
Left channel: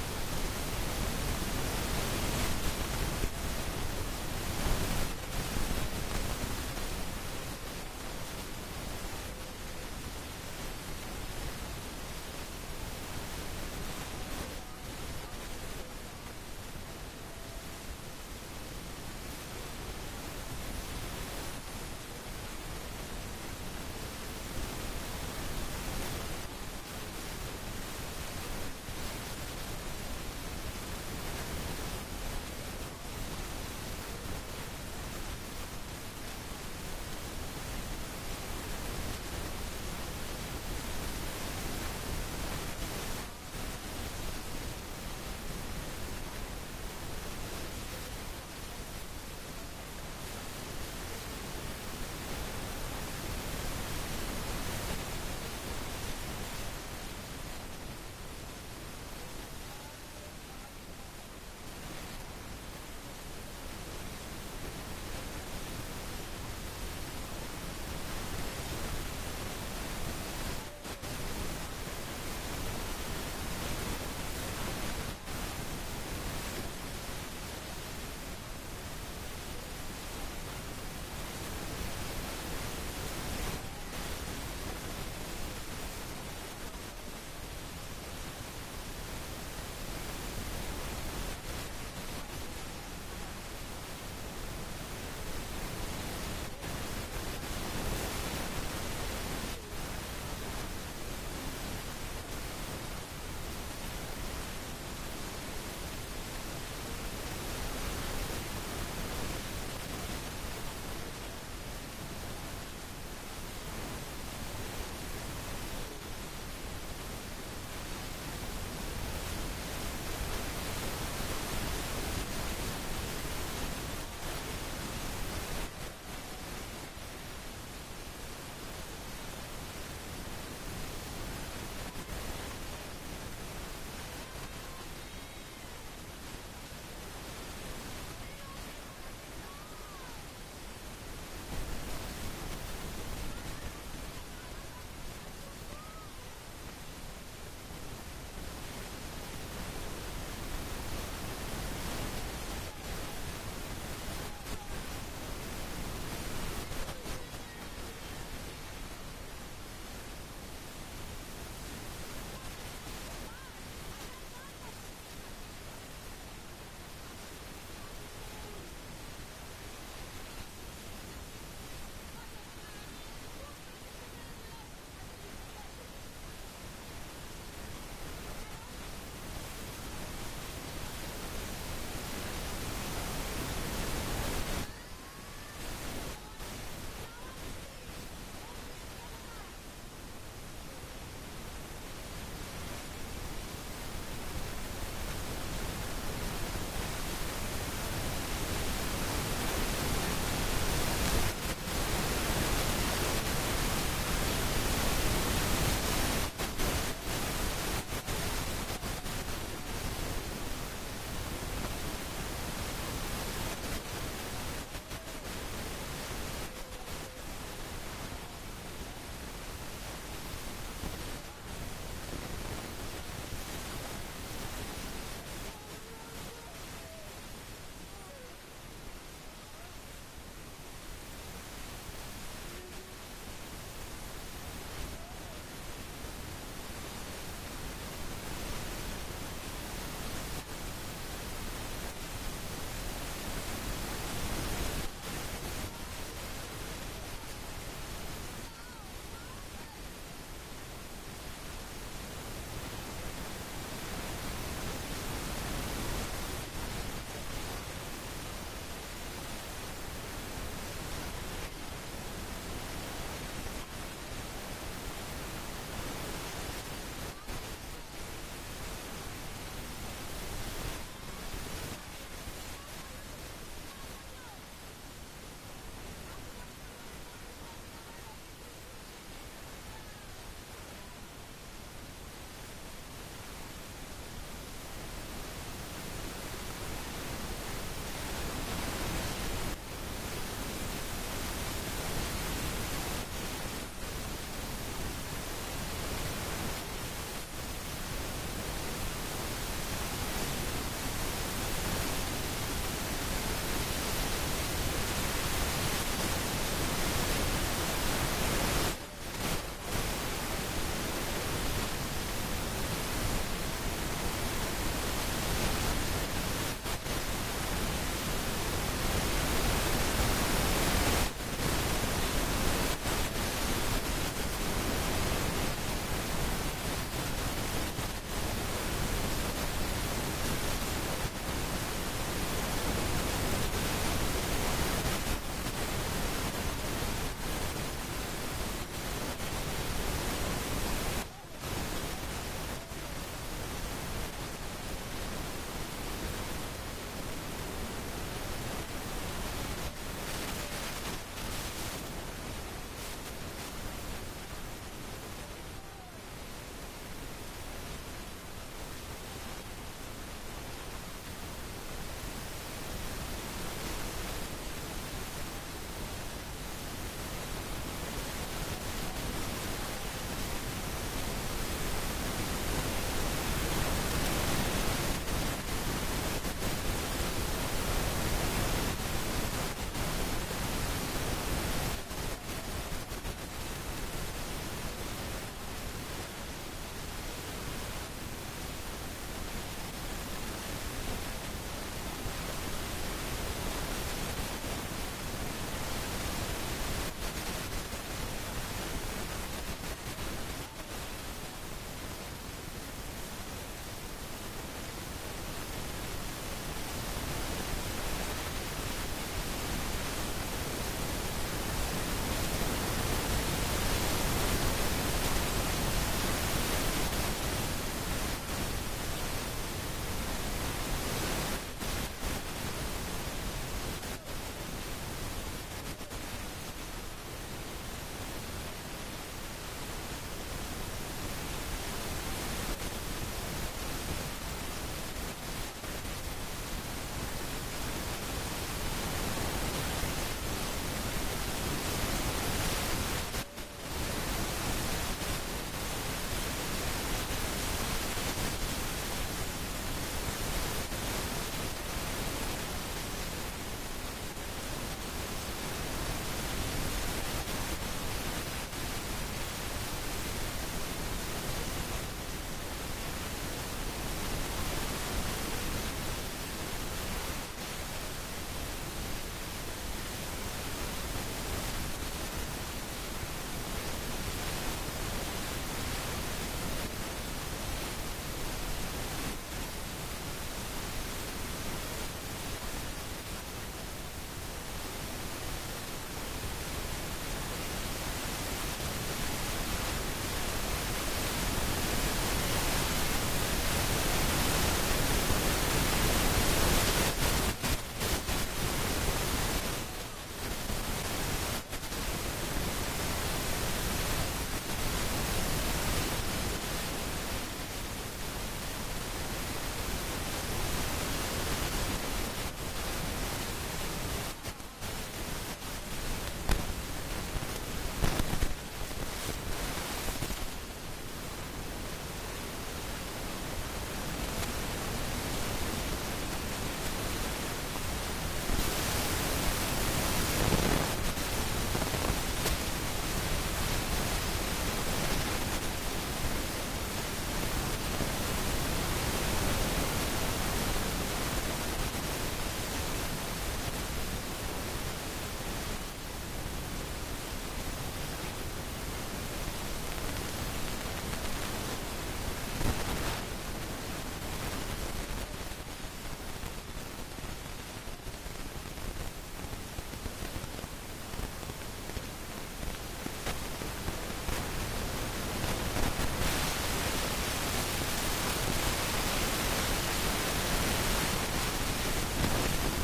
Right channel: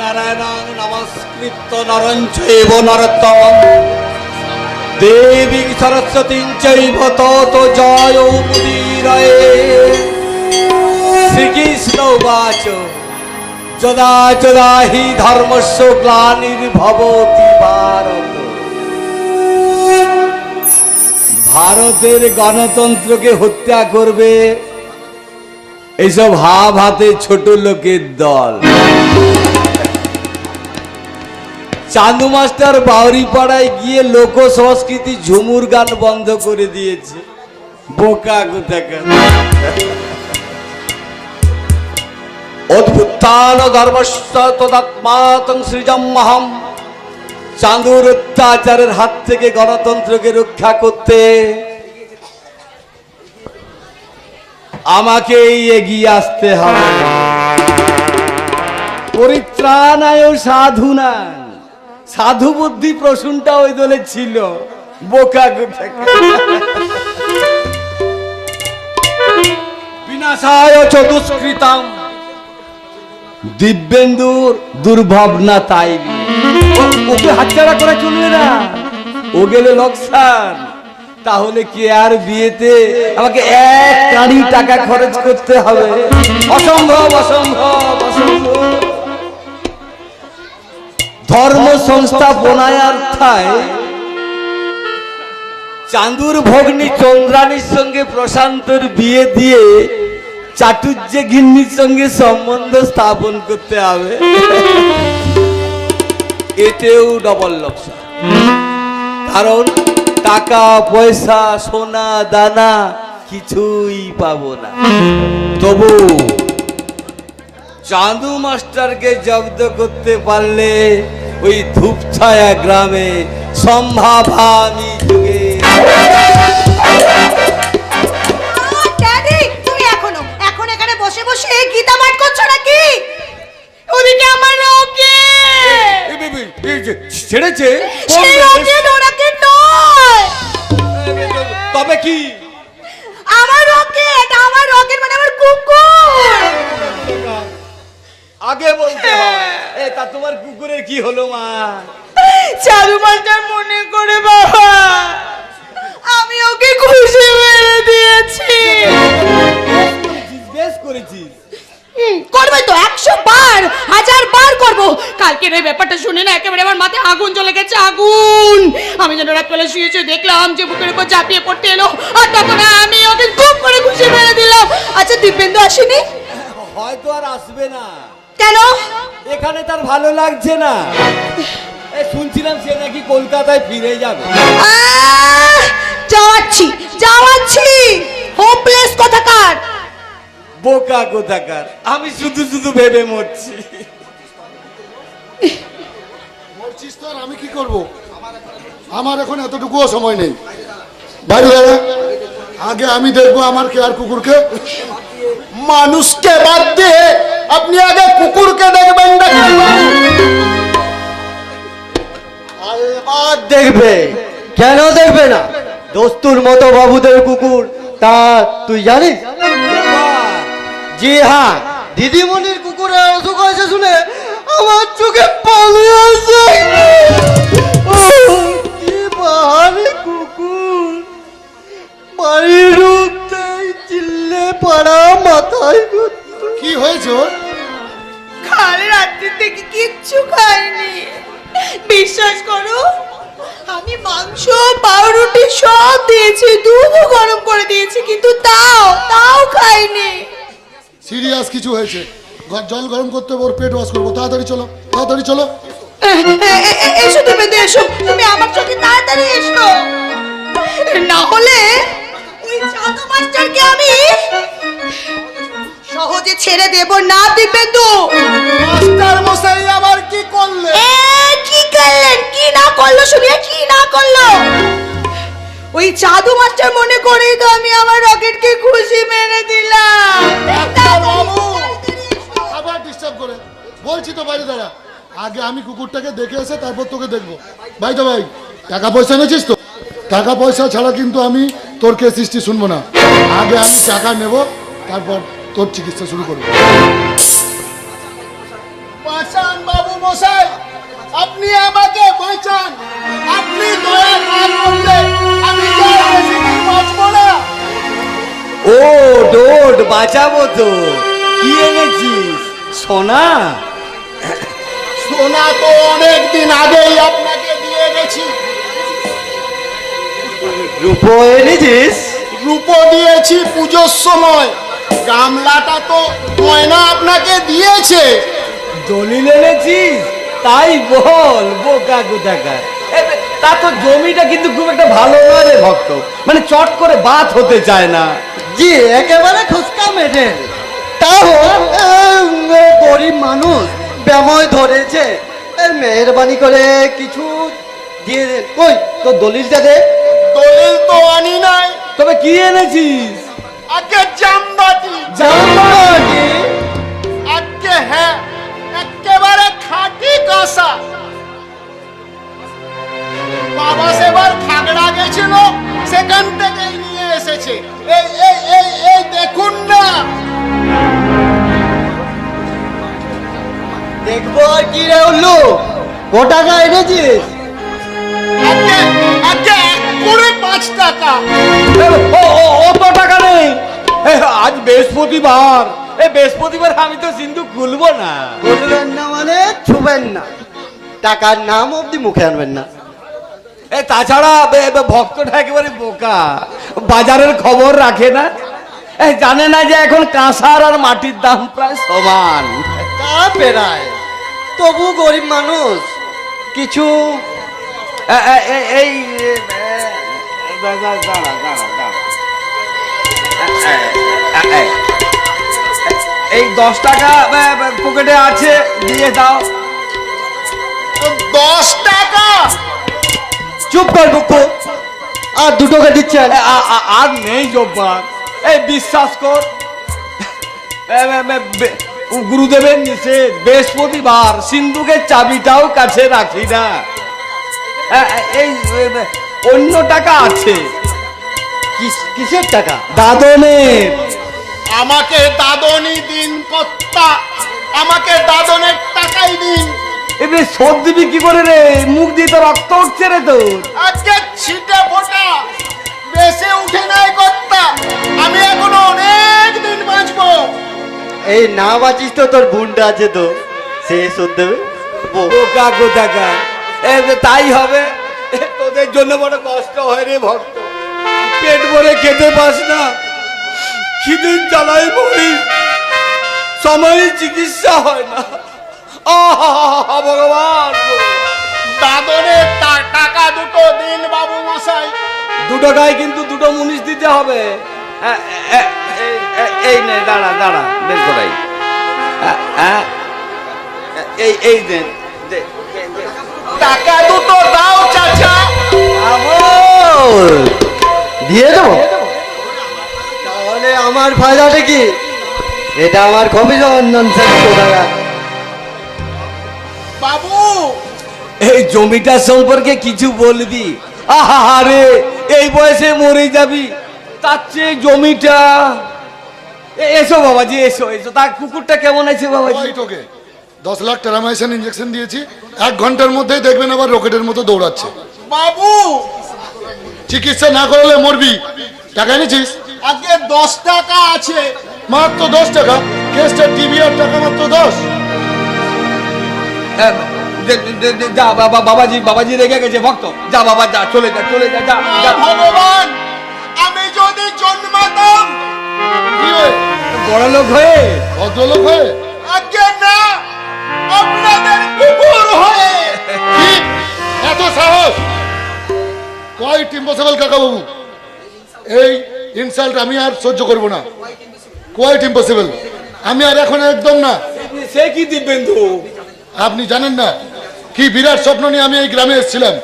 নারায়ণং নমস্কৃত্য নরং চৈব নরোত্তমং দেবী সরস্বতীং চৈব তত জয় মুদীরয়ে। শ্রীকৃষ্ণ উবাচ যদা যদা হি ধর্মস্য গ্লানির্ভবতি ভারত। ভারতের গণতন্ত্রকে হত্যা করবে এইসব হাব হাতে ছোট লোকের দল। চান্দু মাস্টার বাউরি পাড়ায় গিয়ে লোক সংস্কৃতি ঝুমুর গান বন্ধ করে দিয়েছে। বোকা কোথাকার। অদ্ভুতান ধর্মস্য তদাত্মাতং সৃজমহম। চাঁদুর অত্যাচারের হাত থেকে গণতন্ত্রকে রক্ষা করতে আমাকেই এগিয়ে আসতে হবে। পরিত্রাণায় সাধুনা, সাধু বুদ্ধি প্রসূনটা ওই দলে ছিল। বোকা বিনাশায় চতুষ্কৃতাম। দিব্যেন্দুর দুর্ভাবনা তাই। ওকে হাতছাড়া করা চলবে না, ও গেলে লোকসান। তাহলে কি আর বিয়েতে আমাকে 1 কোটি টাকা খরচ করতে হবে? অসম্ভব, অসম্ভব, অসম্ভব। ধর্ম সংস্থাপনায় অর্থায় চাঁদুর ভগ্নী চন্দ্রানীর সঙ্গে প্রশান্তর বিয়ে দিয়ে চাটুর্যে গিন্নির সঙ্গে সম্বন্ধ স্থাপন করতে হবে। এতেও ডবল লোকসান। কারণ টাকা পয়সা সোনা দানা কিছুই পাবো না। তবু চাঁদু মাস্টারকে জব্দ করতে পারলে ওই ধূপছায়া গ্রামে সম্ভাবামি যুগে। ড্যাডি, তুমি এখন এখানে বসে বসে গীতা পাঠ করছো নাকি? ওদিকে আমার রকেট ছেড়েছে। সেই রকেট ওরাকে নয়। তবে কি? আমার রকেট মানে আমার কুকুর। আগে বলতে হয়। তা তোমার কুকুরের কি হলো মা? চারু মাস্টার মনে করে বাবা আমি ওকে খুশি মেরে দিয়েছি। বেশ করেছিস। করবে তো 100 বার 1000 বার করবো। কালকের এই ব্যাপারটা শুনে না একেবারে আমার মাথায় আগুন জ্বলে গেছে, আগুন। আমি যেন রাতবেলা শুয়ে শুয়ে দেখলাম যে বুকের উপর ঝাঁপিয়ে পড়তে এলো, আর তখন আমি ওকে খুব করে খুশি মেরে দিলাম। আচ্ছা দিব্যেন্দু আসেনি? হয়তো আর আসবে না। কেন? এখানে তার ভালো লাগছে না। শুনছিলাম সে নাকি কলকাতায় ফিরে যাবে। যাওয়াচ্ছি যাওয়াচ্ছি, হোপলেস কথাকার। বোকা কোথাকার, আমি শুধু শুধু ভেবে মরছি। বলছিস তো আর আমি কি করব? আমার এখন এতটুকুও সময় নেই। বাইরে দাঁড়া, আগে আমি দেখবো আমার কে আর কুকুরকে। মানুষকে বাদ দিয়ে আপনি আগে কুকুরকে দেখবেন না? আরে বাদ দেখবে, কেন দেখবে না? দস্তুর মতো বাবুদের কুকুর, তা তুই জানিস? জি হ্যাঁ, দিদিমণির কুকুরের অসুখ হয়েছে শুনে আমার চোখে পানি আসে। কি বাহারে কুকুর, বাড়ির ঢুকতেই চিল্লে পাড়া মাথায় ঘুরতো। কি হয়েছে ওর? কাল রাত্রি থেকে কিচ্ছু খাইনি, বিশ্বাস করো। আমি মাংস পাউরুটি সব দিয়েছি, দুধও গরম করে দিয়েছি, কিন্তু তাও খাইনি। সিরিয়াস কিছু হয়েছে, জল গরম করতে হবে, ওর পেট ওয়াশ করবো। তাড়াতাড়ি চলো, তাড়াতাড়ি চলো। এসো দেবেন্দু, এসো তুমি আমার সঙ্গে তাড়াতাড়ি এসো, না হলে ওই চাঁদা মাস্টারকে আমি সহজে ছেড়ে দেব না। দিবেন্দু মাস্টার মশাই আবার কি করলে? কি করলেন? কি না করলো শুনে, কি না করলো? ওই চাঁদু মাস্টার মনে করেই তো আমি আমার রকেটকে খুশি মেরে দিলাম। আবার ডিস্টার্ব করে, বলছি তো বাইরে দাঁড়া। আগে আমি কুকুরটাকে দেখে এসে তারপর তোকে দেখবো। ভাই তো ভাই, টাকা পয়সা এনেছিস তো? টাকা পয়সা ছাড়া কিন্তু আমি তোর কেস হিস্ট্রি শুনবো না। আগে আমি টাকা নেব, তারপর তোর চিকিৎসা শুরু করবো। বাঁচান বাবু মশাই, আপনি আমাকে বাঁচান। আপনি দয়া না করলে আমি কি আর বেশি দিন বাঁচবো না? ও ডোড, বাঁচাবো তো। কি এনেছিস? সোনা? সোনা তো অনেক দিন আগেই আপনাকে দিয়ে গেছি। রূপো এনেছিস? রূপো দিয়েছি পুজোর সময়। গামলাটা তো ময়না আপনাকে দিয়েছে। দলিল এনেছিস? তাই বল, বোকা কোথাকার। তা তো জমিটা কিন্তু খুব একটা ভালো নয় রে ভক্ত, মানে চট করে বাত হতে চায় না। জি একেবারে খুচকা মেটে। তাও গরিব মানুষ ব্যাময় ধরেছে, মেহরবানি করে কিছু দিয়ে দে। কই তোর দলিলটা দে। দলিল তো আনি নাই। তবে কি এনেছিস? আগে জামবাটি। জামবাটি? আগে হ্যাঁ, একেবারে খাঁটি কাঁসা। বাবা সেবার খাগড়া গেছিল, সেখান থেকেই নিয়ে এসেছে। এই এই এই এই দেখুন না। দেখবো আর কি রে উল্লু, ক টাকা এনেছিস? আগে আগে 5 টাকা। অত টাকা নেই। আজ বৃহস্পতিবার, বৃহস্পতিবার আমি তো সিন্ধু খুলবো না। বলবেন না মানে ছুবেন না, টাকার নাম অব্দি মুখে আনবেন না। তাছাড়া ভক্তটা একেবারে বোকা, বাজারের খবর রাখে না, জানে না যে এখন কাঁসার আর মাটির দাম প্রায় সমান। তা পেরায়, তবু গরিব মানুষ কিছু এই এই 10 টাকা পকেটে আছে, দিয়ে দাও। 10 টাকা? চুপ কর বুকু, আর 2 টাকা দিচ্ছেন? আর নেই জব্বার, এই বিশ্বাস কর। গুরুদেবের নিষেধ, বৃহস্পতিবার সিন্ধুকের চাবিটাও কাছে রাখি না। এই অন্য টাকা আছে। কিসের টাকা? দাদনের। আমাকে দাদনই দিন কর্তা, আমাকে দাদনের টাকাই দিন। এবারে শোধ দিবি কি করে রে? মুখ দিয়ে তো রক্ত উঠছে রে তোর। আজকে ছিটে ফোটা বেশি উঠে নাই কর্তা, আমি এখনো অনেক দিন বাঁচবো। এই না বাঁচিস তো তোর বোনটা আছে তো, সে শোধ দেবে। বোকা কোথাকার। তাই হবে। তোদের জন্য বড় কষ্ট হয় রে ভক্ত, পেট ভরে খেতে পাস না, খিদের জ্বালায় মরি, সময় চিকিৎসা হয় না। আহা ভগবান, দাদনের টাকা দুটো দিন বাবু মশাই। 2 টাকায় কিন্তু 2টো মুনিশ দিতে হবে। এই নে, দাঁড়া দাঁড়া, বের করাই। এই দেন, টাকা দুটো দাও চাচা। দিয়ে দেবো? তাহলে আমার ফায়দাটা কি? এটা আমার কমিশন কোথাকার। বাবু এই জমিটার সম্পর্কে কিছু বলবি? আহারে, এই বয়সে মরে যাবি, তার চেয়ে জমিটা। এসো বাবাজি, এসো এসো। তার কুকুরটা কেমন আছে বাবাজি? ওই তোকে 10 লাখ টেরামাইসিন ইঞ্জেকশন দিয়েছি, 1 ঘন্টার মধ্যেই দেখবেন আবার রকেটের মতো দৌড়াচ্ছে। বাবু চিকিৎসা না করলে মরবি। টাকা এনেছিস? আজকে 10 টাকা আছে। মাত্র 10 টাকা? কেসটা টিভি আর টাকা মাত্র 10। যা বাবা, বাবাজি রেগে গেছে ভক্ত। যা বাবা, যা, চলে যা, চলে যা, যা যা। ভগবান, আমি যদি জন্মাতাম কি হয়ে? বড় লোক হয়ে, ভদ্রলোক হয়ে? আজকে না, আপনাদের কুকুর হয়ে। কি এত সাহস? কোয়াইট ইম্পসিবল কাকা বাবু, এই ইনসাল্ট আমি আর সহ্য করব না। কোয়াইট ইম্পসিবল, আমি আর এখন একদম না। সে কি দিব্যেন্দু? আপনি জানেন না কি বিরাট স্বপ্ন নিয়ে আমি এই গ্রামে এসেছিলাম।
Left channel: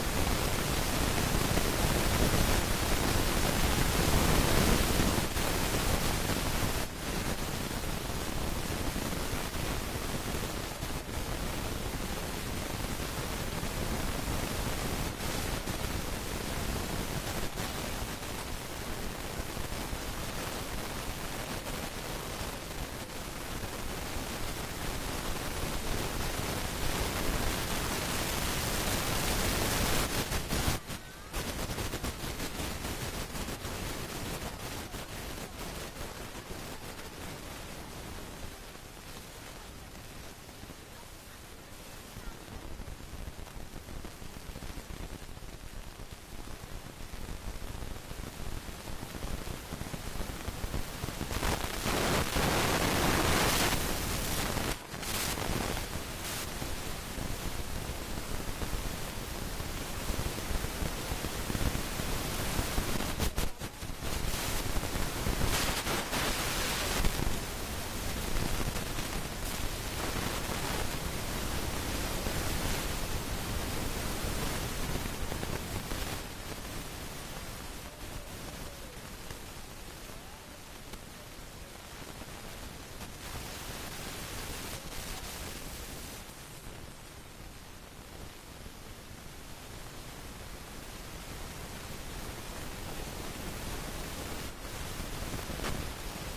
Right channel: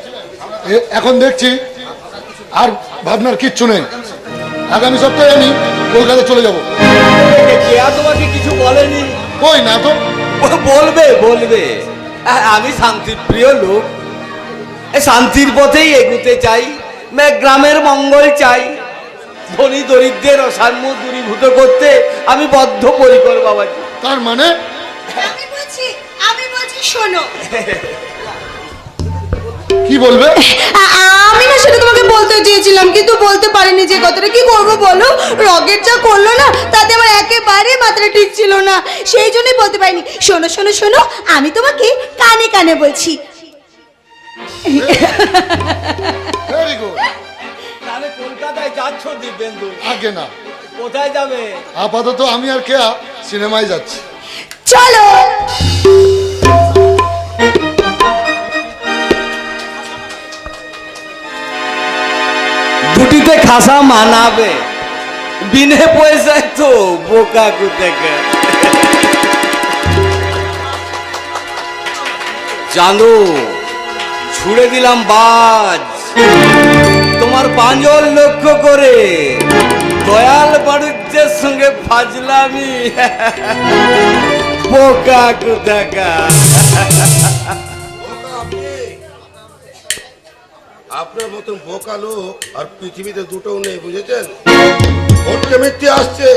এখন দেখছি আর ভাবনার কিচ্ছু নেই। আগামী সপ্তাহে আমি কলকাতা চলে যাব। কেয়া তোমাকে কিছু বলেনি? কই না তো। বলবে বলবে। আমি শান্তির প্রিয় লোক, শান্তির পথেই এগুতে চাই, গ্রামের মঙ্গল চাই, ধনী দরিদ্রের অসাম্য দূরীভূত করতে আমি বদ্ধপরিকর বাবাজি। তার মানে আমি বলছি শোনো। কি বলবে? আমি না সেটা তোমাকে বলতে চেয়েছিলাম কিন্তু বলতে পারিনি। যে কথাটা কি করবো বলো, রকেট যা করলো না তাতে আমার একেবারে মাথাটা ঠিক ছিল না, সেই জন্যই বলতে পারিনি। শোনো শোনো শোনো, আমি তোমাকে কানে কানে বলছি। Very good. তাহলে কলকাতায় যাচ্ছ দিব্যেন্দু? আগে না, কোথায় যাবে? আপাতত আমি আর কেয়া সিনেমায় যাচ্ছি। চলো। দুটিতে খাসা মানাবে, বিনে পয়সায় তো বোকা কোথাকার। জানো, ছুড়ে দিলাম বাজ তোমার পাঁজর লক্ষ্য করে, দয়াল বাড়ুজ্যের সঙ্গে ফাজলামি। বোকা কোথাকার। আপনার মতন বোকা লোক আর পৃথিবীতে দুটো নেই, বুঝেছেন? ভোটকে মিথ্যে আসছে।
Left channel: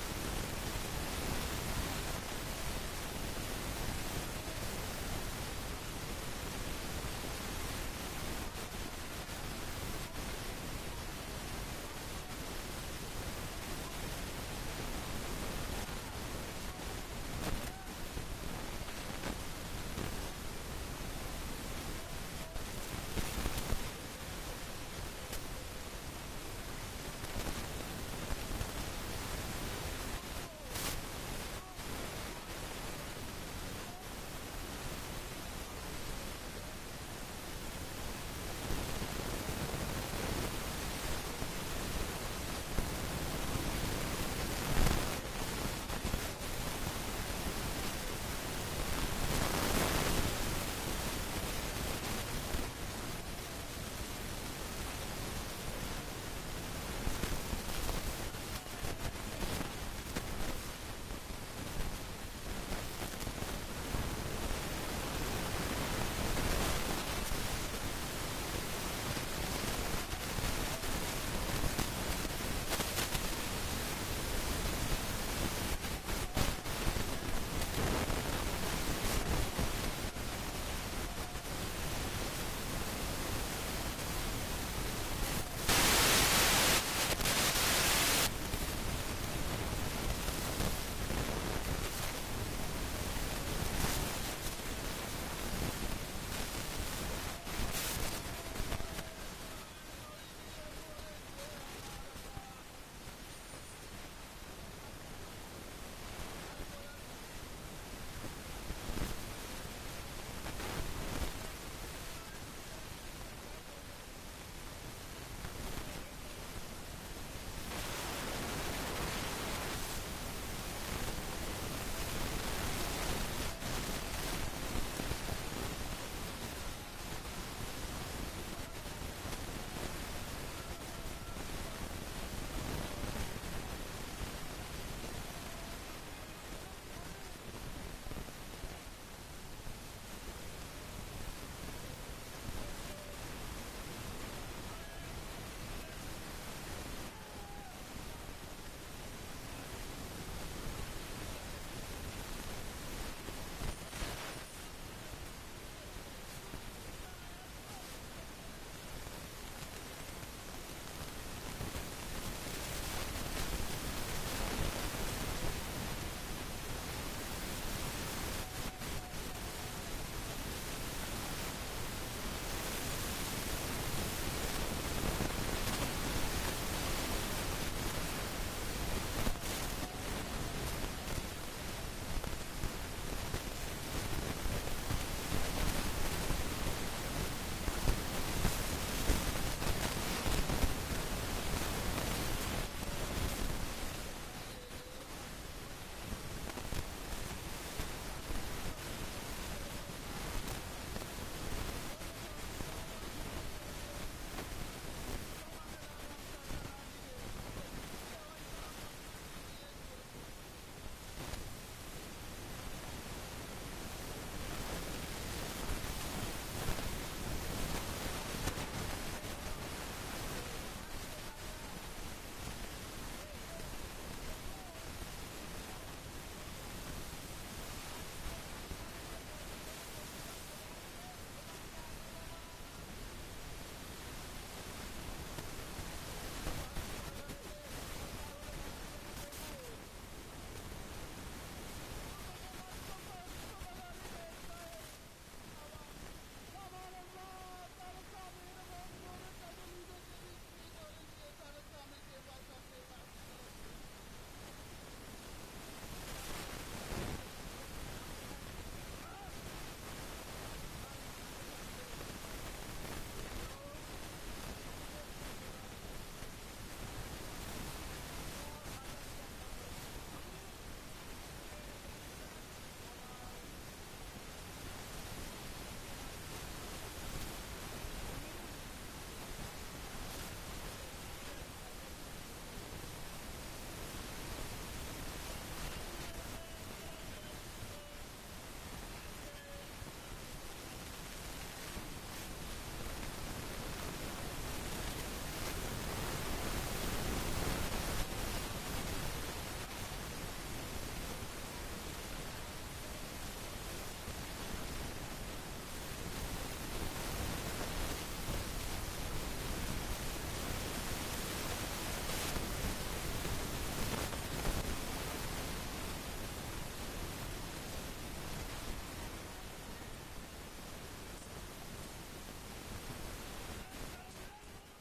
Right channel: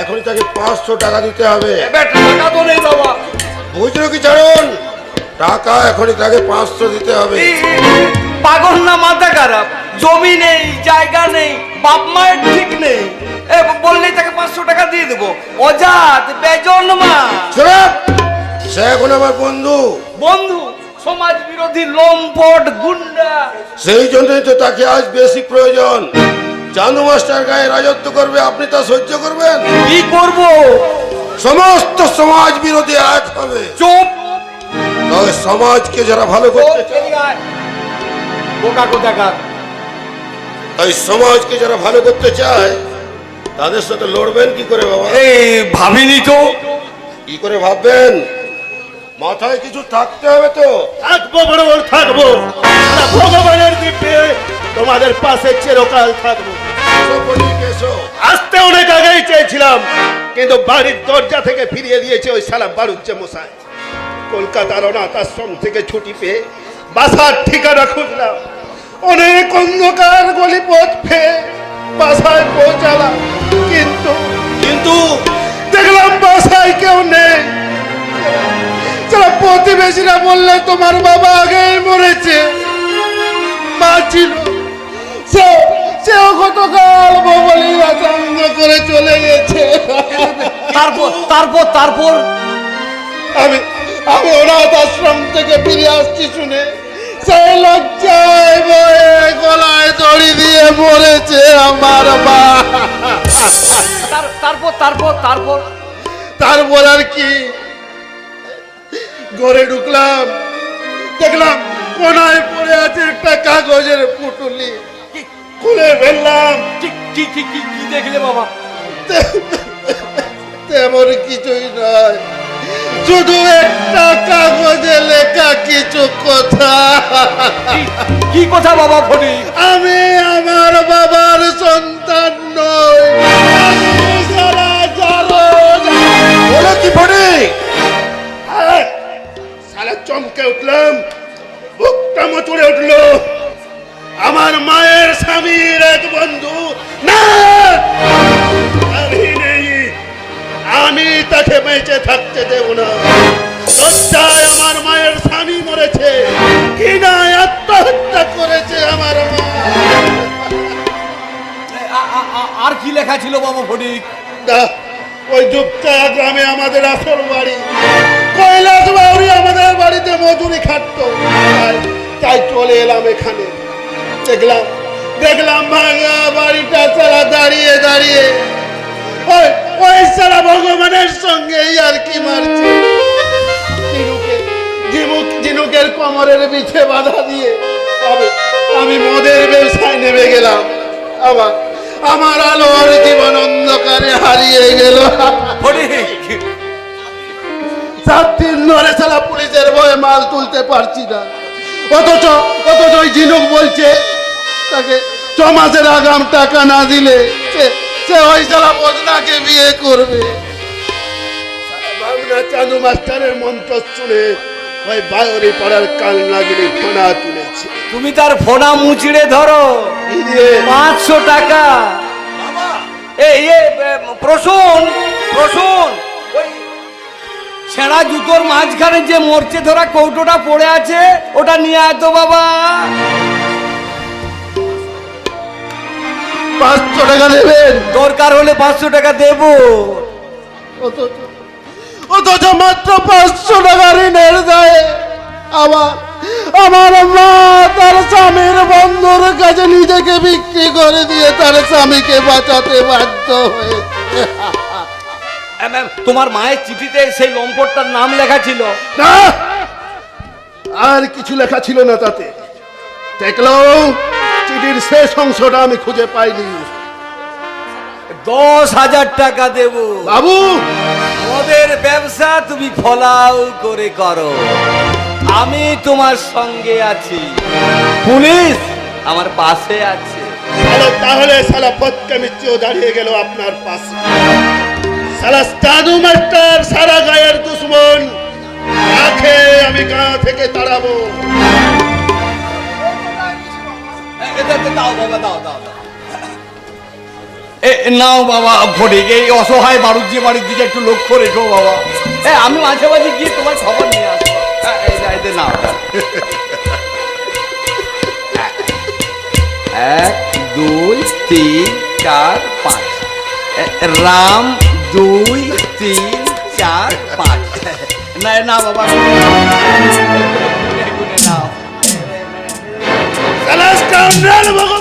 এখনই তাকে 500 টাকা দিতে হবে। টাকা তো নেই বাবা। বুঝলো কি চারণ? টাকা এখনই তাকে 500 দিতে হবে। পাগল না মাথা খারাপ? জমি নেই, জায়গা নেই, বাপ মায়ের ঠিক নেই, বললেই তাকে 500 টাকা দিয়ে দেবো? অজাত বেজন্মা। সে এখন আমার বন্ধু। বন্ধু? সমাজ বিরোধী লম্পট গুন্ডা। সেই জন্যই তো তাকে আজ বেশি প্রয়োজন। চান্দু মাস্টার গায়ে রাজত্ব করবে, আপনি তা সহ্য করবেন? কি করব? সমস্ত সমাজ বিরোধী এক হবে। চুপ। তবে সমাজকে যারা ভালো করতে চায়, বোকা কোথাকার। তাই সমাজকে যারা ভালো করতে চায় তাদের সাথে লড়বেন কি করে বাবা? এই ভাবিনি তো। কি করে ভাববেন? মাথায় কিছু থাকতে হবে তো। থাকবো বরাবর থাকবো, আমরা ভগবানের দিব্যে তোমাদের পাশে চিরকাল থাকবো। আসতে অনেক আগেই চেয়েছিলাম, কিন্তু বাড়ির দরজা থেকে ফিরিয়ে দিয়েছে ওই সালাম বাড়ুচ্ছে মশাই। কলকাতার অনাথ আশ্রম থেকে ছুটি পেয়ে বাসার ঠিকানা খুঁজলাম, অনেক অন্ধকার গলি পথ পেয়ে বাসায় পৌঁছালাম, কিন্তু দেখলাম বাসায় কেউ নেই। প্রতিবেশীরা বললে তোমার বাবা আগেই মরেছে, মা ছিল, সেও গতকাল বলি আচন্দ করে চলে গেছে। তারপর আমি আমি অনাথ আশ্রম থেকে ফিরে আসছি শুনে সেই লজ্জায় বয়ে গলায় দড়ি দিয়ে মরেছে আমার মা। তারপর আর কি, ঘরে ঢুকলাম, দেখলাম কোনায় পড়ে আছে একটা কাগজের পুটুলি, খুলে ফেললাম। কি দেখলে বাবা? তেমন কিছুই নয়, শুধু একটা কাগজে লেখা কিছু কথা। কি কথা বাবা ফটিক? আমি আমার বাবার সন্তান নই, আমি সারা জারদ। বলো কি ফটিক? সারা চমকে উঠলাম, বুকটা মচড়ে উঠলো। আমার মায়ের স্বামীর এক বন্ধু না, আমি নেই, আমি তাকে বেঁচে থাকতে দেব না। লজ্জায় আমার মায়ের স্বামী মরেছে, কিনা আত্মহত্যা করেছে আমার মা। আর কি লেখা ছিল বাবা ফটিক? ওই যুক্তা গ্রামে আমাদের আসল বাড়ি, কৈলাস বাউরি আমাদের বাড়িতে মজুরি খাটতো, তাই চলে এলাম এখানে। দেখলাম ভাঙা বাড়িটা ছাড়া দাঁড়িয়ে দাঁড়িয়ে ওই সারা ভগবানের সঙ্গে আর কি মারছে। ঝিনুকের কোমরের বিছে বাধা দিয়ে আমি মদের ব্যবসায় নেমে গেলাম। আমার আলোর জীবন অন্ধকারে হারিয়ে গেল। 7 দিন ধরে সারা পুলিশের ভয়ে মাল তুলতে পারছি না, অথচ ওই ঝিনুক বলছে তাকে 6 মাসের আগাম টাকা না দিলে সে ওই সারা বদনাকে বিয়ে করবে। ভাবনা চাঁদু মাস্টারের মন্ত্র শুনে ওই বায়রি পাড়ার কাল নাগিনী ফোনা তুলেছে। তুমি তার ফোনা মুচড়ে ধরো, 500 টাকা। প্রসূন ওই ছেঁড়া জুতোর মাঝখানে যে মরচে ধরা কৌটোটা পড়ে আছে, ওটা নিয়ে আয় তো বাবা। 500 টাকা দেবেন? দরকার হলে 500 টাকা দেব। অথচ মাত্র 500 টাকা ঋণের দায়ে আমার মা তার স্বামীর বন্ধুর কাছে নিজেকে বিক্রি করে দিয়ে তার স্বামীকে বাঁচাতে বাধ্য হয়েছে। তোমার মায়ের চিঠিতে সেই লম্পটটার নাম লেখা ছিল না, আর কিছু লেখা ছিল না তাতে। দেখলো, চিঠির শেষ অংশটা আমি খুঁজে পাইনি। 10,000 টাকা দেব বাবু। মদের ব্যবসা তুমি ফলাও করে করো, আমি তোমার সঙ্গে আছি, পুলিশ আমার পাশে আছে। তাহলে সালা বদকামিচিও দাঁড়িয়ে গেল আপনার পাশে। সালা চাঁদু মাস্টার সারা গায়ের দুশ্মন, তাকে আমি গা থেকে তাড়াবো। দাও বাবা, দাও। নাও বাবা ফটিক, এই অসহায় বাড়ুজ্জি বাড়ির দিকে একটু লক্ষ্য রেখো বাবা। আমি মাঝে মাঝে গিয়ে তোমার খবর নিয়ে আসবো। নাও 1 2 3 4 5 রাম 2 3 4 5 না বাবা, সালা স্কাউন্ডার